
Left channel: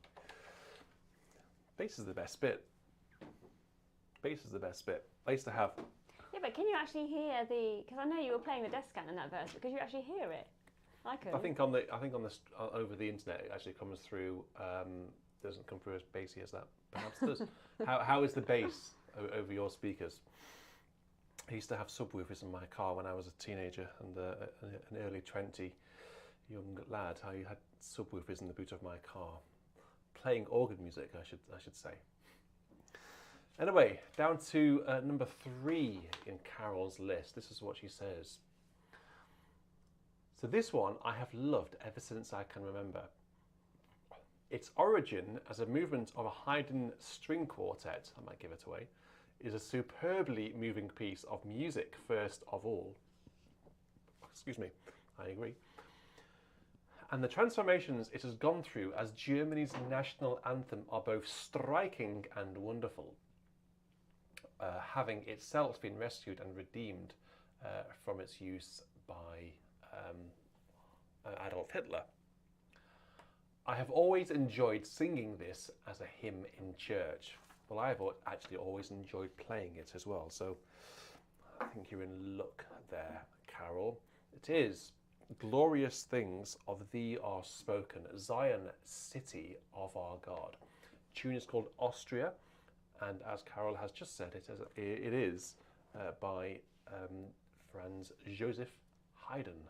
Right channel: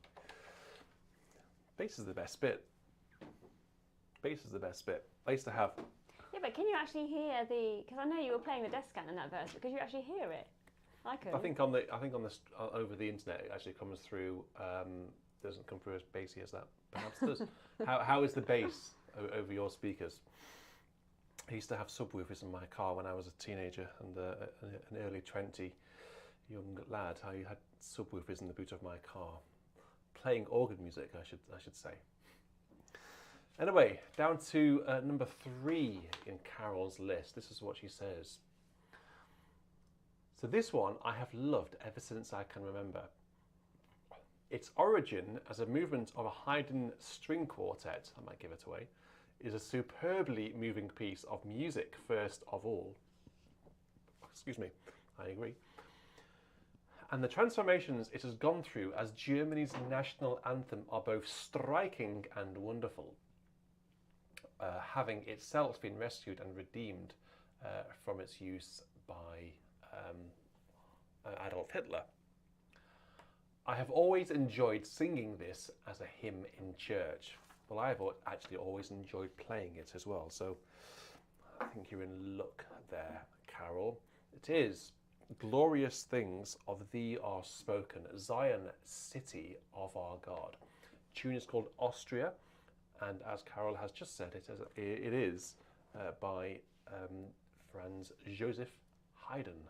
Bass is the best bit. Bass is the best bit. I used to have. Yeah, but can you actually hear the? Because I know you were playing the death scan in that verse, but could you actually hear it? I could. I think over the internet it actually comes through. Doesn't come through as bassy as that. Perhaps does. How is the bass over your speakers? I used to have subwoofers in my car when I was a teenager and an early 20 young lad. I had subwoofers in the boot of my car, playing organ music. I should say. Anyway, down to number 3 in Carol's list. This is what she says. So this one I have loved ever since I can remember. Its origin as a movement of a Haydn string quartet, I might give it away, is a superbly moving piece of music first of all. Excuse me, I agree. And the transformations it has gone through as Germany's national anthem are both striking and wonderful, having itself been rescued and redeemed from its use by Adolf Hitler. I have always enjoyed singing this as a hymn in church. Well, I have actually always enjoyed playing it as well, so I think you're in luck there, Carol. It is glorious things of thee are spoken, Zion, city of our God. The tune is called Austria, and as Carol has just said, it is by Franz Joseph Haydn.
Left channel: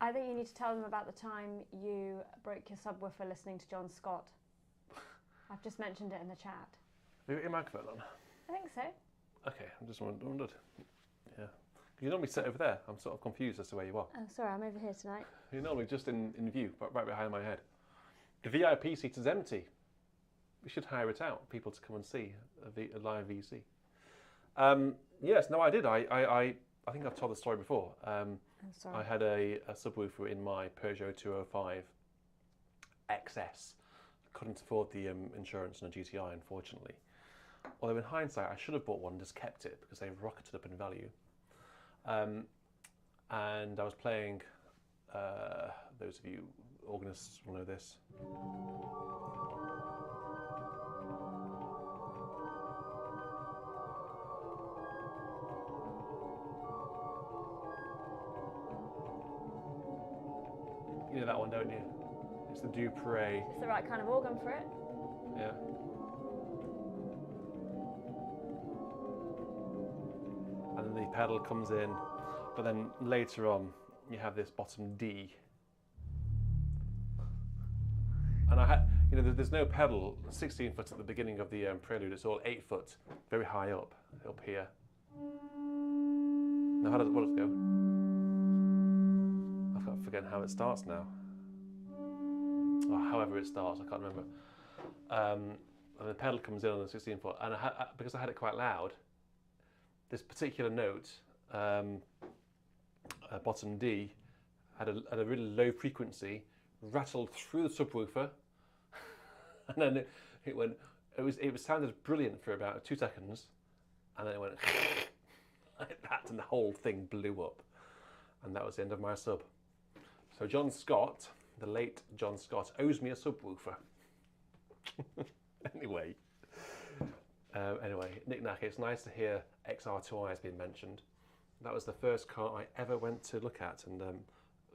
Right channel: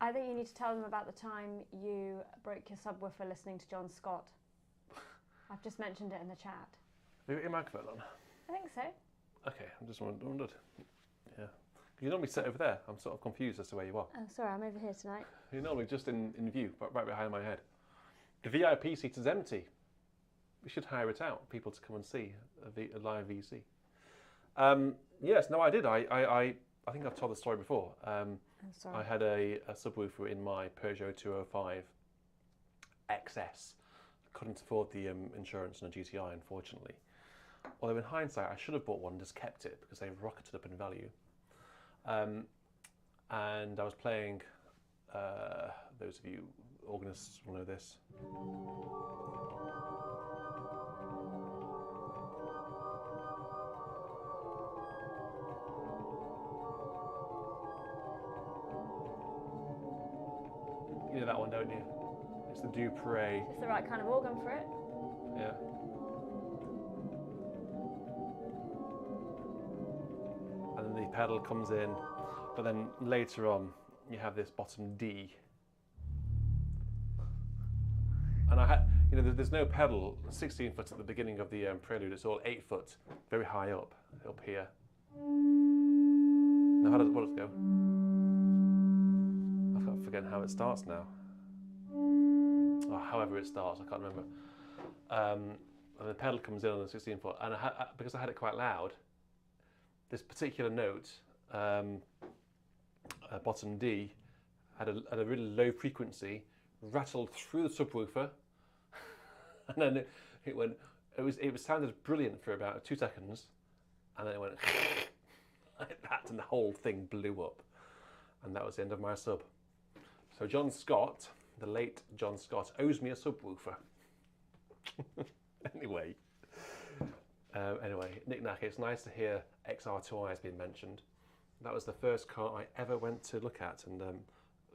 I think you need to tell them about the time you broke your subwoofer listening to John Scott. I've just mentioned it in the chat. Have you got your microphone on? I think so. Okay, I just wondered. Yeah. You normally sit over there. I'm sort of confused as to where you are. Oh, sorry, I'm over here tonight. You're normally just in view, right behind my head. The VIP seat is empty. We should hire it out, people to come and see a live VC. Yes, no, I did. I think I've told the story before. I'm sorry. I had a subwoofer in my Peugeot 205 XS. I couldn't afford the insurance on a GTI, unfortunately. Although in hindsight, I should have bought one and just kept it because they've rocketed up in value. And I was playing, those of you organists will know this. You know that one, don't you? It's the Dupre. It's the right kind of organ for it. Yeah. And then the pedal comes in, but then later on you have this bottom D. And I had, there's no pedal 16 foot at the beginning of the prelude. It's all 8 foot, very high up here. Now what does it go? I've forgotten how it starts now. Or however it starts, I can't remember. And the pedal comes in on the 16 foot, and because I had it quite loud, this particular note, bottom D, had a really low frequency, rattled through the subwoofer, and then it sounded brilliant for about 2 seconds, and then it went like that, and the whole thing blew up, and that was the end of my sub. So John Scott, the late John Scott, owes me a subwoofer. Anyway, knick-knack, it's nice to hear XR2i has been mentioned. That was the first car I ever went to look at and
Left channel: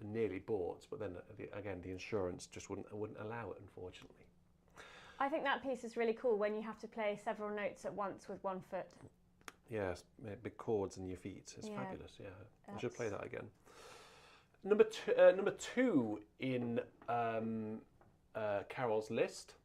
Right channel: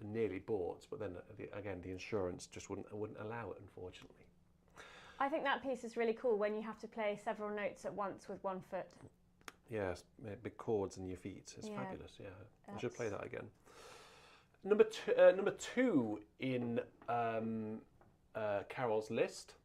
nearly bought, but then again the insurance just wouldn't allow it, unfortunately. I think that piece is really cool when you have to play several notes at once with one foot. Yes, big chords in your feet. It's fabulous. Yeah, I should play that again. Number two in Carol's list.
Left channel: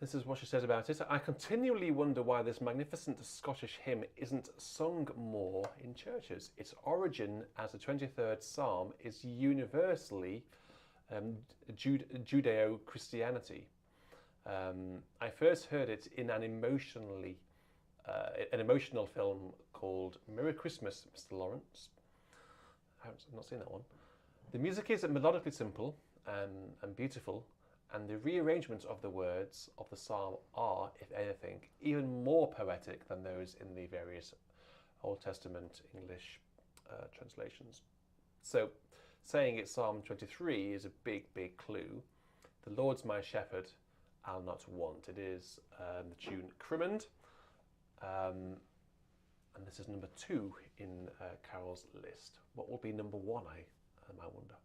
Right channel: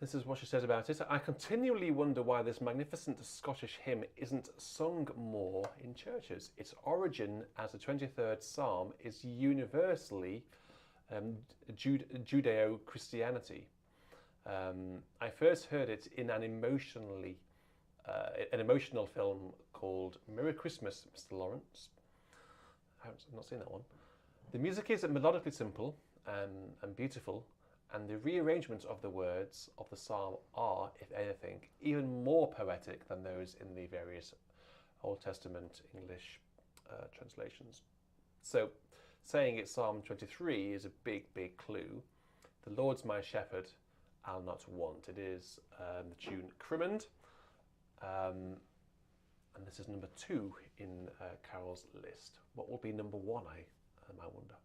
This is what she says about it. I continually wonder why this magnificent Scottish hymn isn't sung more in churches. Its origin as the 23rd Psalm is universally Judeo-Christianity. I first heard it in an emotional film called Merry Christmas, Mr. Lawrence. I've not seen that one. The music is melodically simple and beautiful, and the rearrangement of the words of the psalm are, if anything, even more poetic than those in the various Old Testament English translations. So, saying it's Psalm 23 is a big, big clue. The Lord's my shepherd, I'll not want. It is the tune Crimond, and this is number 2 in Carol's list. What will be number 1, I might wonder.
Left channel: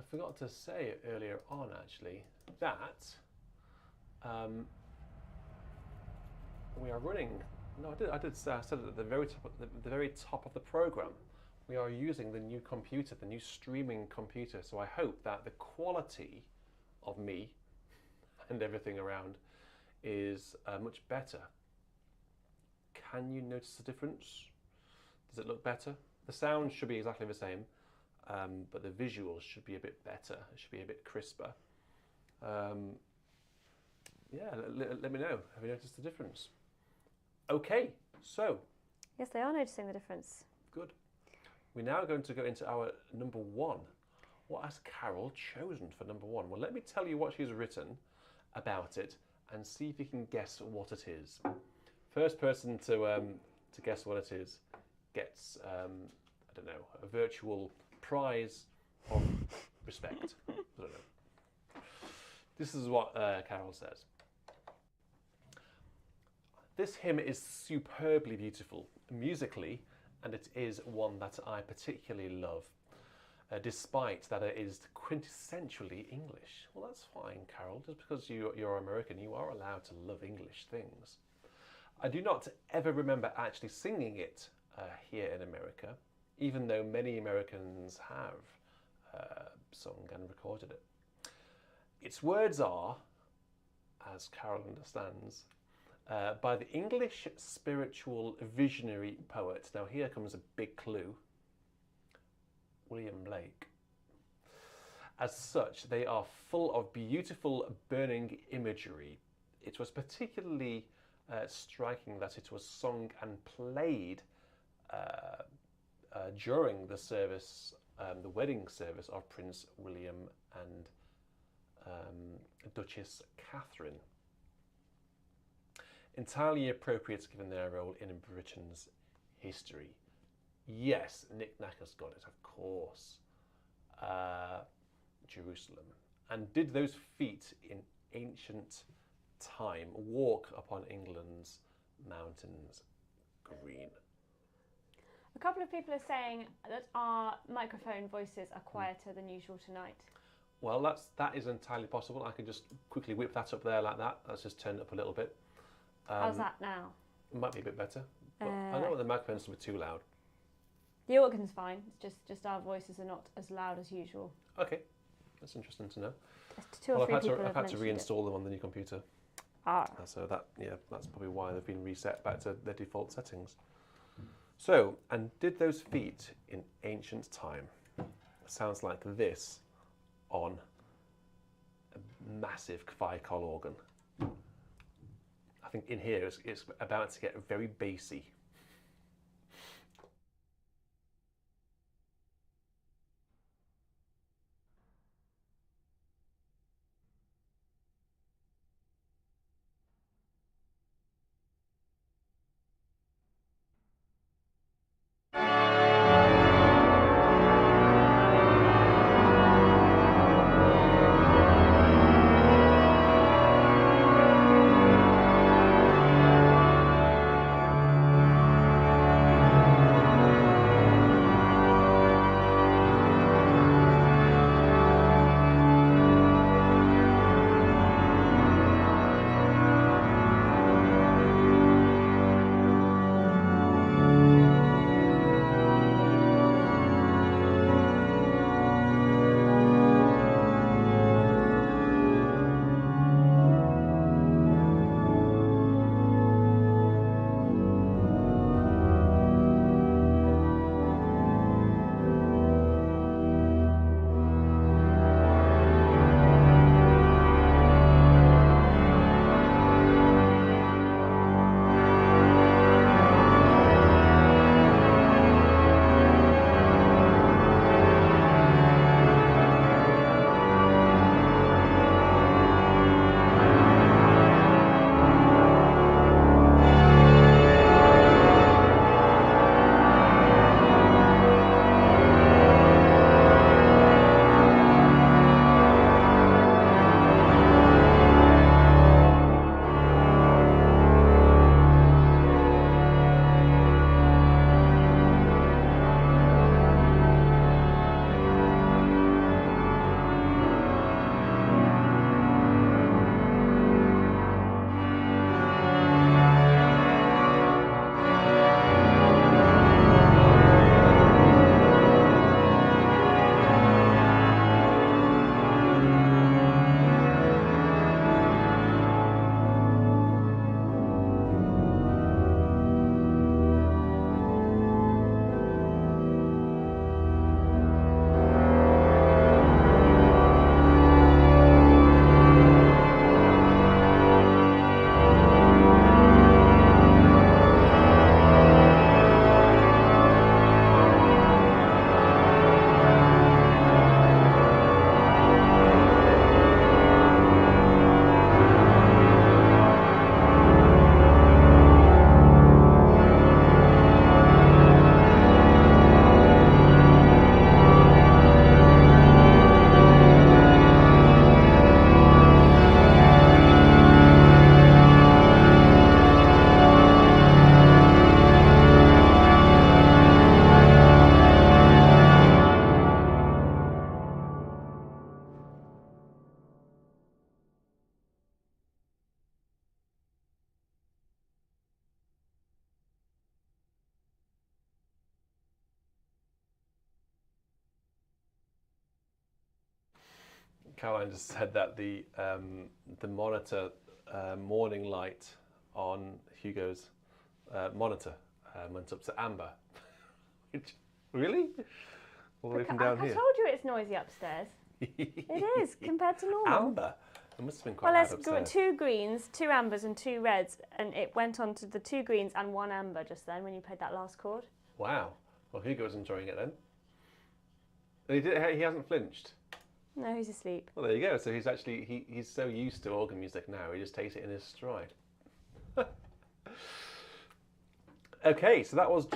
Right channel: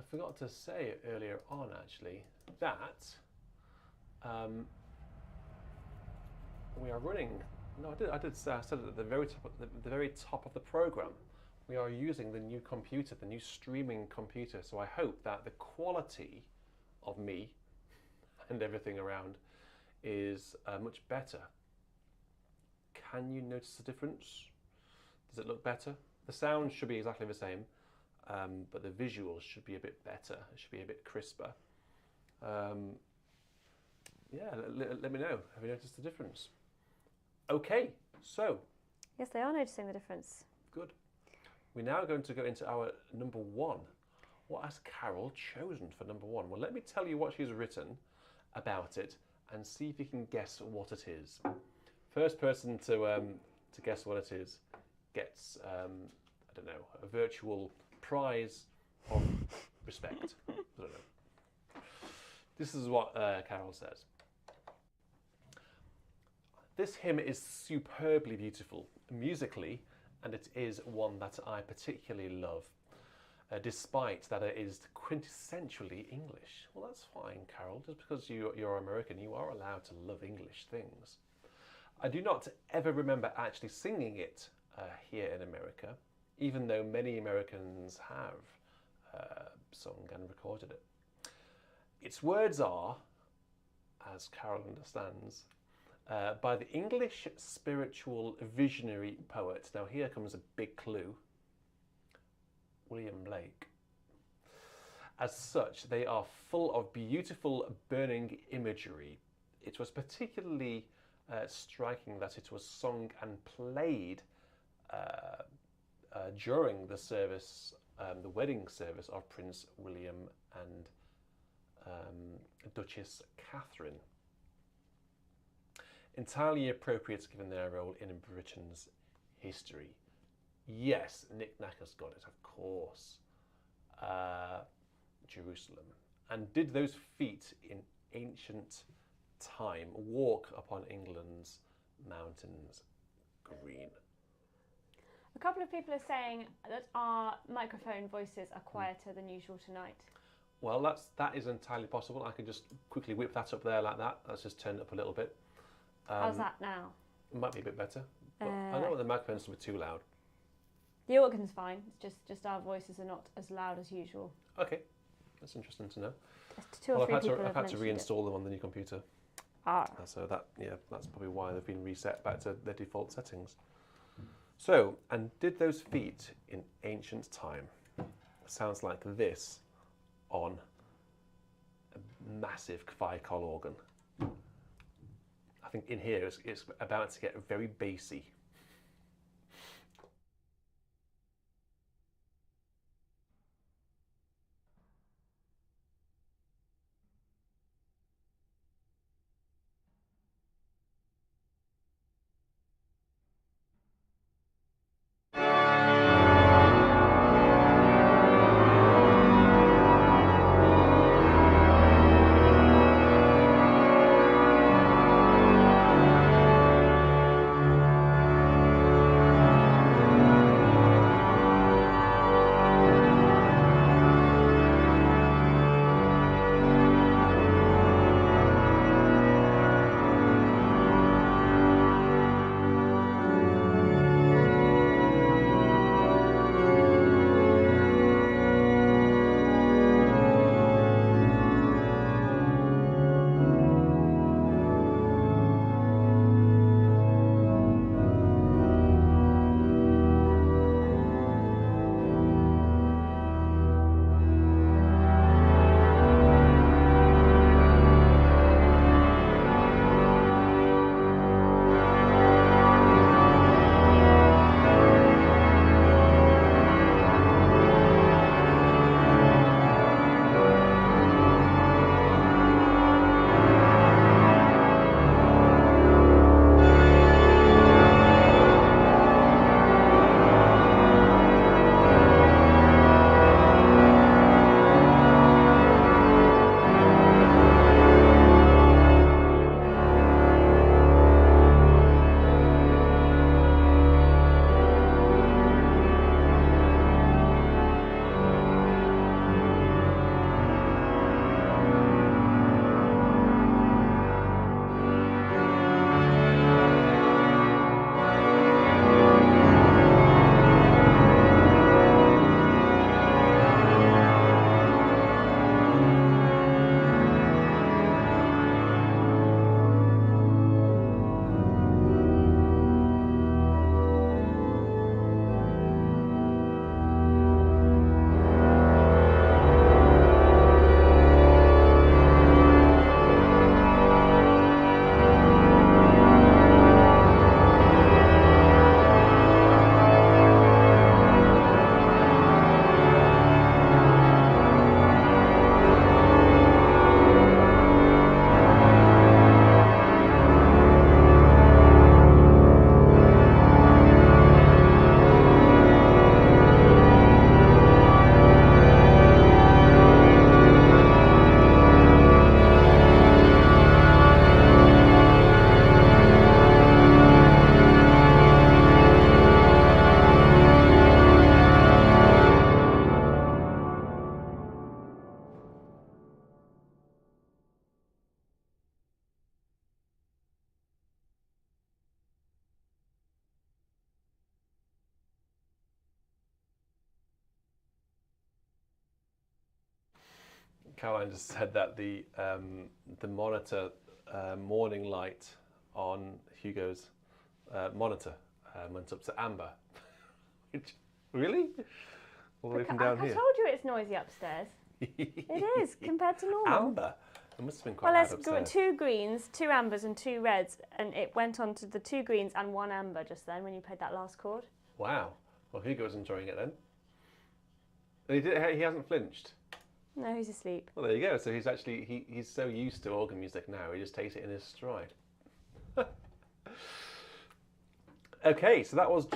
I forgot to say earlier on actually that we are running. No, I did say I said it at the very top of the program. We are using the new computer, the new streaming computer. So I hope that the quality of me and everything around is much better. Can you notice the difference? Does it look better? The sound should be exactly the same, but the visuals should be a bit better. It should be a bit crisper. Yeah, let me know. Have you noticed the difference? Okay, so. Yes, they are noticing the difference. Good. We're now going to go into our number one. What has Carol chosen for number one? Well, let me tell you what she's written about it and see if you can guess what it is. First person to guess what it is gets, I don't know, a virtual prize of respect. I don't know. This is what Carol says. This hymn is superbly beautiful musically, and it is one that I particularly love, despite that it is quintessentially English. Well, that's fine, Carol. Just because you're American, you are allowed to love English things. I do not ever remember actually singing it here in America, even though many Americans have sung and recorded it. Its words are, as Carol understands, by the English spiritual visionary poet. Now here comes a big clue. William Blake. As such, they are full of beautiful burning imagery. It was particularly striking that it was sung and played during the service, the wedding service of Prince William and Duchess Catherine. Entirely appropriate given their role in Britain's history. Yes, Nick Knacker's got it, of course. Jerusalem. And did those feet in ancient time walk upon England's mountains green? A couple of people are saying that our microphone voices are quieter than usual tonight. Well, that is entirely possible. I can just quickly whip that up there like that. Let's just turn it up a little bit. How's that now? It might be a bit better. But I don't want the microphones to be too loud. The organ's fine. It's just our voices are not as loud as usual. Okay, that's interesting to know. Two or three people I've have had to mentioned reinstall them on the new computer. So that's probably why they've been reset back to their default settings. So, and did those feet in ancient time? Sounds like this on a massive Vicol organ. I think in here it's about to get very bassy. Caroline just said that the monitor morning light on Hugo's monitor went up to amber. Really? All the way from down I here. told you it's noisy upstairs. It is, compared to normal. Amber? It must have been quite Well, loud there's upstairs. 2 greens, 2 ambers and 2 reds, and it went on to the 2 greens and 1 amber just then when you played that last chord. Wow. Well, Hugo was enjoying it then. And he hasn't flinched. No, he's asleep. Well, there you go. So he's actually, he's so used to organ music now, he just takes it in his stride. Okay, so that was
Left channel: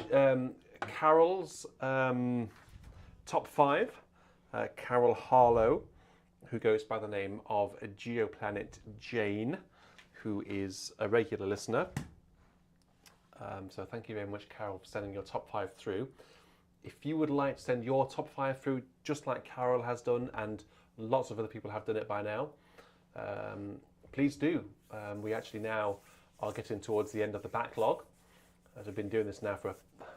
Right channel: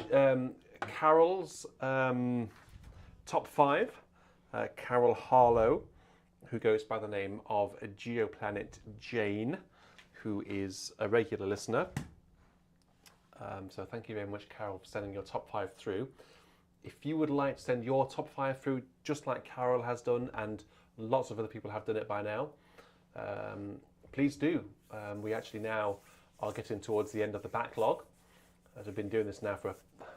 Carol's top 5. Carol Harlow, who goes by the name of Geoplanet Jane, who is a regular listener. So thank you very much, Carol, for sending your top 5 through. If you would like to send your top 5 through, just like Carol has done, and lots of other people have done it by now, please do. We actually now are getting towards the end of the backlog, as we've been doing this now for a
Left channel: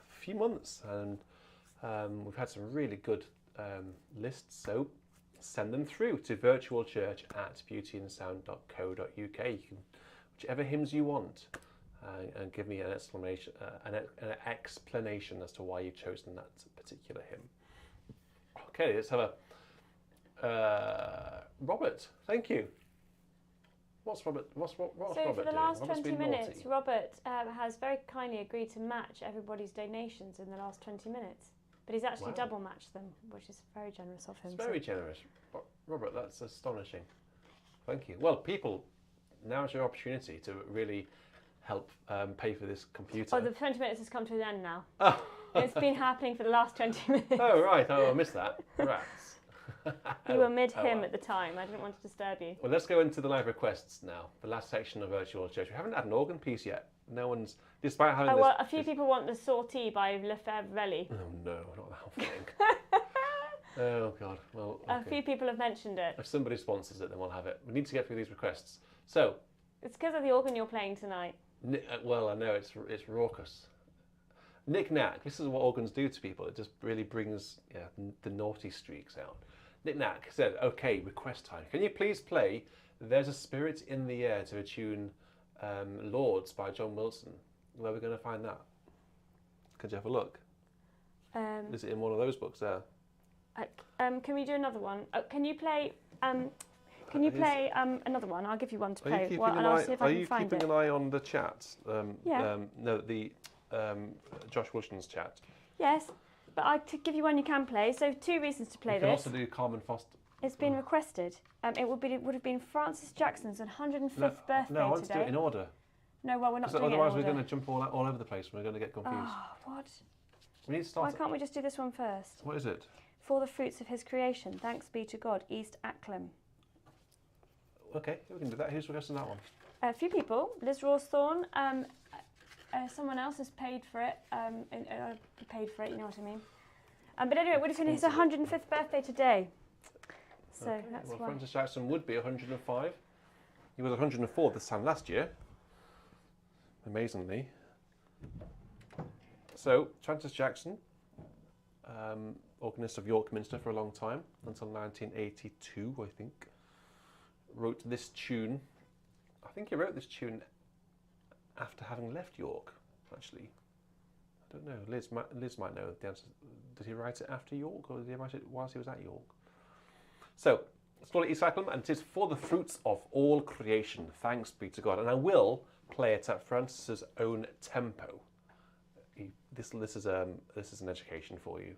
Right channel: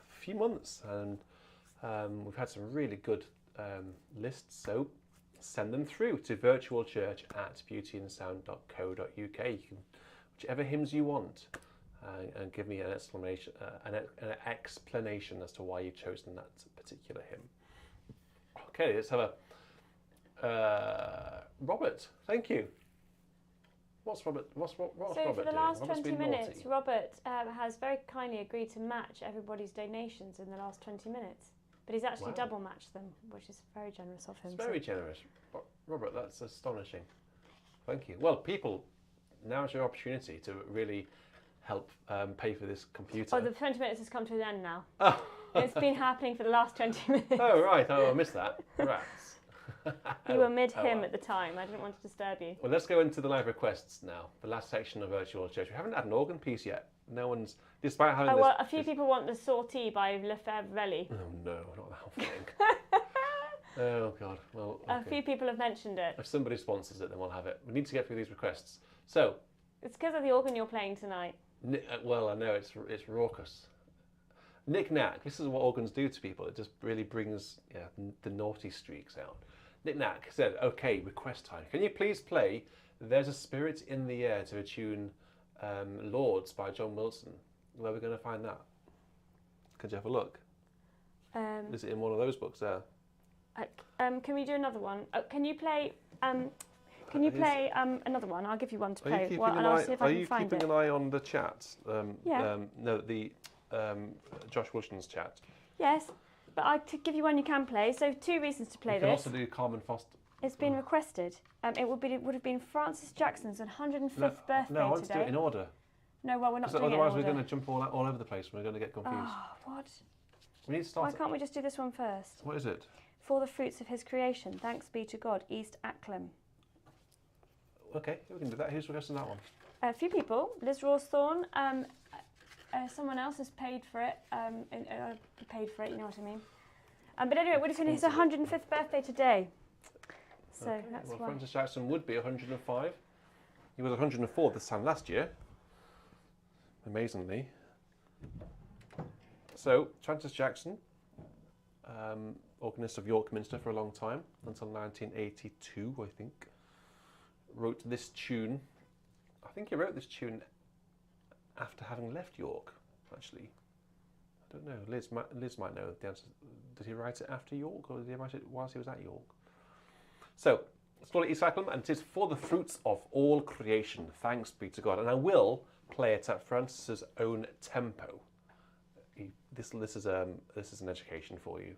few months, and we've had some really good lists, so send them through to virtualchurch@beautyandsound.co.uk. You can, whichever hymns you want, and give me an explanation as to why you've chosen that particular hymn. Okay, let's have a Robert. Thank you. What's Robert? What's So Robert for the doing? last Robert's 20 been minutes, naughty. Robert has very kindly agreed to match everybody's donations in the last 20 minutes. But he's actually Wow. double matched them, which is very generous of him. It's very generous. Robert, that's astonishing. Thank you. Well, people, now's your opportunity to really help pay for this computer. Oh, the 20 minutes has come to an end now. Oh. It's been happening for the last 20 minutes. Oh, right. Oh, I missed that. Rats. You were mid-hymn well. at the time. I didn't want to disturb you. Well, let's go into the live requests now. The last section of Virtual Church. We haven't had an organ piece yet. No one's, despite having Oh, well, a few people want the Sortie by Lefébure-Wély. Oh, no, not that thing. Oh, God. Well, okay. A few people have mentioned it. If somebody sponsors it, then we'll have it. We need to get through these requests. So, It's because of the organ you're playing tonight. well, I know it's raucous. Knick-knack. This is what organs do to people. It just really brings the naughty streaks out. Knick-knack said, okay, request time. Can you please play There's a Spirit in the Air to the tune Lords by John Wilson? Where are we going to find that? Could you have a look? Is it in one of those books there? Can we do another one? Can you play another one? I'll give you one to play. I'll see if I can find it. Are you keeping an eye on the chat? Yeah. No, the Josh Wilson's chat. Yes, but I'll give you one you can play. So 2 reasons to play You can this. also do Carmen Foster. It's been requested. It would have been Francis Jackson's 105th birthday No, I want today. to do it in order. No, well, we're not doing it in Otherwise, order. we're going to jump all over the place. We're going to get confused. Oh, what? We need to start. Why can't we just do this one first? What is it? For the fruits of his creation, thanks be to God, East Acklam. Okay, we can do that. Who's requesting that one? A few people. Liz Rawsthorne. Someone else has paid for it. Paid for it, you know what I mean. But anyway, it would have been his 105th birthday today. So Okay, that's well, why. Francis Jackson would be 105. He was 104 this time last year, amazingly. So, Francis Jackson, organist of York Minster for a long time, until 1982, I think, wrote this tune. I think he wrote this tune after having left York, actually. I don't know. Liz might know the answer. Did he write it after York, or did he write it whilst he was at York? So, let's call it East Acklam, and it is For the Fruits of All Creation, thanks be to God. And I will play it at Francis's own tempo. This is an education for you.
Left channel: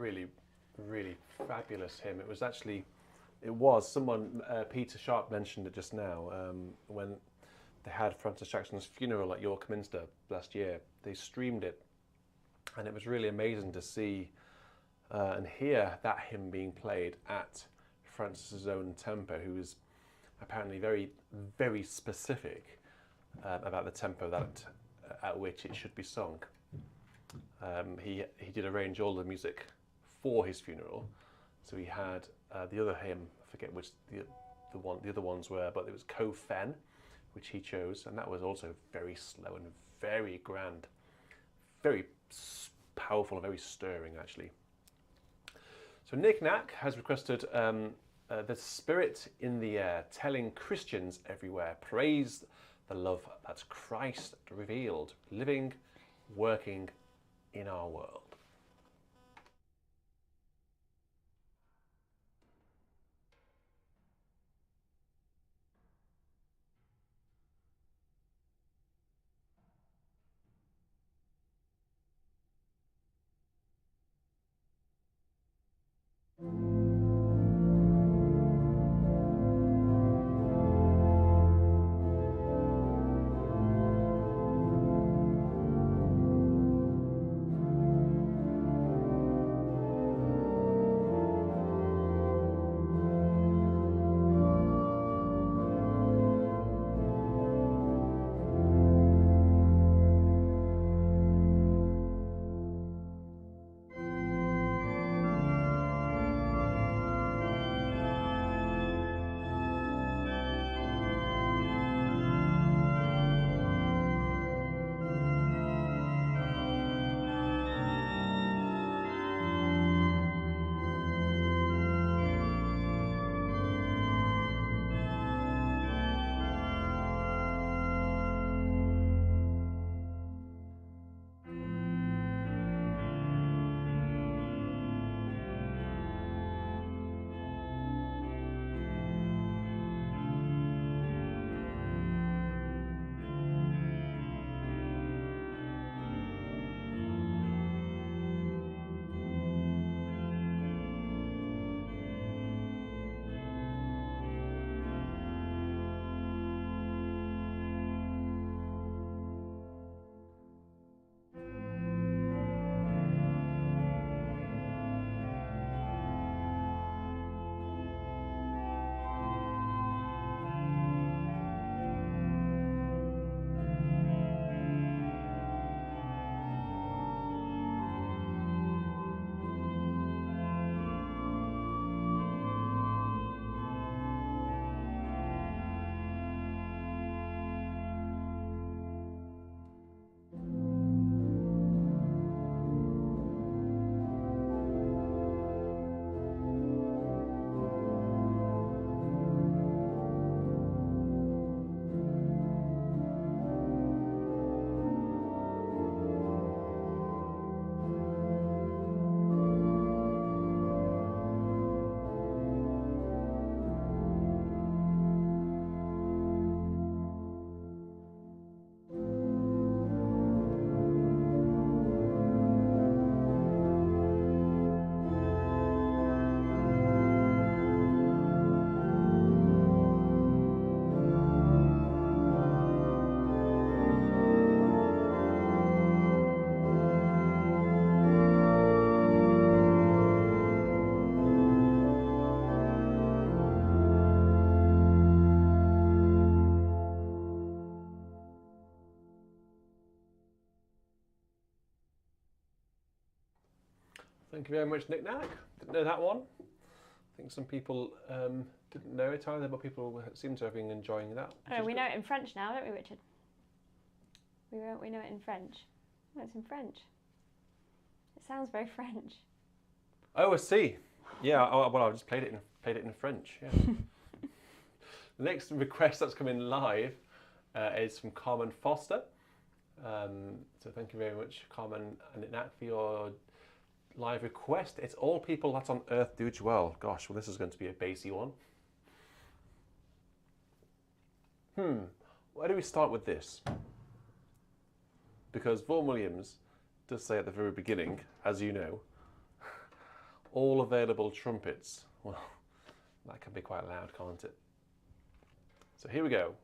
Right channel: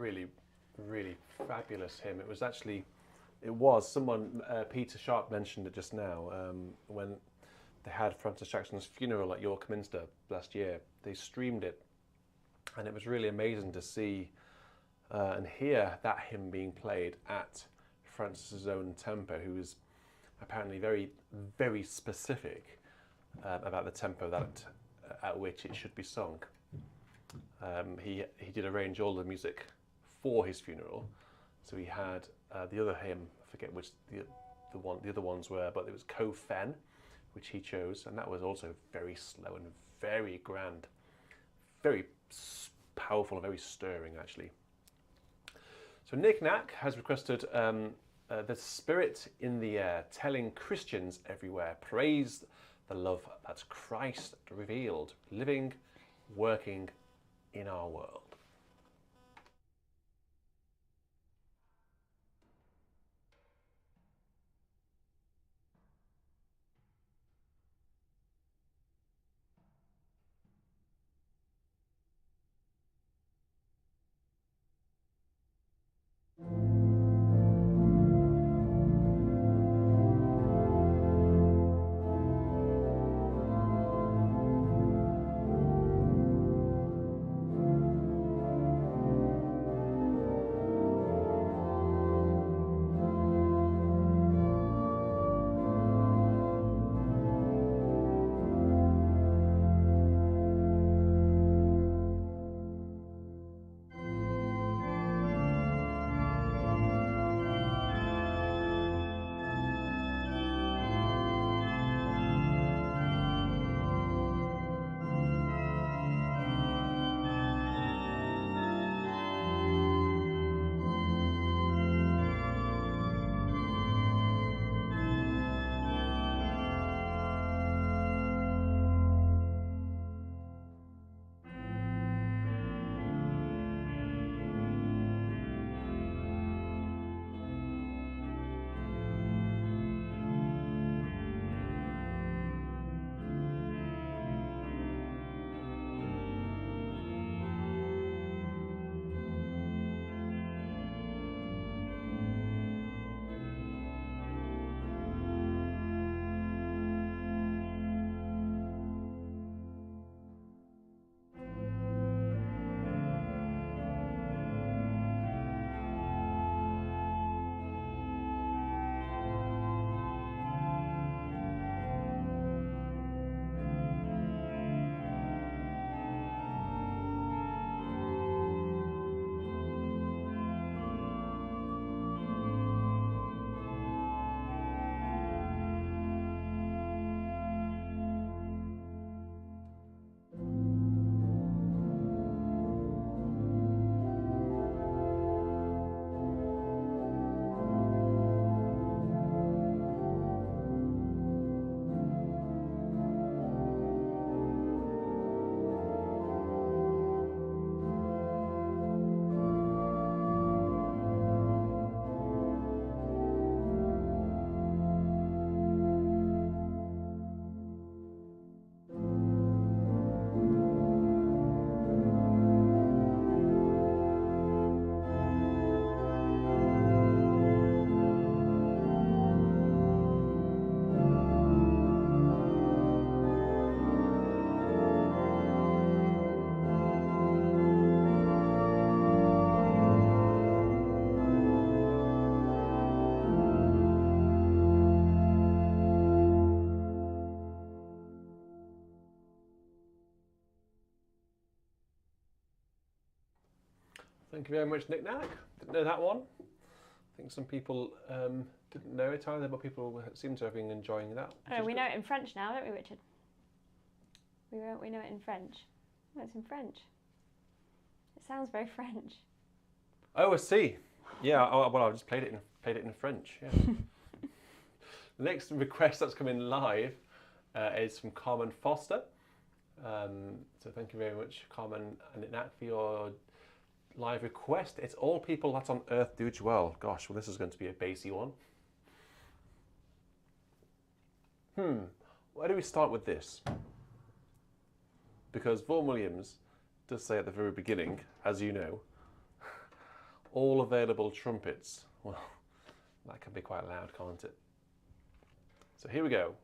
really, really fabulous hymn. It was someone, Peter Sharp mentioned it just now, when they had Francis Jackson's funeral at York Minster last year. They streamed it, and it was really amazing to see and hear that hymn being played at Francis's own tempo, who was apparently very, very specific about the tempo that at which it should be sung. He did arrange all the music for his funeral, so he had the other hymn, I forget which the other ones were, but it was Co Fen, which he chose, and that was also very slow and very grand, very powerful and very stirring actually. So Nick Knack has requested The Spirit in the Air, telling Christians everywhere, praise the love that's Christ revealed, living, working in our world. Thank you very much, Nick Knack. Didn't know that one. I think some people didn't know it either, but people seem to have been enjoying that. Oh, we know it in French now, don't we, Richard? We know it in French. Oh, it's in French. It sounds very French. Oh, I see. Yeah. Oh, well, I just played it in French. Yeah. The next request that's come in live is from Carmen Foster. So thank you very much, Carmen and Nick Knack, for your live request. It's All People That on Earth Do Dwell. Gosh, well, this is going to be a bassy one. Where do we start with this? Because Vaughan Williams does say at the very beginning, as you know, all available trumpets. Well, that can be quite loud, can't it? So here we go.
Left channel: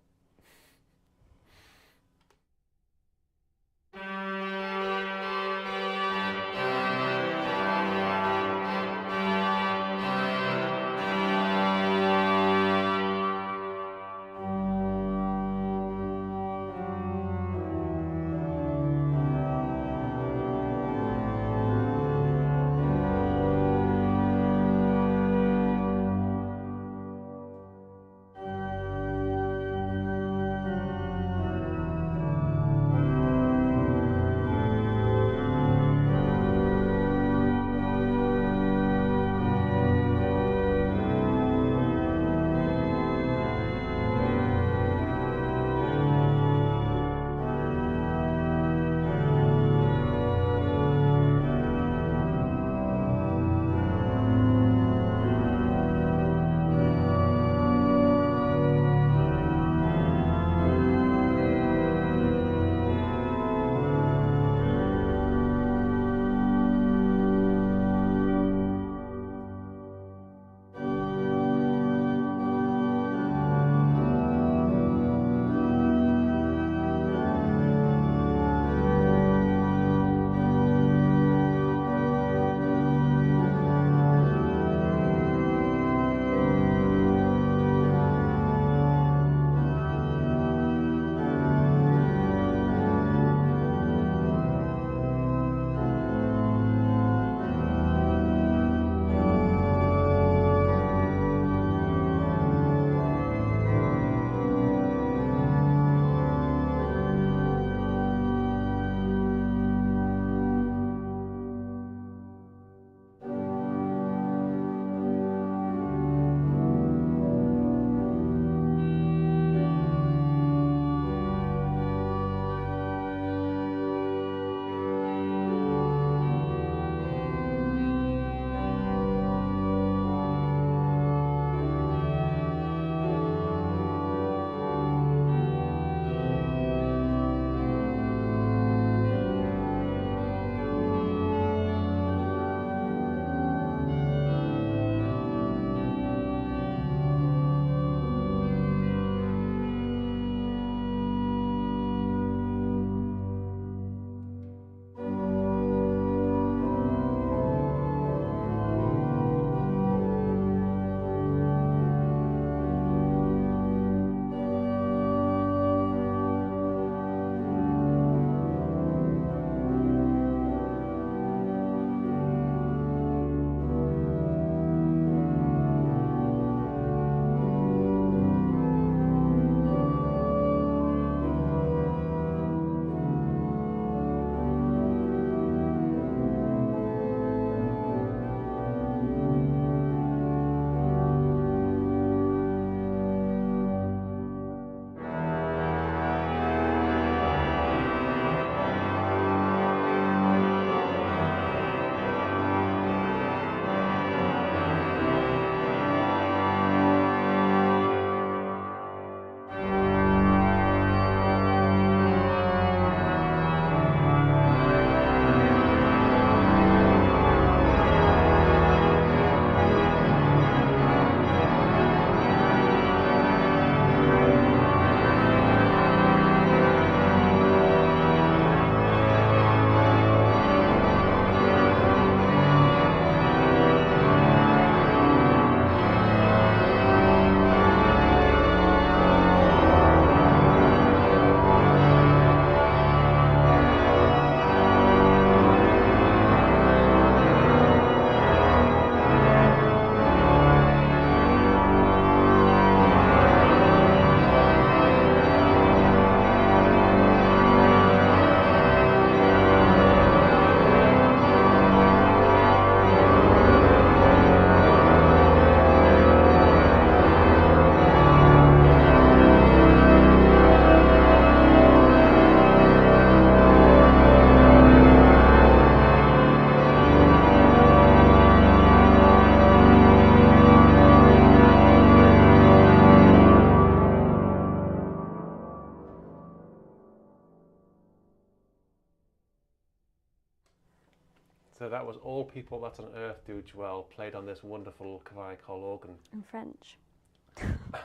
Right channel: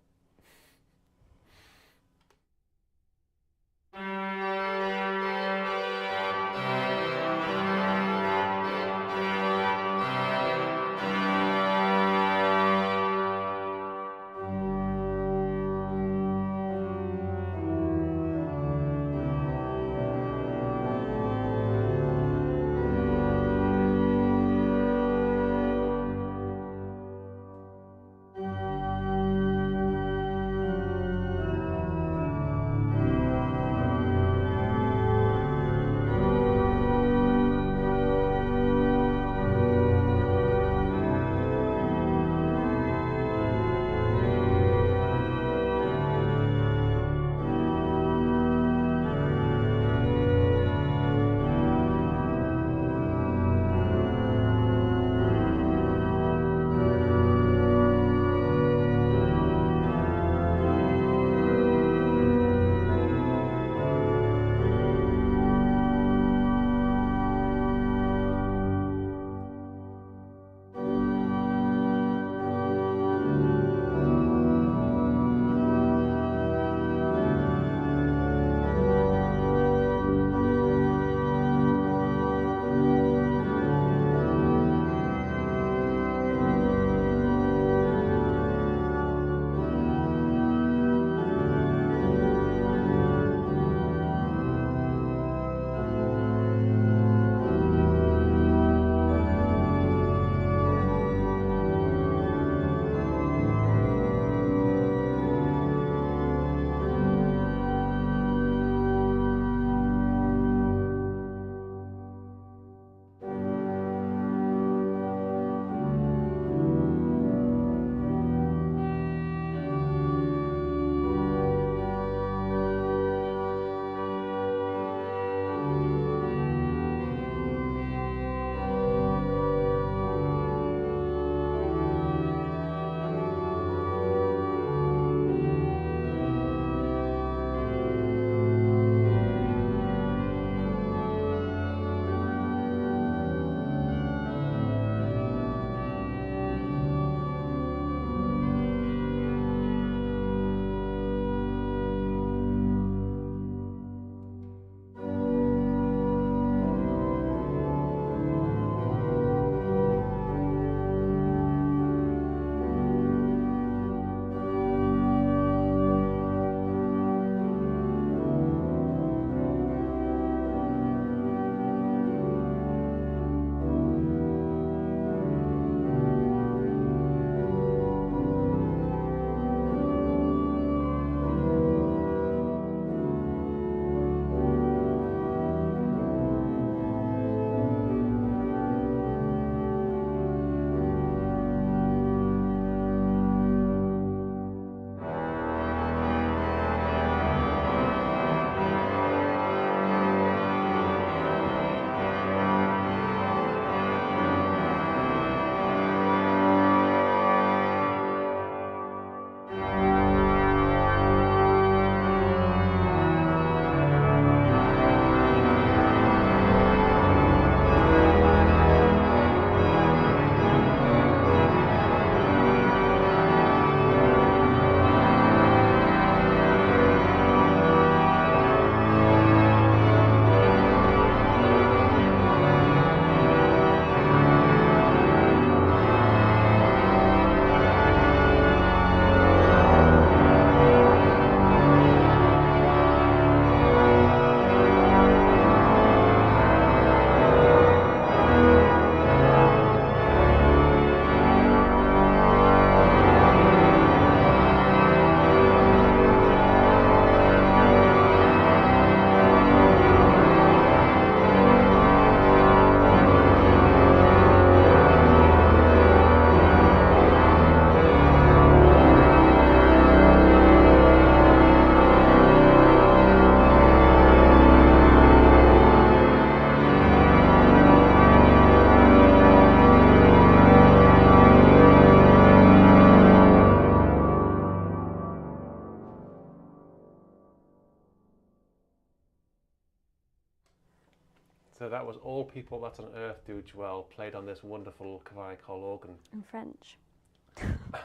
that was All People That on Earth Do Dwell, played on this wonderful clavicle organ. In French.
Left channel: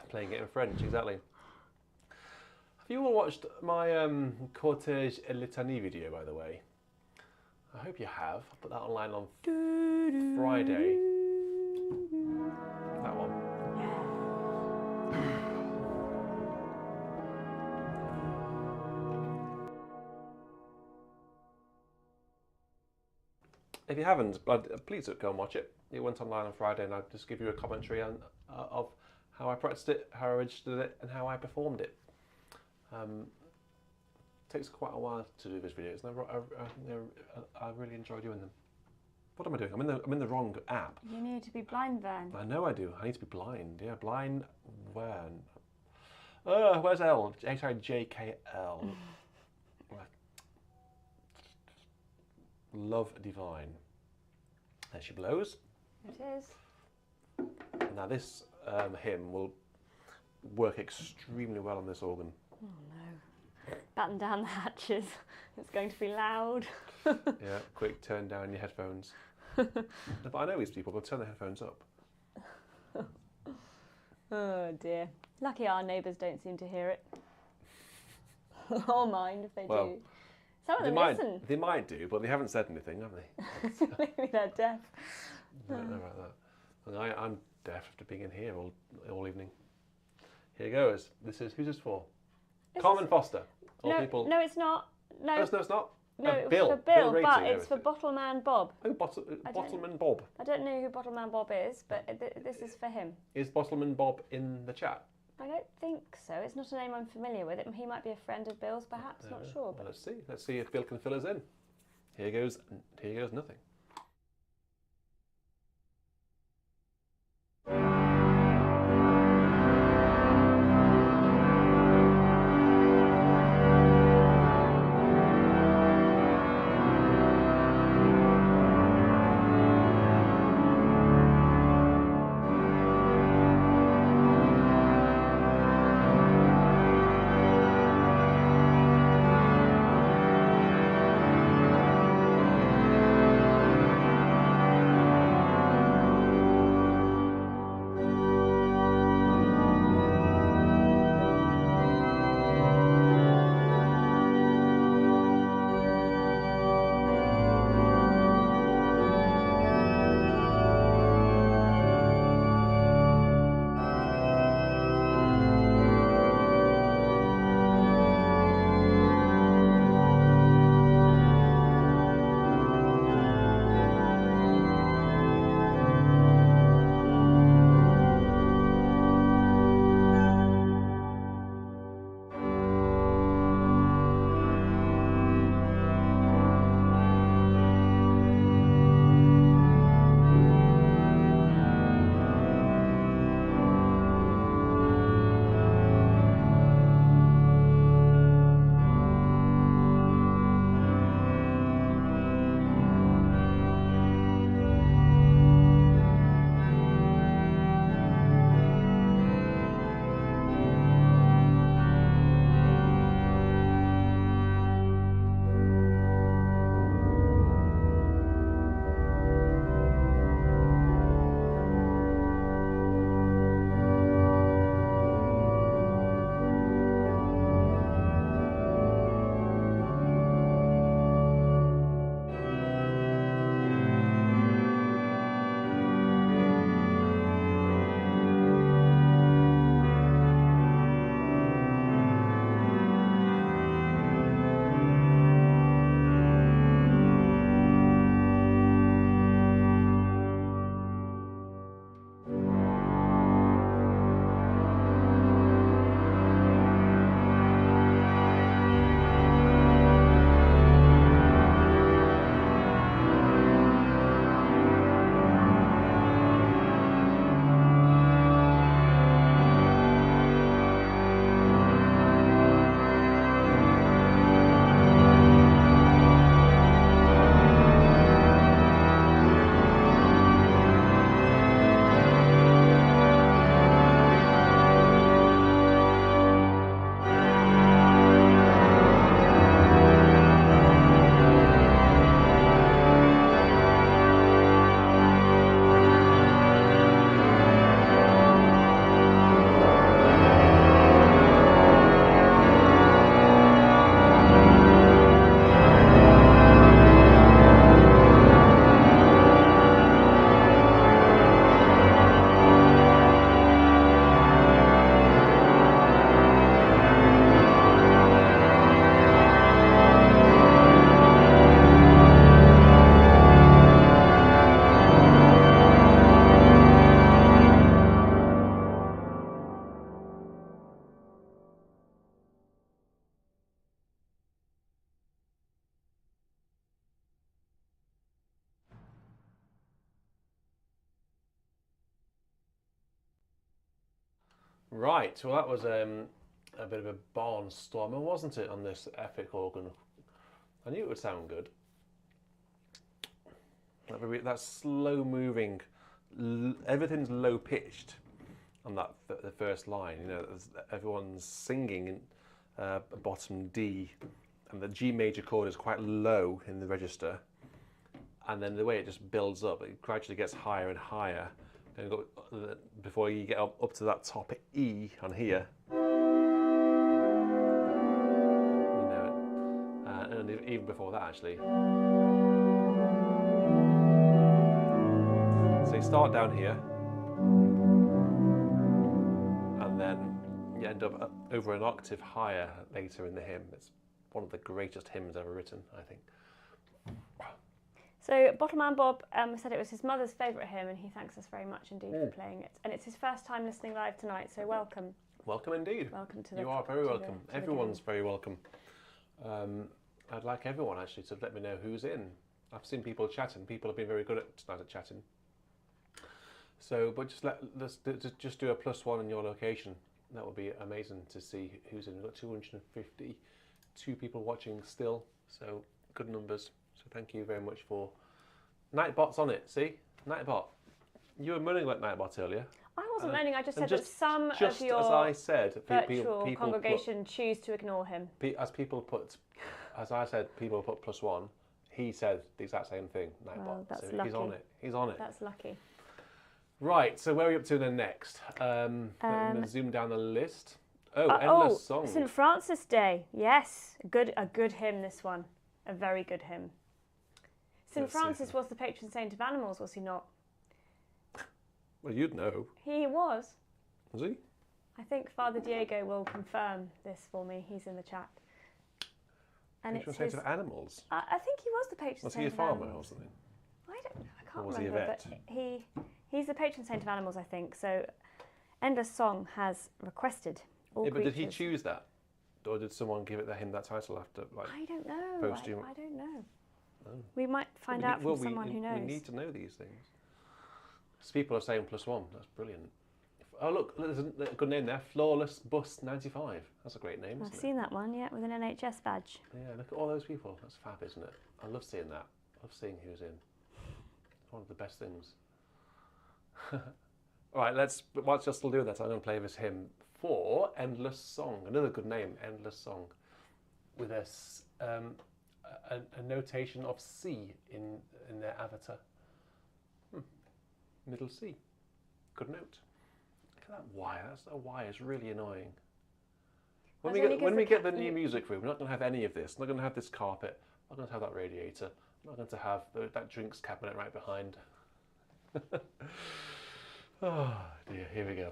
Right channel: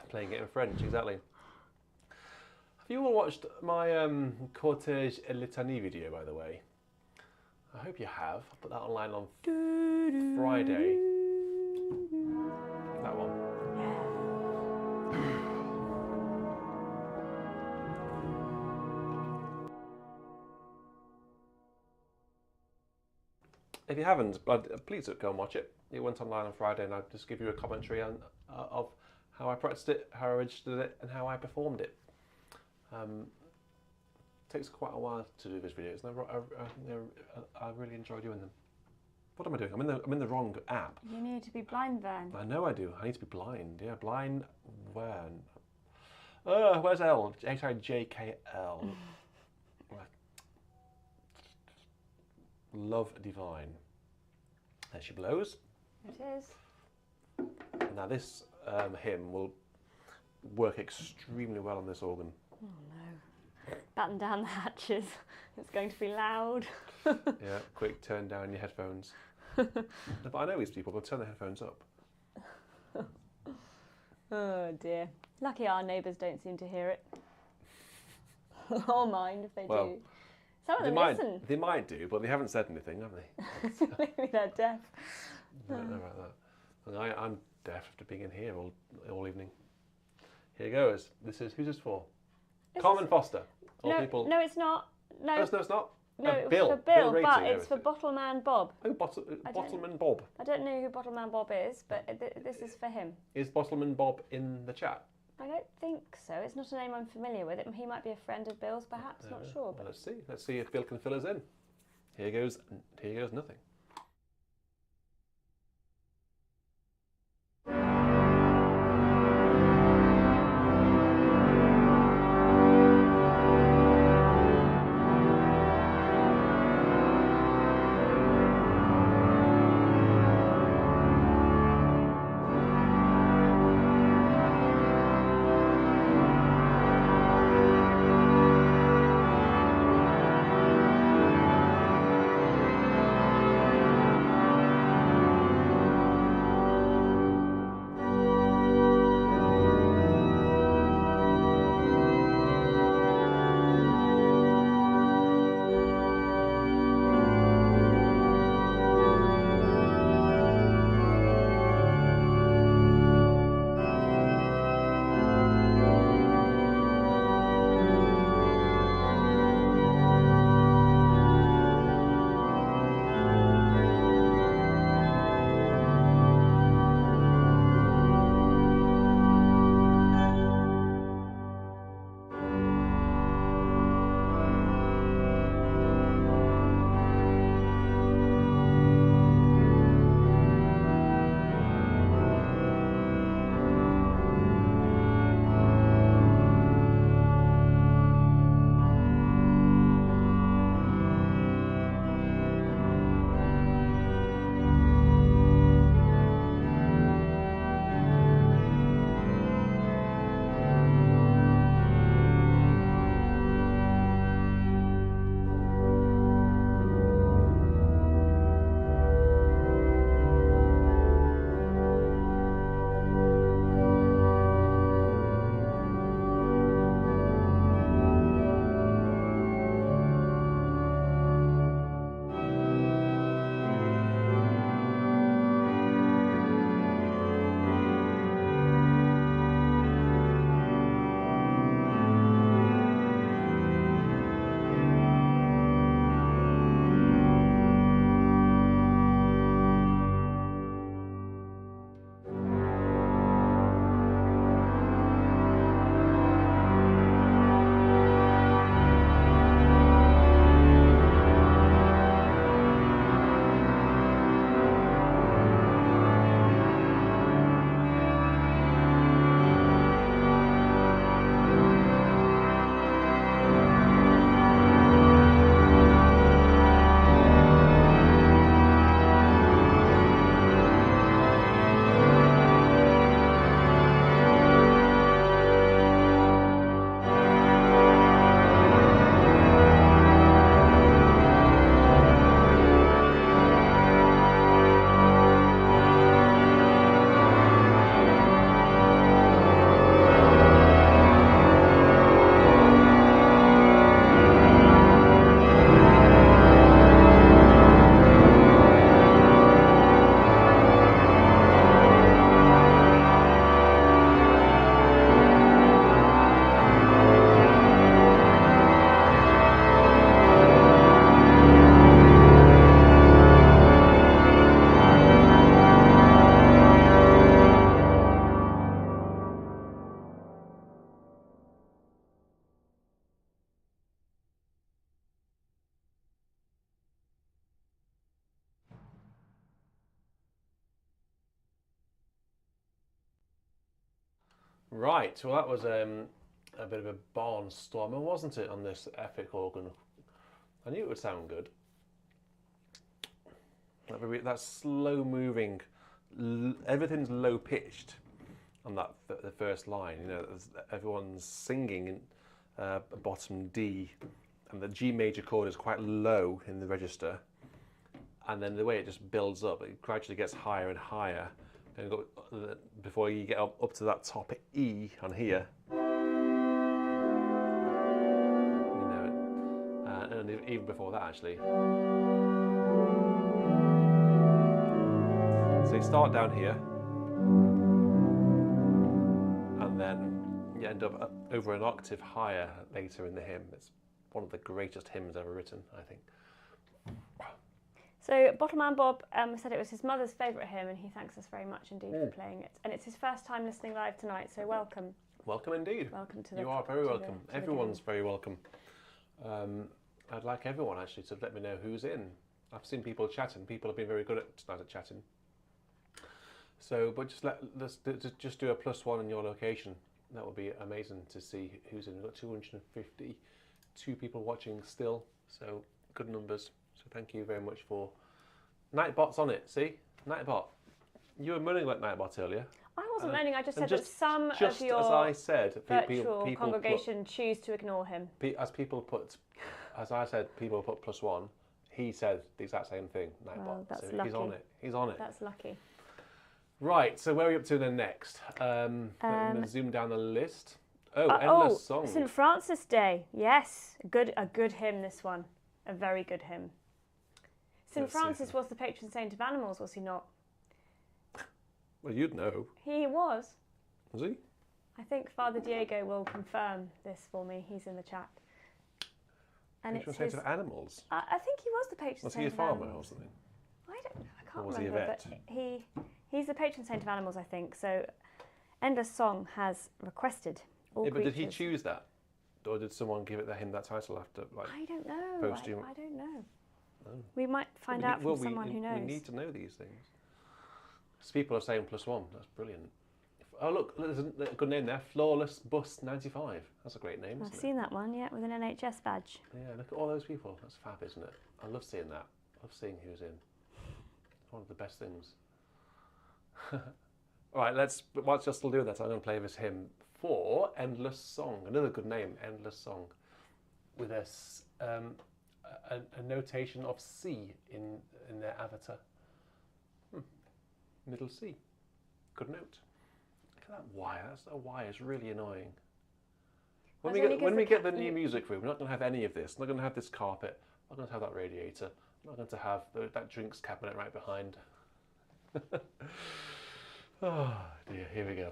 Playing it in French, exactly. Have you all watched my Cortège et Litanie video, by the way? I hope you have. I'll put that online on Friday. That one. If you haven't, please go and watch it. It went online on Friday, and I'll just give you a commentary on, of how I practiced it, how I registered it, and how I performed it. Takes quite a while to do these videos, and I really enjoy doing them. What am I doing? I'm in the wrong app. You need to be blind, Vern. I know I do. I need to be blind. Yeah, blind. Vern. Where's L? H-I-J-K-L. Love divine. There she blows. It is. Now this hymn will work extremely well on this organ. Oh no. Batten down the hatches. It's going to be loud. Yeah, quick, turn down your headphones. But I know these people will turn their headphones up. Oh dear. Lucky our neighbours don't seem to hear it. Or mind if they do. Some of them listen. They might do, but they haven't said anything, have they? Maybe they're deaf. I don't know about that. I'm deaf after being in here all evening. Here goes. Who's this for? Carmen Foster. No, it's not. No, no, it's not. No, it was Bill. for Bill, Rating, but it's for Bottleman Bob. Oh, Bottleman Bob. I don't know who Bottleman Bob is, but this is for him. Is Bottleman Bob in the chat? I don't think so. It's not a name I'm familiar with. He might be a friend of Bill's, perhaps. Not sure. But let's see. Let's see if Bill can fill us in. Here goes nothing. Right, well that was a bit of a barnstormer, wasn't it, on this epic organ? I knew it would sound good. That slow moving, everything's low pitched on that the first line. You know, everyone's singing in bottom D, and the G major chord is quite low in the register, and then the way it just builds up, it gradually gets higher and higher, and before you get up to that top E on here. You know, and even before that actually. So you start down here, and then you end up over an octave higher later in the hymn. It's one of the greatest hymns ever written, I think. So Bottleman Bob said it was his mother's favourite hymn, and he thanks us very much indeed for playing it. And it's his first time listening live tonight, so welcome. Welcome indeed. Welcome to the. You are very welcome. Everyone's very welcome. I'd like everyone actually to let me know who's in. I've seen people chatting. People have been very good tonight at chatting. So, but let's just do a +1 in your location. That would be amazing to see who's in. We've got 252 people watching still, so good numbers. So thank you very much for Nightbot's on it. See, Nightbot, you were moaning about Nightbot earlier. I wasn't moaning. I just said that some of your as I said, virtual congregation choose to ignore him. As I said, people put +1. He said the exact same thing. Nightbot. Well, that's so lucky. He's on it. He's on it. That's lucky. Right, so where are we up to then next? Let me zoom down the list. Endless Song. St. Francis Day. Yes, a good hymn, this one. A very good hymn. St. Francis was the patron saint of animals, was he not? Well, you'd know. He was. Was he? I think Father Diego will confirm this for me. He's in the chat. And patron saint of animals? I think he was the patron saint of animals. Was he a farmer or something? I don't know. I can't or was remember. He a vet? But he's the patron saint of animals, I think. So Endless Song has requested all creatures. But did he choose that? Or did someone give him that title after, like, I don't know. I don't know. Oh. We might find out from someone who knows. We need to know these things. So people are saying +1. That's brilliant. Oh, look, there's a good name there. Flawless Bus 95. That's a great name, I've seen that one, yeah, with an NHS badge. Yeah, look at all those people. That's fab, isn't it? I love seeing that. I love seeing who's in. It's one of the best things. All right, whilst you're still doing that, I'm going to play this hymn for Endless Song. Another good name, Endless Song, with a notation of C in their avatar. Middle C. Good note. Look at that wire. That wire is really annoying. When we get the new music room, we're not going to have any of this. I'm not going to have this carpet. I'm not going to have that radiator. I'm not going to have that drinks cabinet right behind. Oh dear, here we go.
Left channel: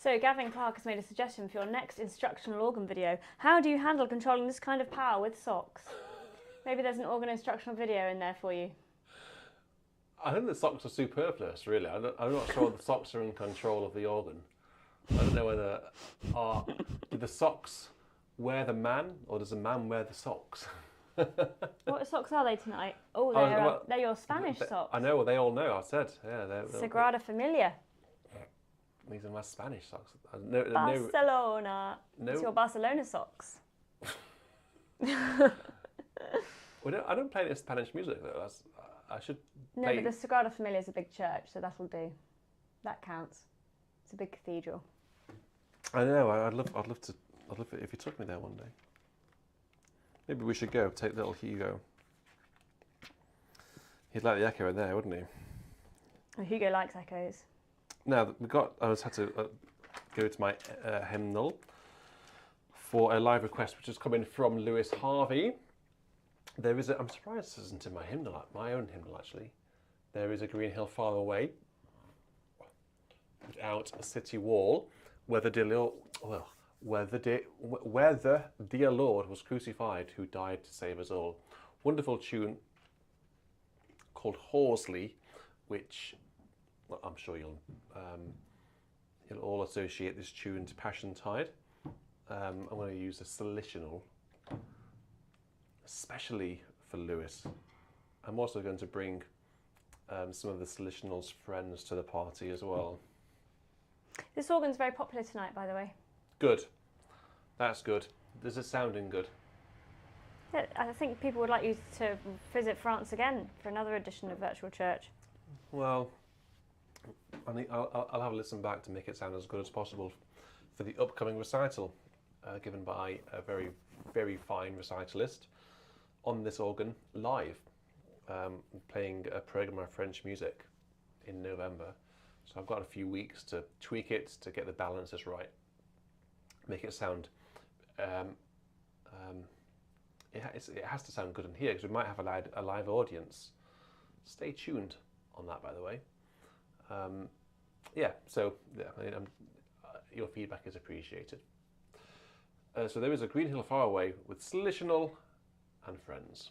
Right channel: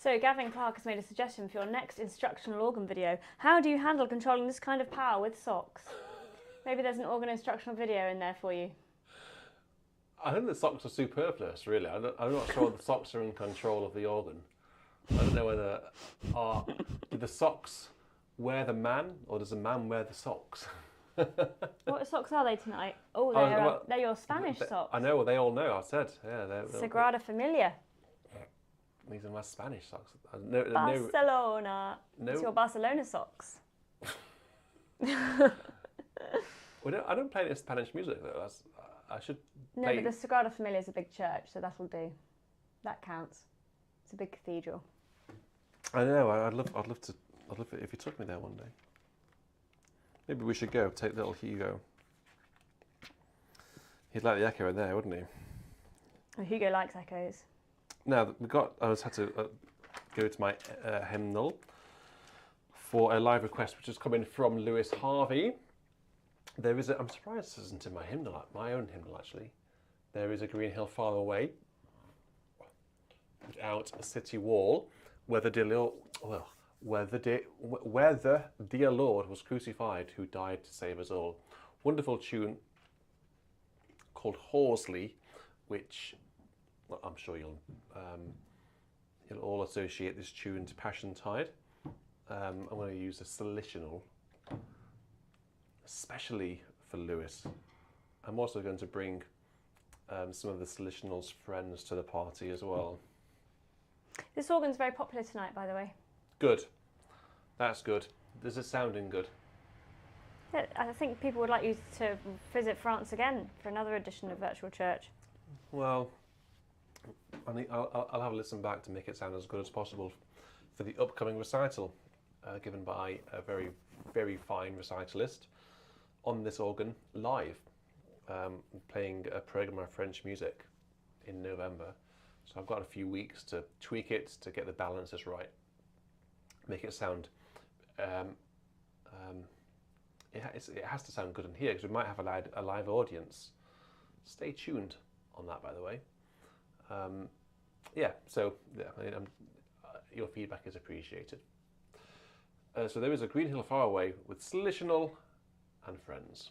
So Gavin Clark has made a suggestion for your next instructional organ video. How do you handle controlling this kind of power with socks? Maybe there's an organ instructional video in there for you. I think the socks are superfluous, really. I'm not sure the socks are in control of the organ. I don't know whether do the socks wear the man, or does the man wear the socks? What socks are they tonight? Oh, they're your Spanish socks. I know, well, they all know. I said, yeah. Sagrada Familia. These are my Spanish socks. Barcelona. It's your Barcelona socks. I don't play any Spanish music though. I should. No, but the Sagrada Familia is a big church, so that'll do. That counts. It's a big cathedral. I know. I'd love it if you took me there one day. Maybe we should go take little Hugo. He'd like the echo in there, wouldn't he? Oh, Hugo likes echoes. Now I just had to go to my hymnal for a live request, which has come in from Lewis Harvey. I'm surprised this isn't in my hymnal, my own hymnal actually. There is a green hill far away, without a city wall, where the dear Lord was crucified, who died to save us all. Wonderful tune called Horsley, which I'm sure you'll all associate this tune to Passion Tide. I'm going to use a solutional, especially for Lewis. I'm also going to bring some of the solutional's friends to the party as well. This organ's very popular tonight, by the way. Good. That's good. Is it sounding good? Yeah, I think people would like you to visit France again for another edition of Virtual Church. Well, I'll have a listen back to make it sound as good as possible for the upcoming recital, given by a very, very fine recitalist on this organ live, playing a programme of French music in November. So I've got a few weeks to tweak it, to get the balances right, make it sound. It has to sound good in here, because we might have a live audience. Stay tuned on that, by the way. Your feedback is appreciated. So there is a green hill far away with Slitional and friends.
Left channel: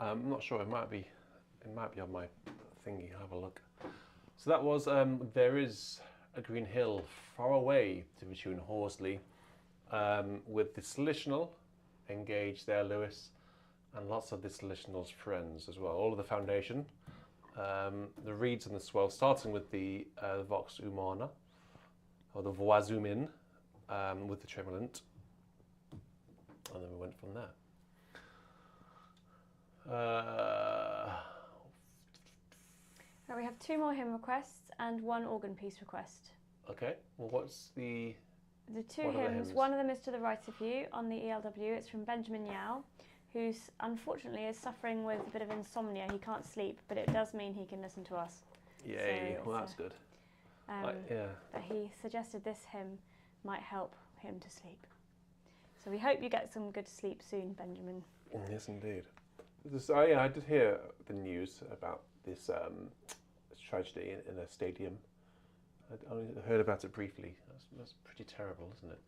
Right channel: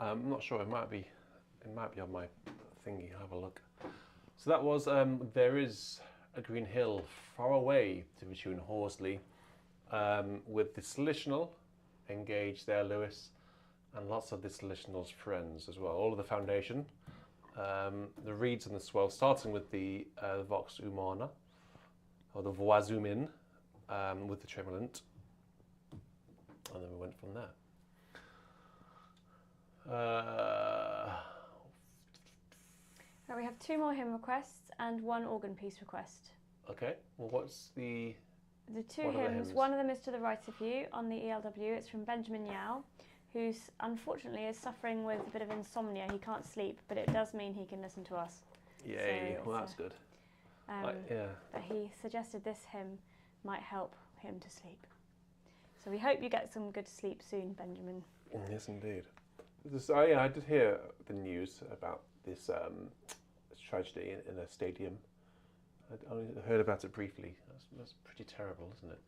I'm not sure. It might be on my thingy. Have a look. So that was There Is a Green Hill Far Away to the tune Horsley, with the Solutional, Engage there, Lewis, and lots of the Solutional's friends as well. All of the foundation, the reeds and the swell, starting with the Vox Humana, or the Voix Humaine, with the tremulant, and then we went from there. Now we have 2 more hymn requests and 1 organ piece request. Okay, well, what's the... The 2 hymns, one of them is To the Right of You on the ELW. It's from Benjamin Yao, who unfortunately is suffering with a bit of insomnia. He can't sleep, but it does mean he can listen to us. Yay, so well, that's good. Yeah. But he suggested this hymn might help him to sleep. So we hope you get some good sleep soon, Benjamin. Yes, indeed. I did hear the news about this tragedy in a stadium. I only heard about it briefly. That's pretty terrible, isn't it?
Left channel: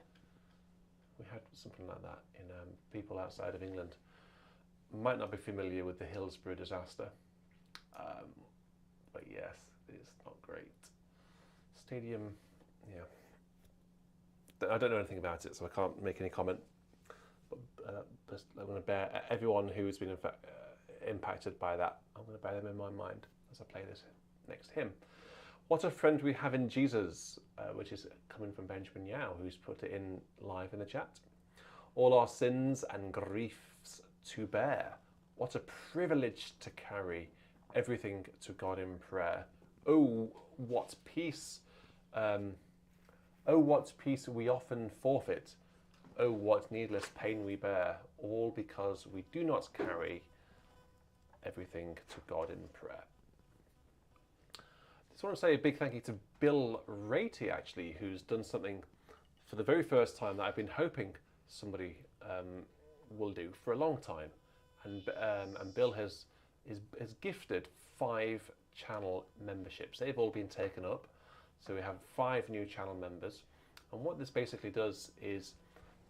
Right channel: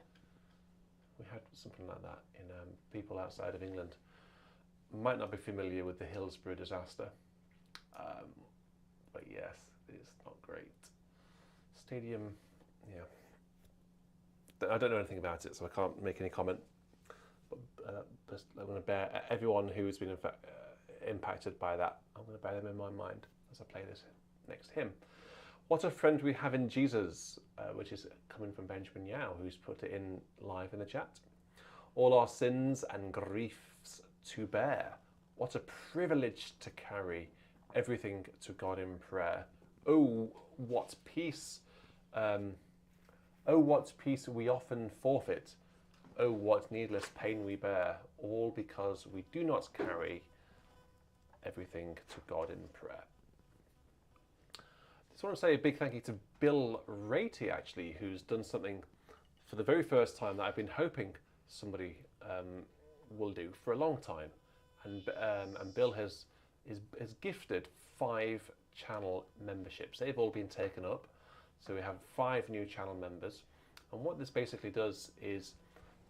We had something like that in people outside of England. Might not be familiar with the Hillsborough disaster, but yes, it's not great. Stadium, yeah. I don't know anything about it, so I can't make any comment. But I'm going to bear everyone who's been impacted by that. I'm going to bear them in my mind as I play this next hymn. What a Friend We Have in Jesus, which is coming from Benjamin Yao, who's put it in live in the chat. All our sins and griefs to bear. What a privilege to carry everything to God in prayer. Oh, what peace! Oh, what peace we often forfeit. Oh, what needless pain we bear, all because we do not carry everything to God in prayer. I just want to say a big thank you to Bill Ratey, actually, who's done something for the very first time that I've been hoping somebody will do for a long time. And Bill has gifted 5 channel memberships. They've all been taken up. So we have 5 new channel members. And what this basically does is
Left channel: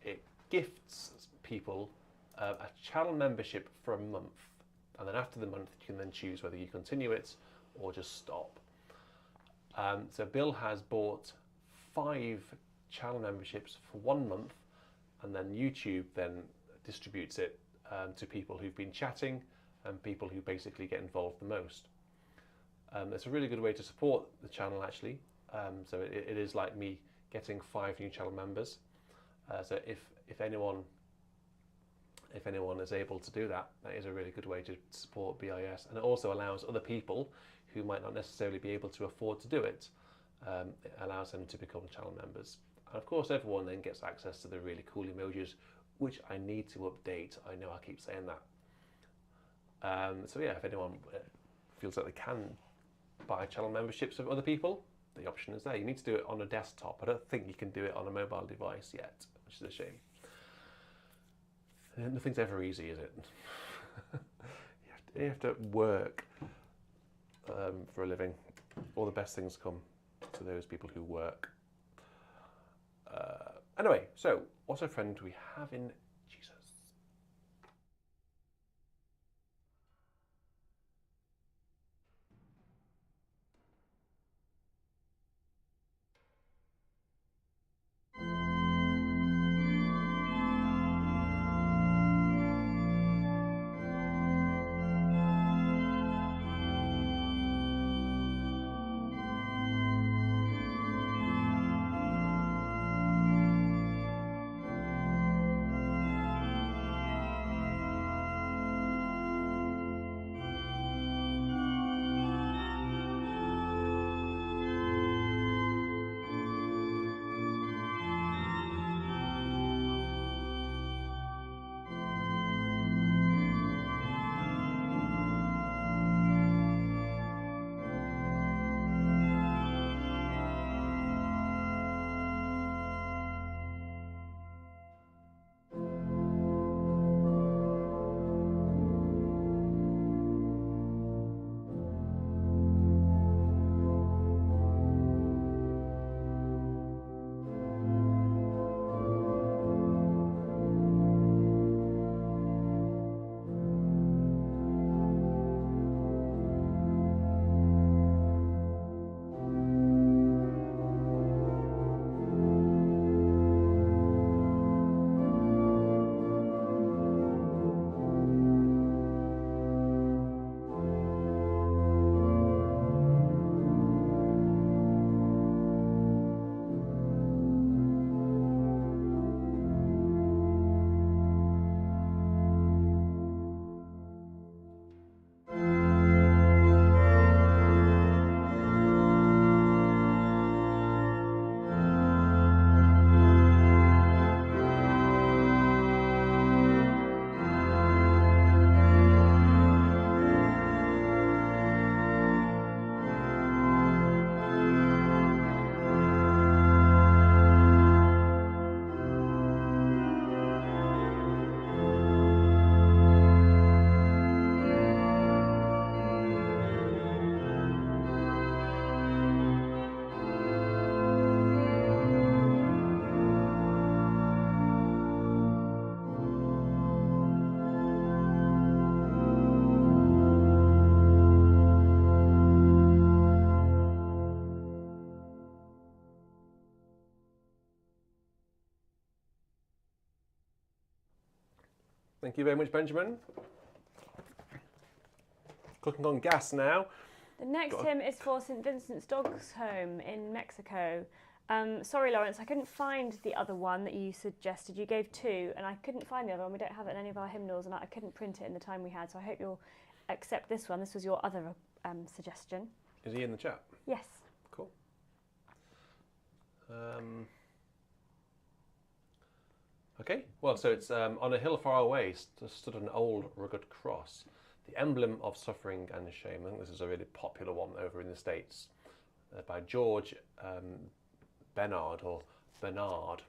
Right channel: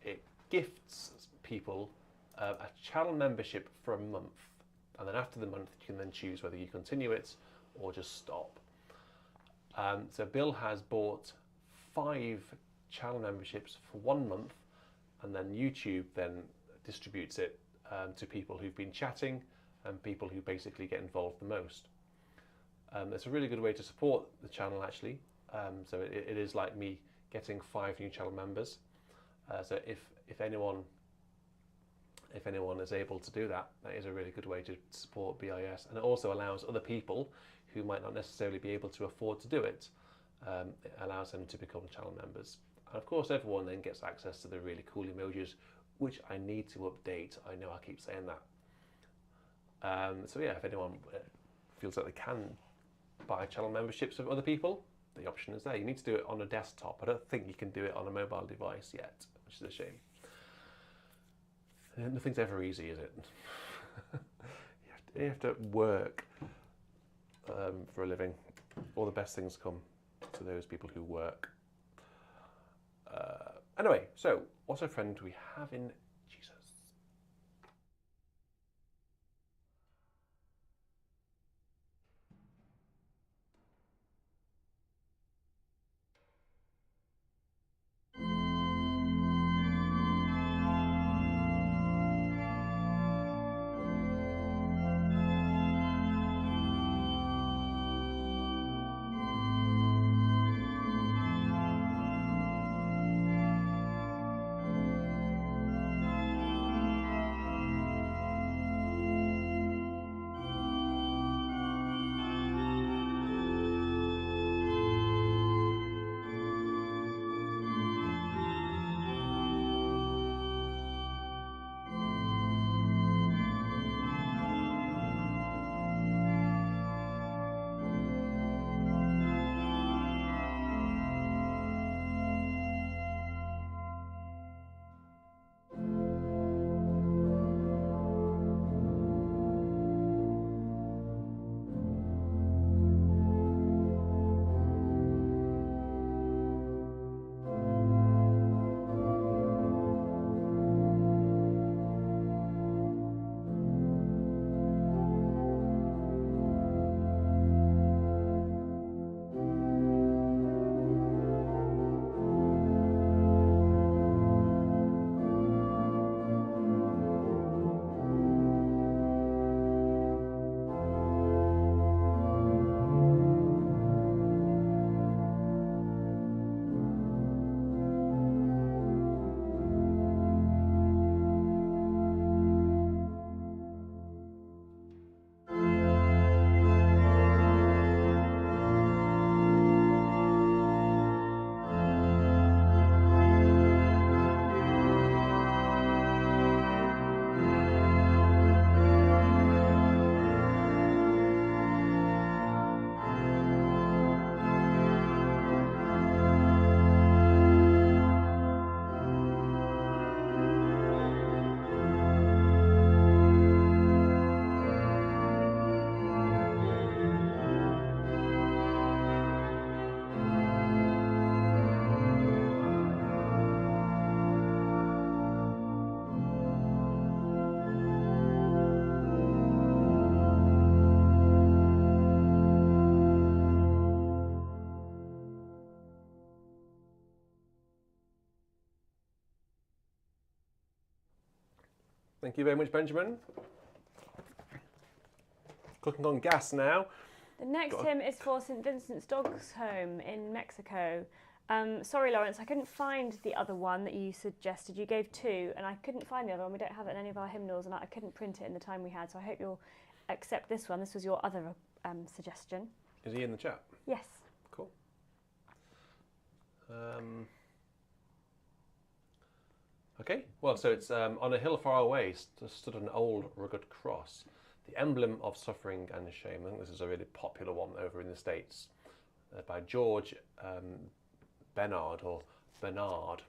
it gifts people a channel membership for a month. And then after the month, you can then choose whether you continue it or just stop. So Bill has bought 5 channel memberships for 1 month, and then YouTube then distributes it to people who've been chatting and people who basically get involved the most. It's a really good way to support the channel, actually. So it is like me getting 5 new channel members. So if anyone is able to do that, that is a really good way to support BIS, and it also allows other people who might not necessarily be able to afford to do it. It allows them to become channel members. And of course, everyone then gets access to the really cool emojis, which I need to update. I know I keep saying that. So yeah, if anyone feels like they can buy channel memberships of other people, the option is there. You need to do it on a desktop. I don't think you can do it on a mobile device yet, which is a shame. Nothing's ever easy, is it? You have to work for a living. All the best things come to those people who work. Anyway, so what a friend we have in Jesus. Thank you very much, Benjamin. Cooking on gas now. The next hymn is for St. Vincent's Dogs Home in Mexico. Sorry, Lawrence, I couldn't find the other one that you suggested. You gave 2, and I couldn't find the other one. We don't have it in any of our hymnals, and I couldn't print it in the time we had, so I hope you'll accept this one. This was your other suggestion. Is he in the chat? Yes. Cool. Okay, well, so it's on a hill far away stood an old rugged cross, the emblem of suffering and shame. I think this is a really popular one over in the States by George Bernard or Bernard.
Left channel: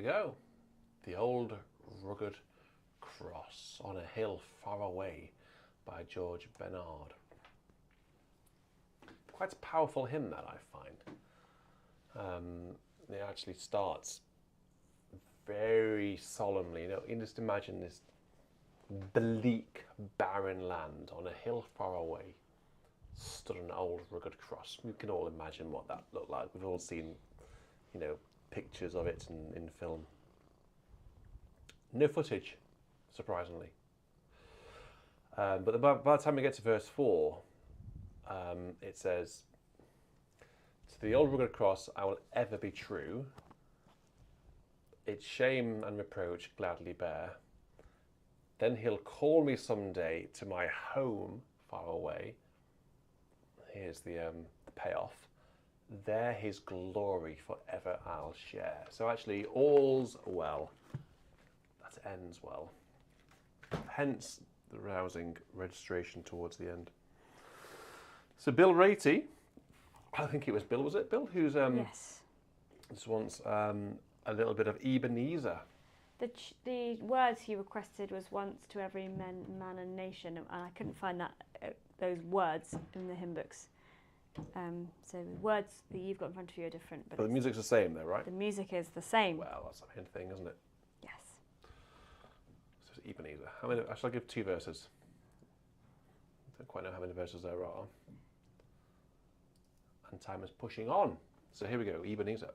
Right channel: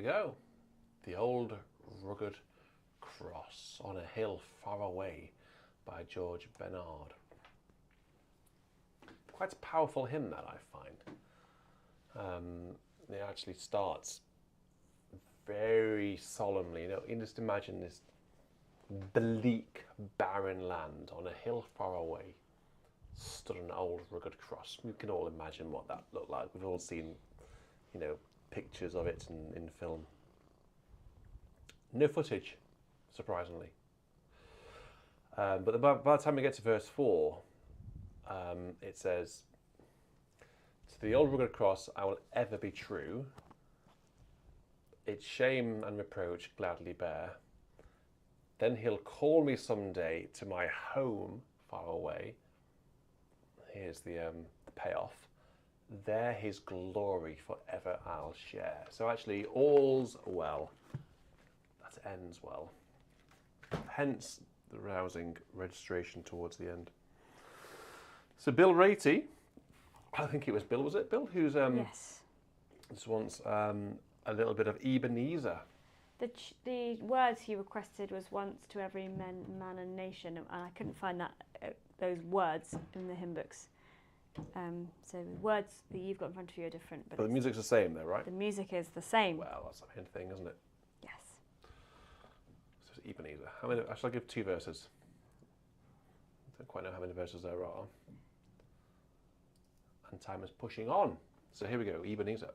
we go. The Old Rugged Cross on a Hill Far Away by George Bernard. Quite a powerful hymn that I find. It actually starts very solemnly. You can just imagine this bleak, barren land on a hill far away stood an old rugged cross. We can all imagine what that looked like. We've all seen, pictures of it in film. No footage, surprisingly. But by the time we get to verse 4, it says, "To the old rugged cross I will ever be true. Its shame and reproach gladly bear. Then he'll call me someday to my home far away." Here's the payoff. "There his glory forever I'll share." So actually, all's well that ends well. Hence the rousing registration towards the end. So Bill Ratey, I think it was Bill, was it Bill? Who's yes. just wants a little bit of Ebenezer. The words he requested was "once to every man and nation," and I couldn't find those words in the hymn books. So the words that you've got in front of you are different. But the music's the same though, right? The music is the same. Well, that's the main thing, isn't it? Yes. So it's Ebenezer. I shall give 2 verses. I don't quite know how many verses there are. And time is pushing on. So here we go, Ebenezer.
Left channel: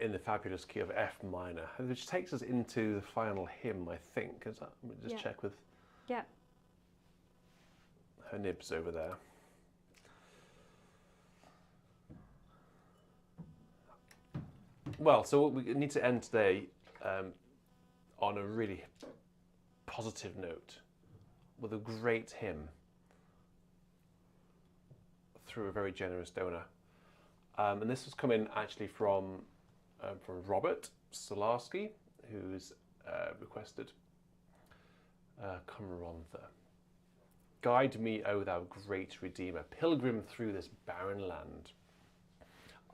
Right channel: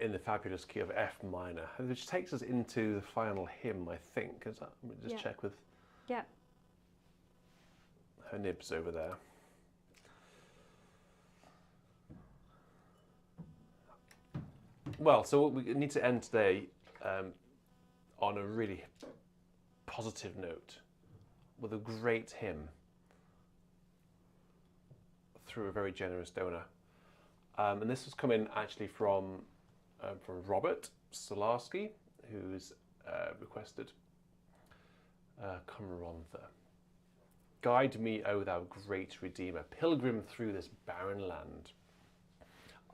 in the fabulous key of F minor, which takes us into the final hymn, I think. Let me just check with her nibs over there. Well, so we need to end today on a really positive note with a great hymn through a very generous donor. And this was coming actually from Robert Solarski, who's requested Cumrantha. Guide me, O thou great Redeemer, pilgrim through this barren land.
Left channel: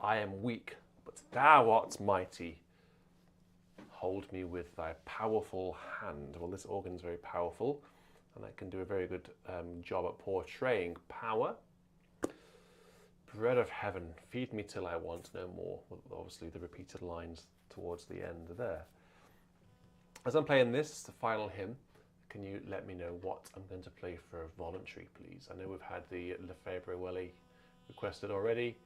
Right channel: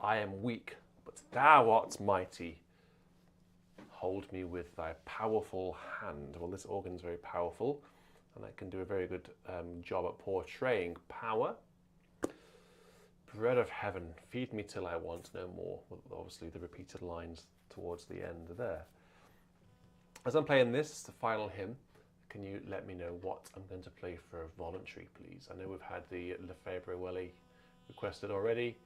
I am weak, but thou art mighty. Hold me with thy powerful hand. Well, this organ's very powerful, and that can do a very good job at portraying power. Bread of heaven, feed me till I want no more. Well, obviously, the repeated lines towards the end there. As I'm playing this, the final hymn, can you let me know what I'm going to play for a voluntary, please? I know we've had the Lefébure-Wély requested already,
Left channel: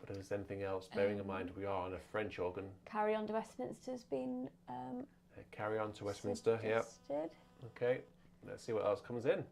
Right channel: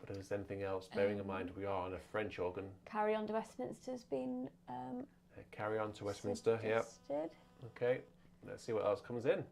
but if there's anything else, bearing in mind we are on a French organ. Carry On to Westminster's been Carry On to Westminster, suggested. yeah. Okay, let's see what else comes in.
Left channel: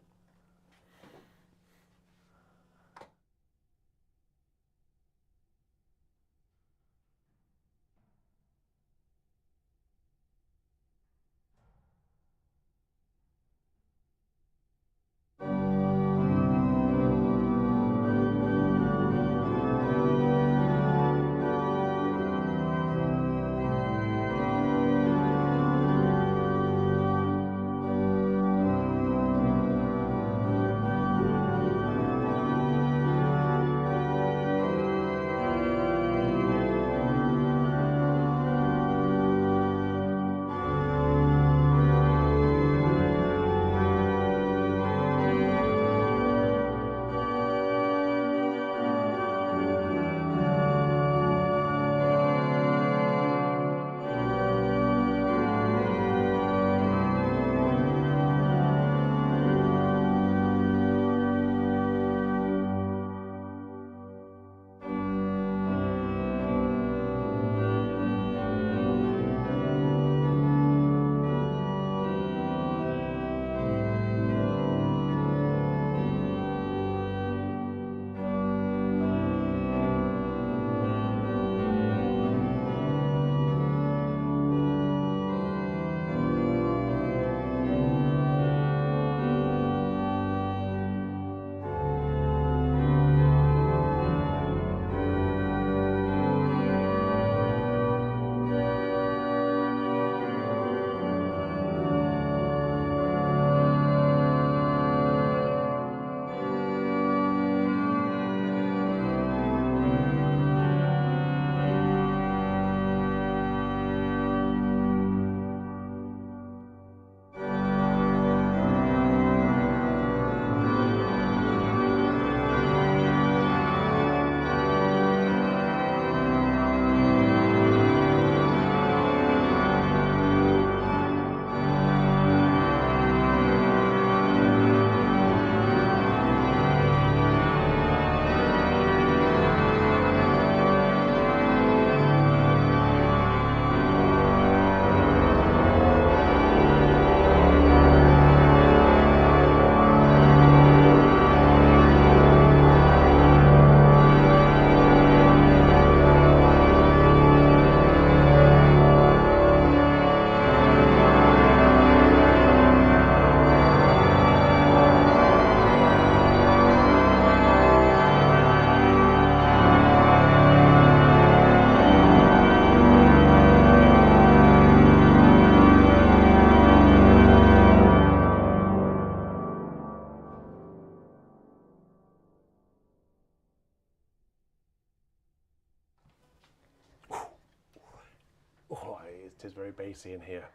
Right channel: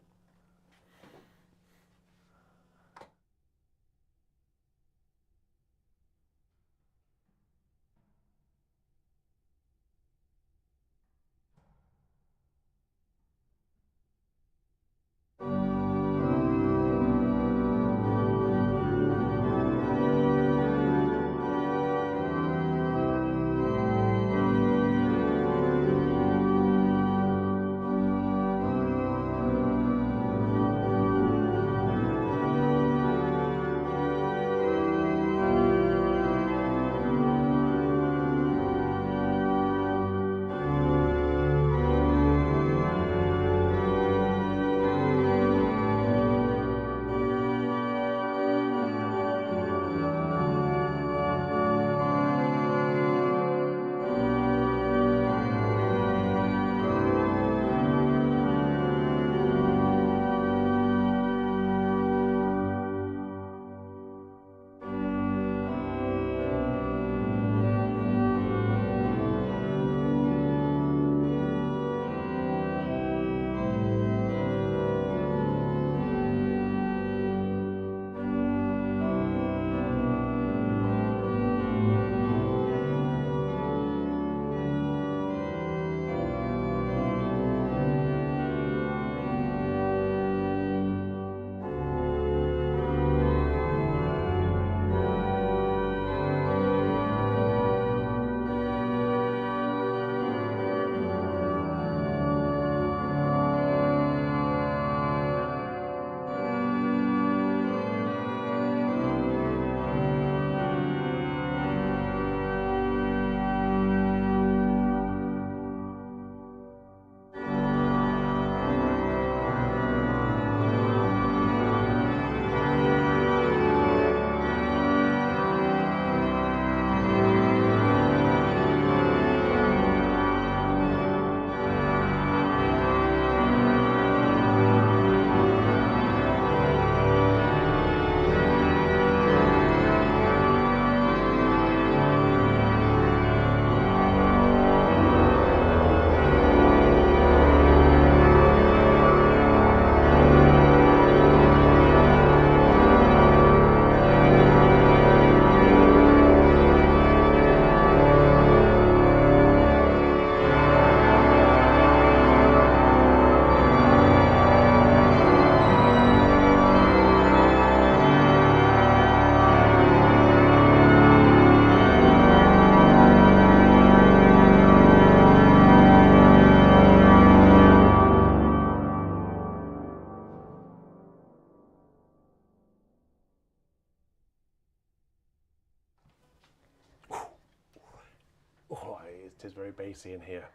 It is very bassy in here.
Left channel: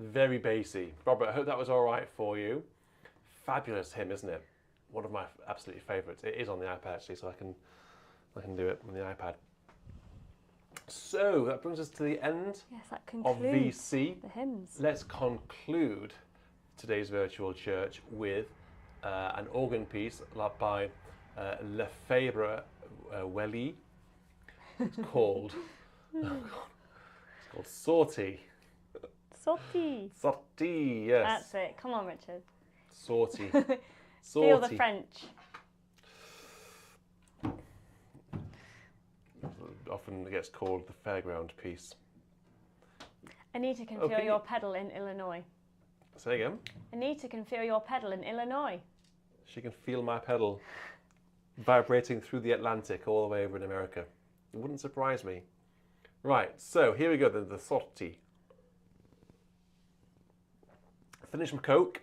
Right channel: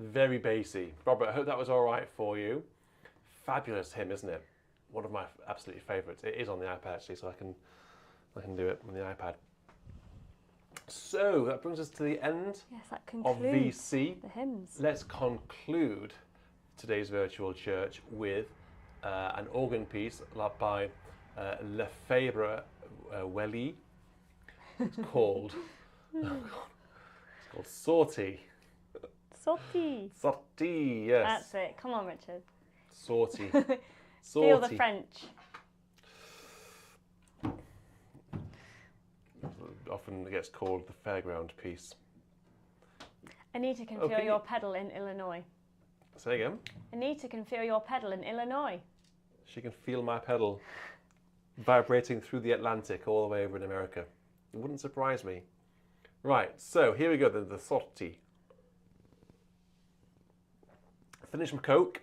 Very bassy. Robert, I hope that was all right for you. Fabulous hymn, isn't it? One of my absolutely favourites. It is on the iPad actually, so I can do it on the iPad. So that brings us to the end of VC. The hymns. Let's conclude today's virtual church with an organ piece by Lefébure-Wély. It's called Oh God. It's called Sortie. Sortie. Sortie, yes. That's it. Come on, Richard. Sortie. Feel the Sortie. French. Often it gets called the fairground piece. Anita can Oh, feel can you- your pedal in Illinois. Say again. Anita can feel your pedal in Illinois. She can feel my pedal vibrating through the Atlantic all the way over in America. It wouldn't surprise me. Right, so here we go then, the Sortie. Finish my Coke.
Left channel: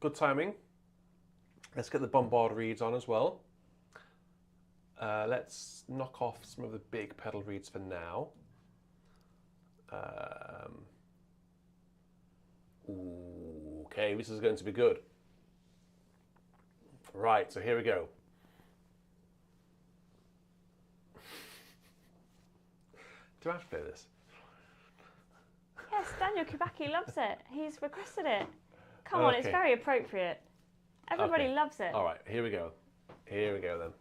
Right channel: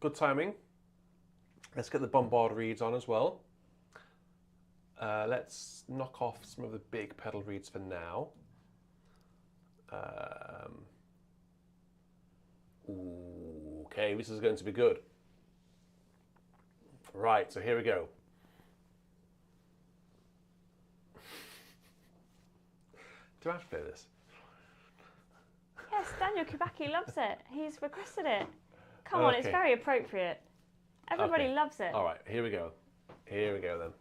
Good timing. Let's get the bombard reeds on as well. Let's knock off some of the big pedal reeds for now. Ooh, okay, this is going to be good. Right, so here we go. Do I have to play this? Yes, Daniel Kubacki loves it. He's requested it. Come on, it's Okay. very appropriate. Everybody Okay. loves it. All right, here we go. Here we go then.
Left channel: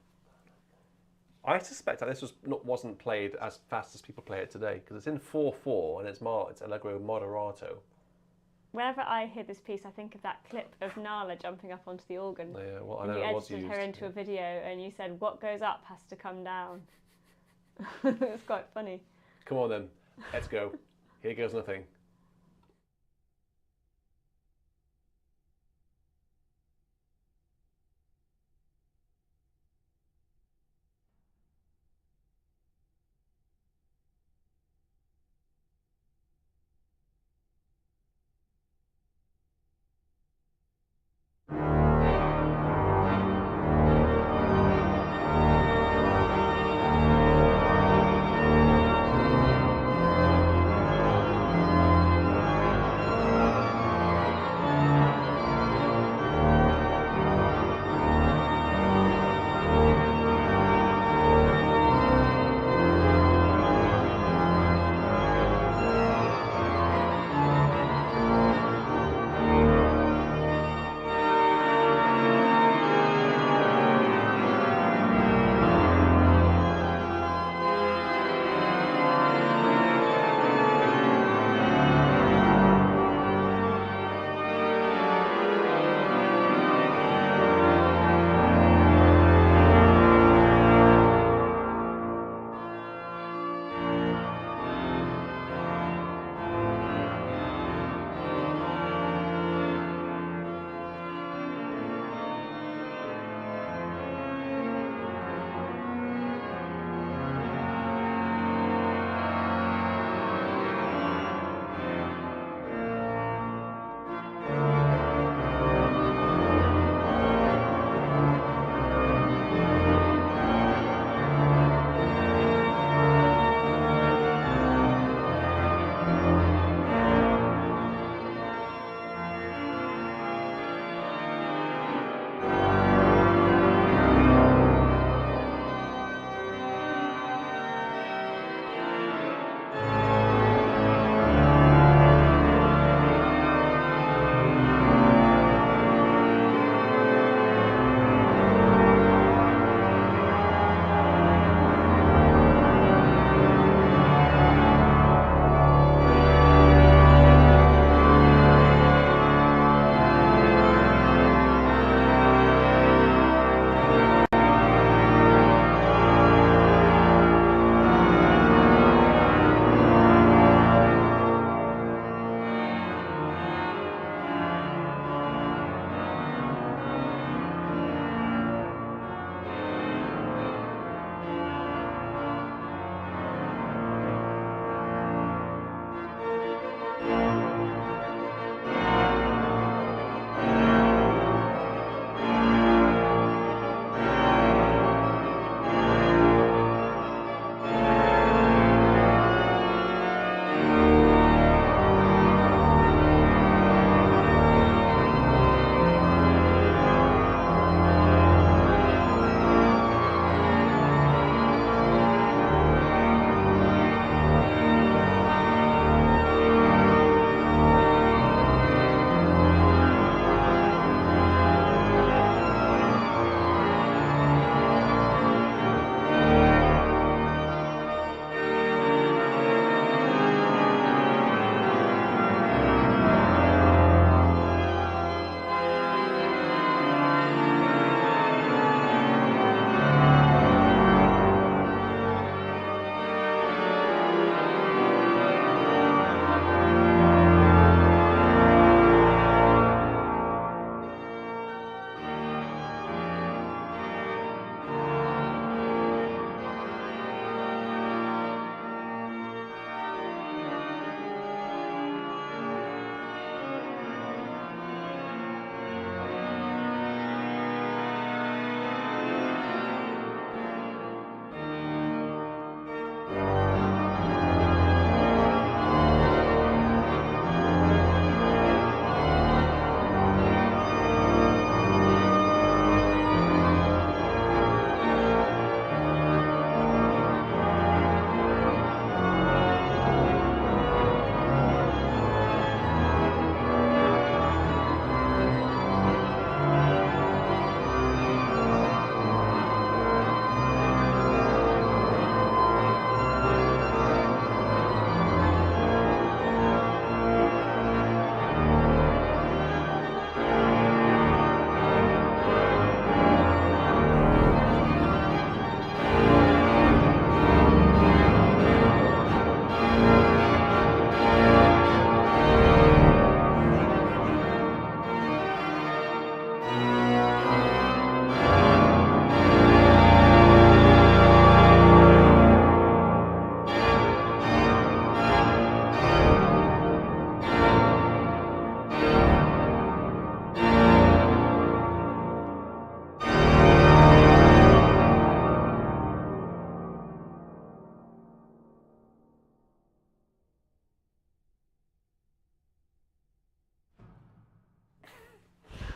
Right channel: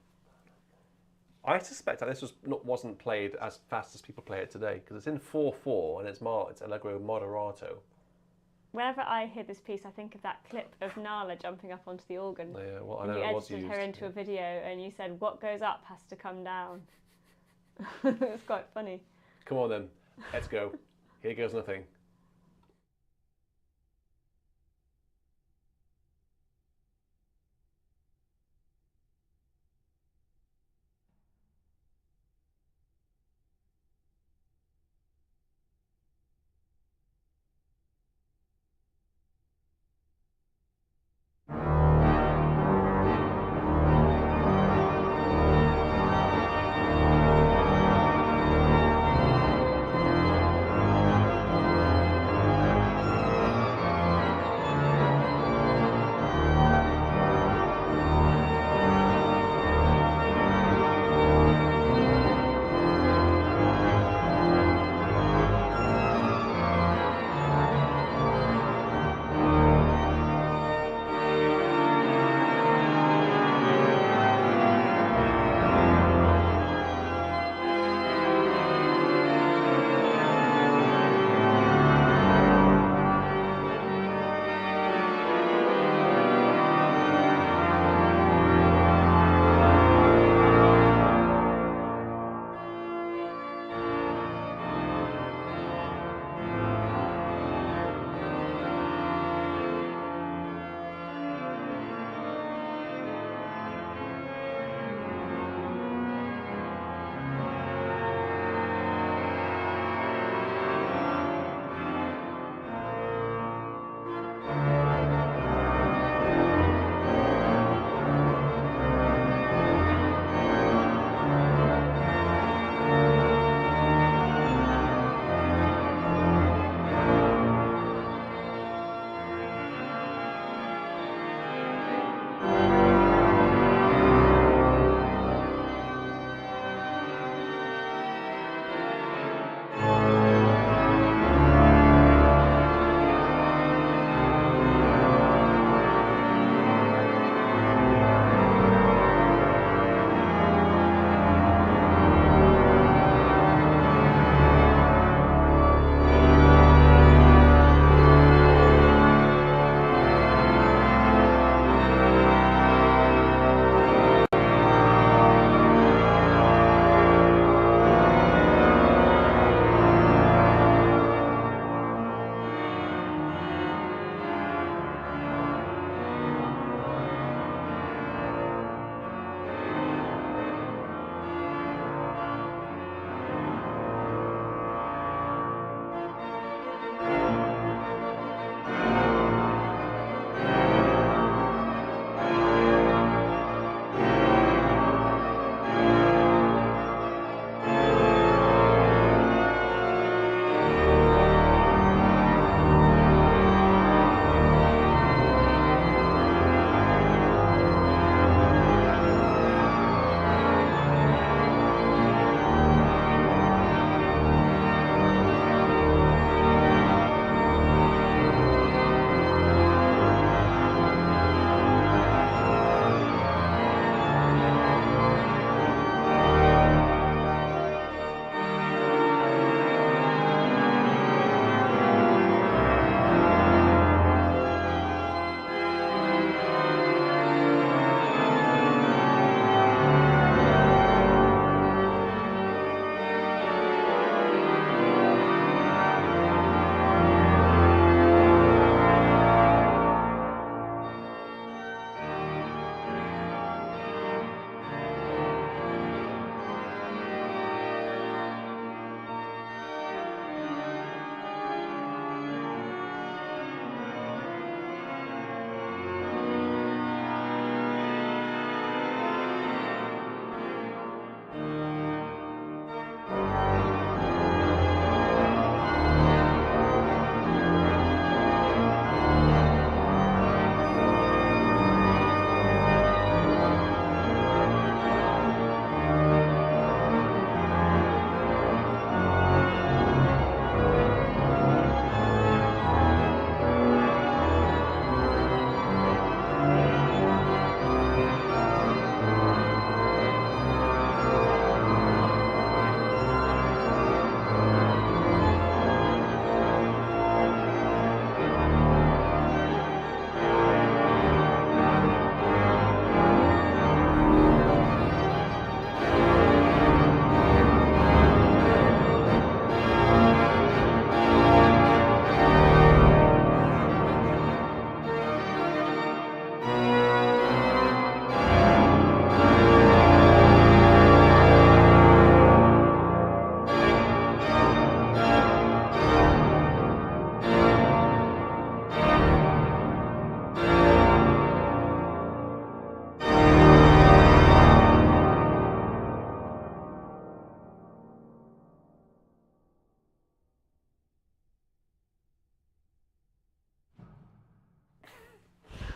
I suspect that this wasn't played as fast as people play it today because it's in 4/4 and it's Allegro moderato. Whenever I hear this piece, I think of that clip of Nala jumping up onto the organ. Yeah, well, I And know you it was edited used. her into a video and you said, what goes up has to come down. It's quite funny. Come on then, let's go. Here goes nothing.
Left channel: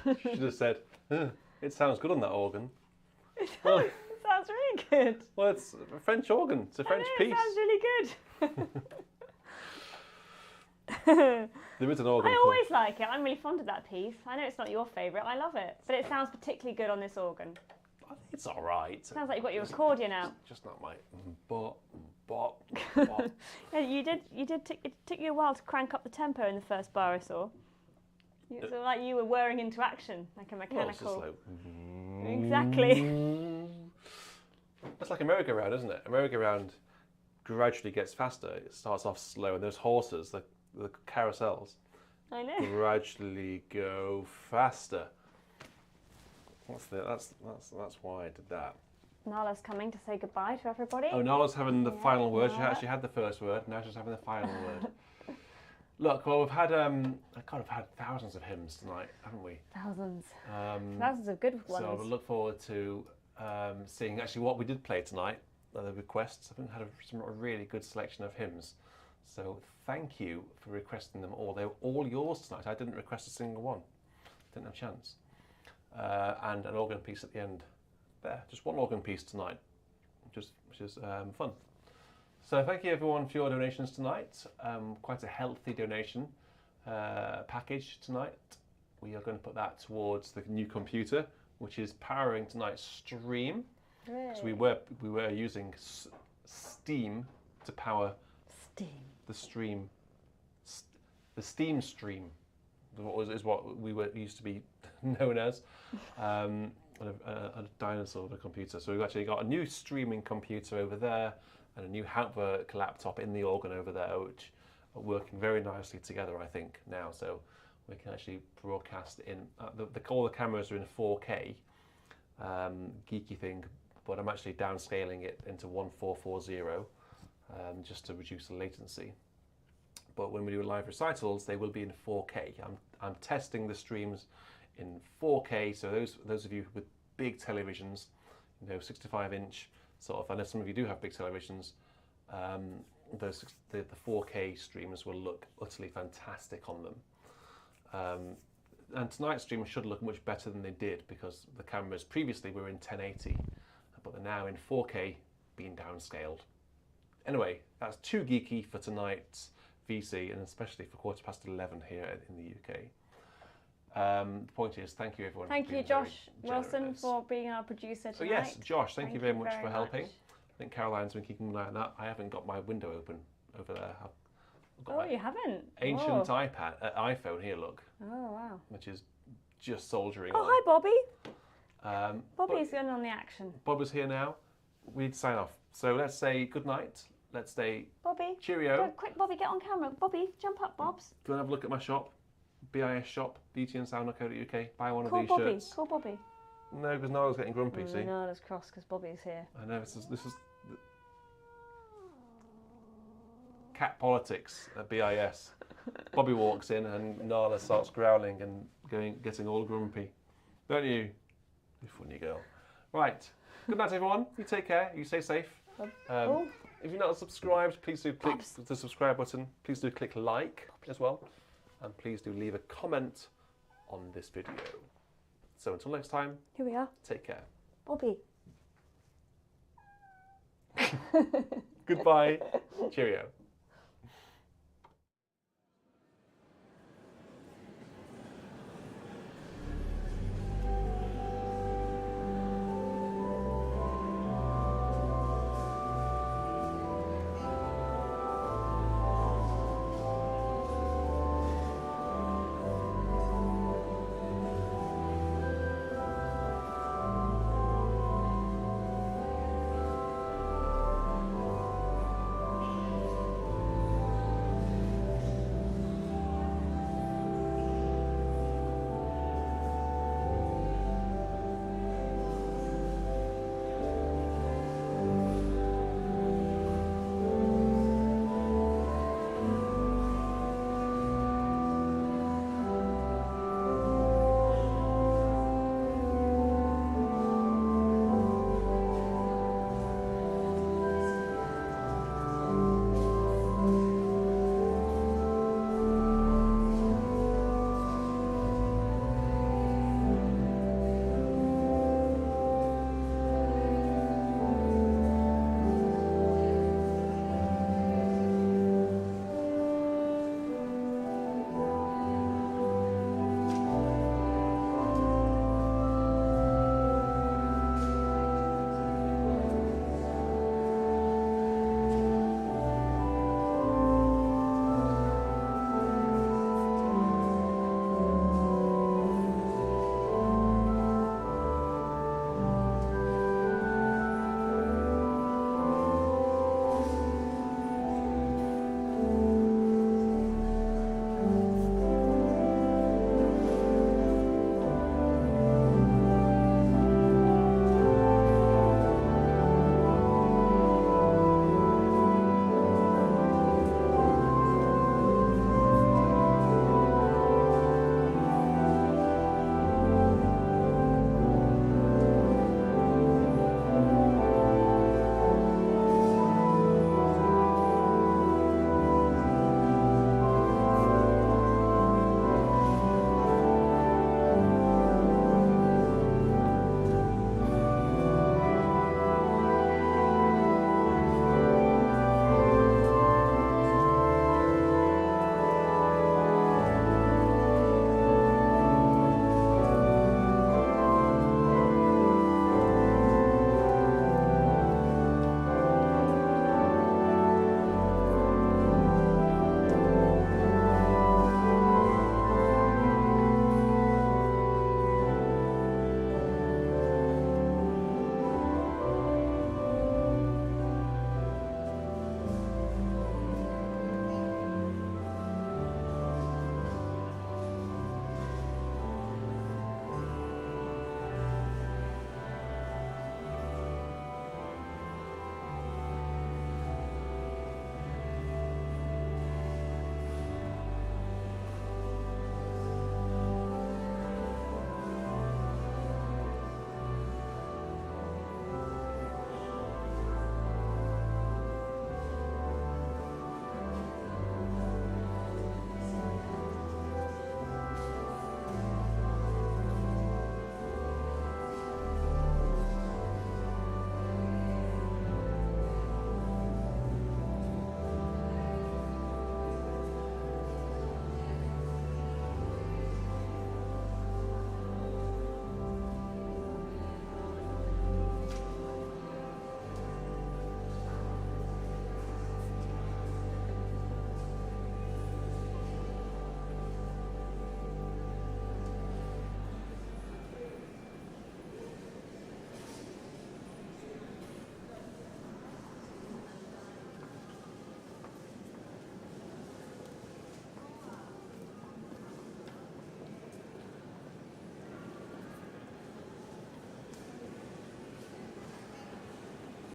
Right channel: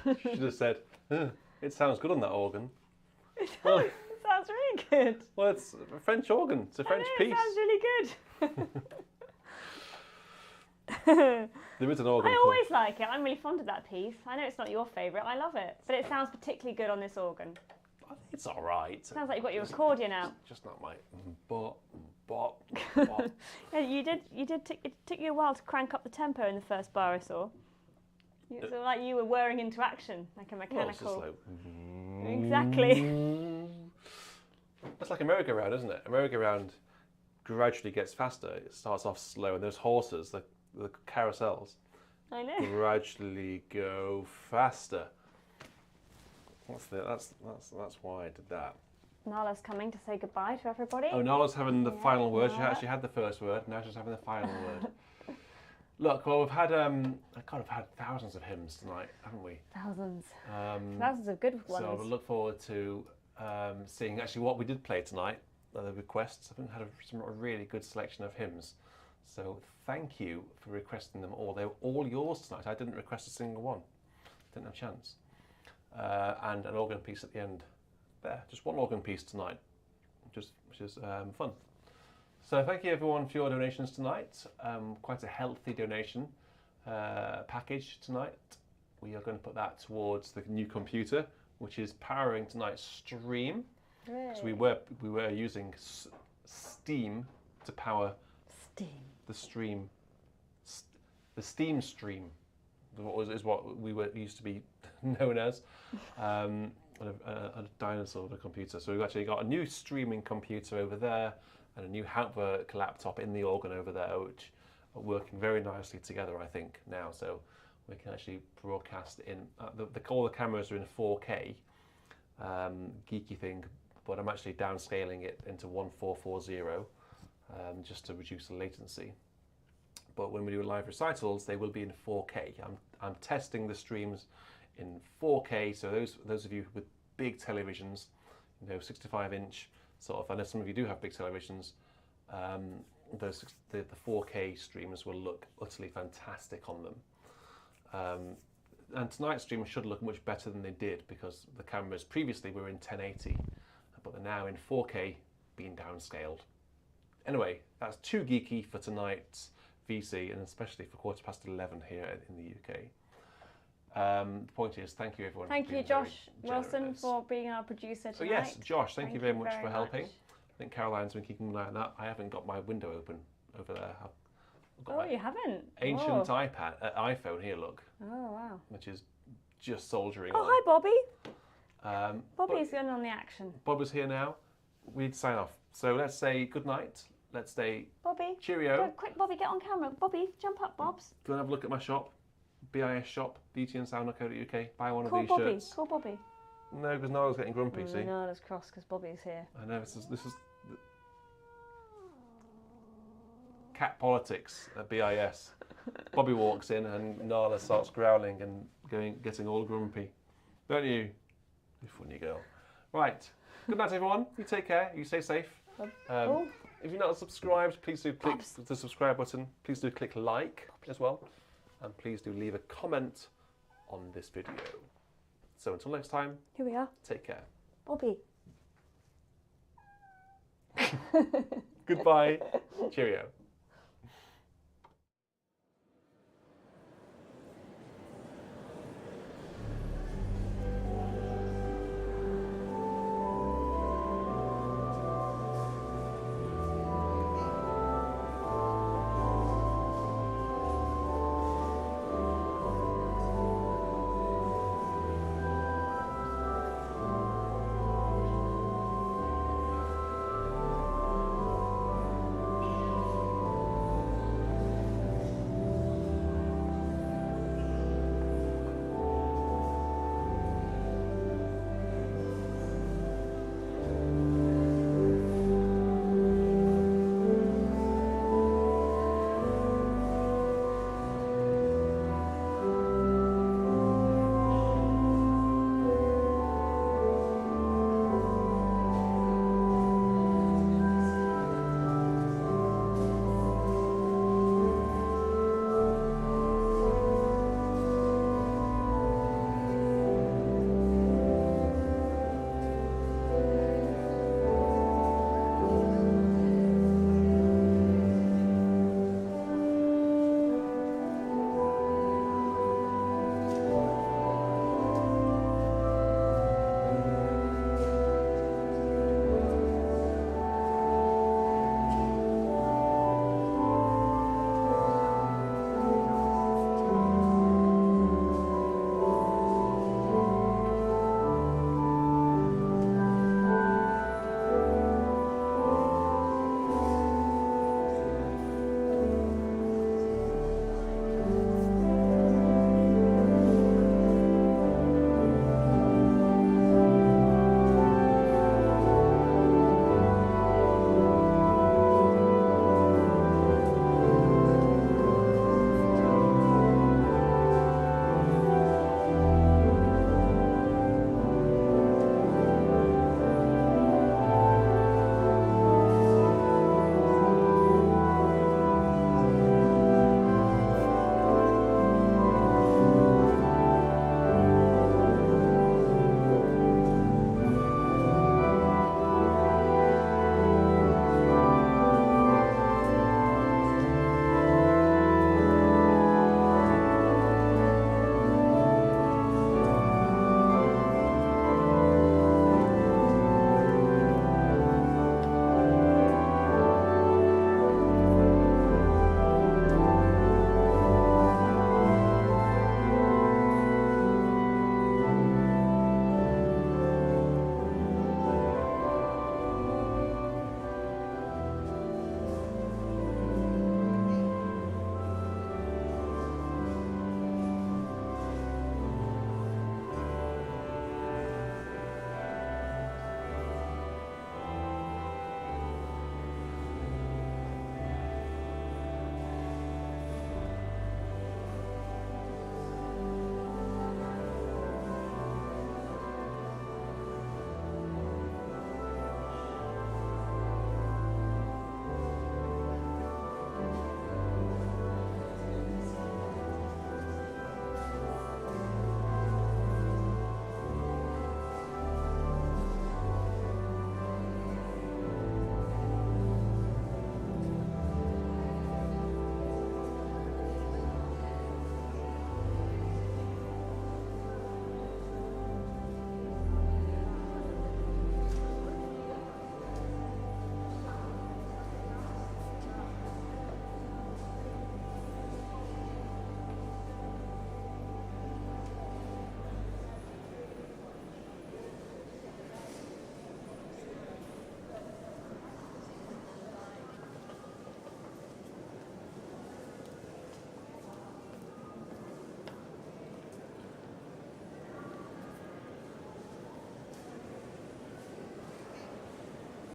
She should have said, it sounds good on that organ. It Well, does. It sounds really good. well, it's a French organ. It's a French I know, piece. it sounds really good. There is an organ I called... always like it. I'm really fond of that piece. I know it's not your favourite. I love it. But it sounds particularly good on this organ. I think it's all right. Sounds like you've got your accordion out. Just not my bop, bop. Yeah, it took you a while to crank up the tempo in the first bar I saw. It's like you were whirring into action, like a mechanical. Well, it's just like... Exactly. That's like a merry-go-round, isn't it? A merry-go-round gradually gets faster. It starts off slow, and those horses, the carousels, I know. gradually go faster. That's why I did that. Nala's coming to say goodbye to everybody. Oh, Nala's having the Yeah, final word. She Nala. actually had the first word. Now she's having the final word. Look, well, we've had I've had thousands of hymns tonight, haven't we? Thousands. Thousands of good ones. So I look forward to seeing actually what we did play tonight. The requests. I've had a really good selection of hymns. So thank you for requesting them all. They were all yours tonight. I didn't request a single one. Didn't have a chance. And an organ piece at the end. There, just one organ piece tonight, which is fun. So thank you everyone for your donations tonight. Quite a healthy donation package tonight. We are going to put that towards the new computer, which is powering tonight's stream. Hooray. So we were using Steam to power the stream. The Steam stream is what we used to be known as. A dinosaur of a computer. So we've actually got a new streaming computer over there and a new Hauptwerk laptop in the organ over there, which are working very nicely together, I think, now. So we can actually broadcast in, all the cameras are in 4K, geeky thing, but I'm actually downscaling it into 1440 just to reduce the latency. But when we do live recitals, they will be in 4K. I'm testing the streams in 4K, so those of you with big televisions, 65-inch sort of, I know some of you do have big televisions, the 4K streams will look utterly fantastic on them. And tonight's stream should look much better than they did because the cameras previously were in 1080, but they're now in 4K, being downscaled. Anyway, that's too geeky for tonight's VC, and especially for 11:15 here in the UK. The point is, thank you everyone. Thank for you, being very Josh Wilson, generous. for being our producer tonight. So yes, Josh, thank you very much for very helping. much. I think Caroline's been keeping an eye on that. I haven't got my window open over there. I've got Oh, my you haven't? ancient Whoa. iPhone here, look, Oh, wow. which is just soldiering Oh, on. hi, Bobby. Bobby's but going on the action. Bob is here now. We'd sign off. So let's say good night. Let's say Bobby. cheerio. Go, quick, Bobby, get on camera. Bobby, jump up, Bobs. Go and have a look at my shop, BIS shop, beautyandsound.co.uk. Buy one of Call these Bobby. shirts. Call Bobby. No, because Niall's getting grumpy, see? No, that's cross because Bobby's here. I know, this is cat politics at BIS. Bobby walks in and Nala starts growling and getting all grumpy. Don't you? You funny girl. Right. Good night, everyone. You take care. You stay safe. If you're not subscribed, please do click the subscribe button. Please do click like as well. And please do leave a comment on this video. So until next time, Here we are. take care. Bobby. Goodbye. Cheerio.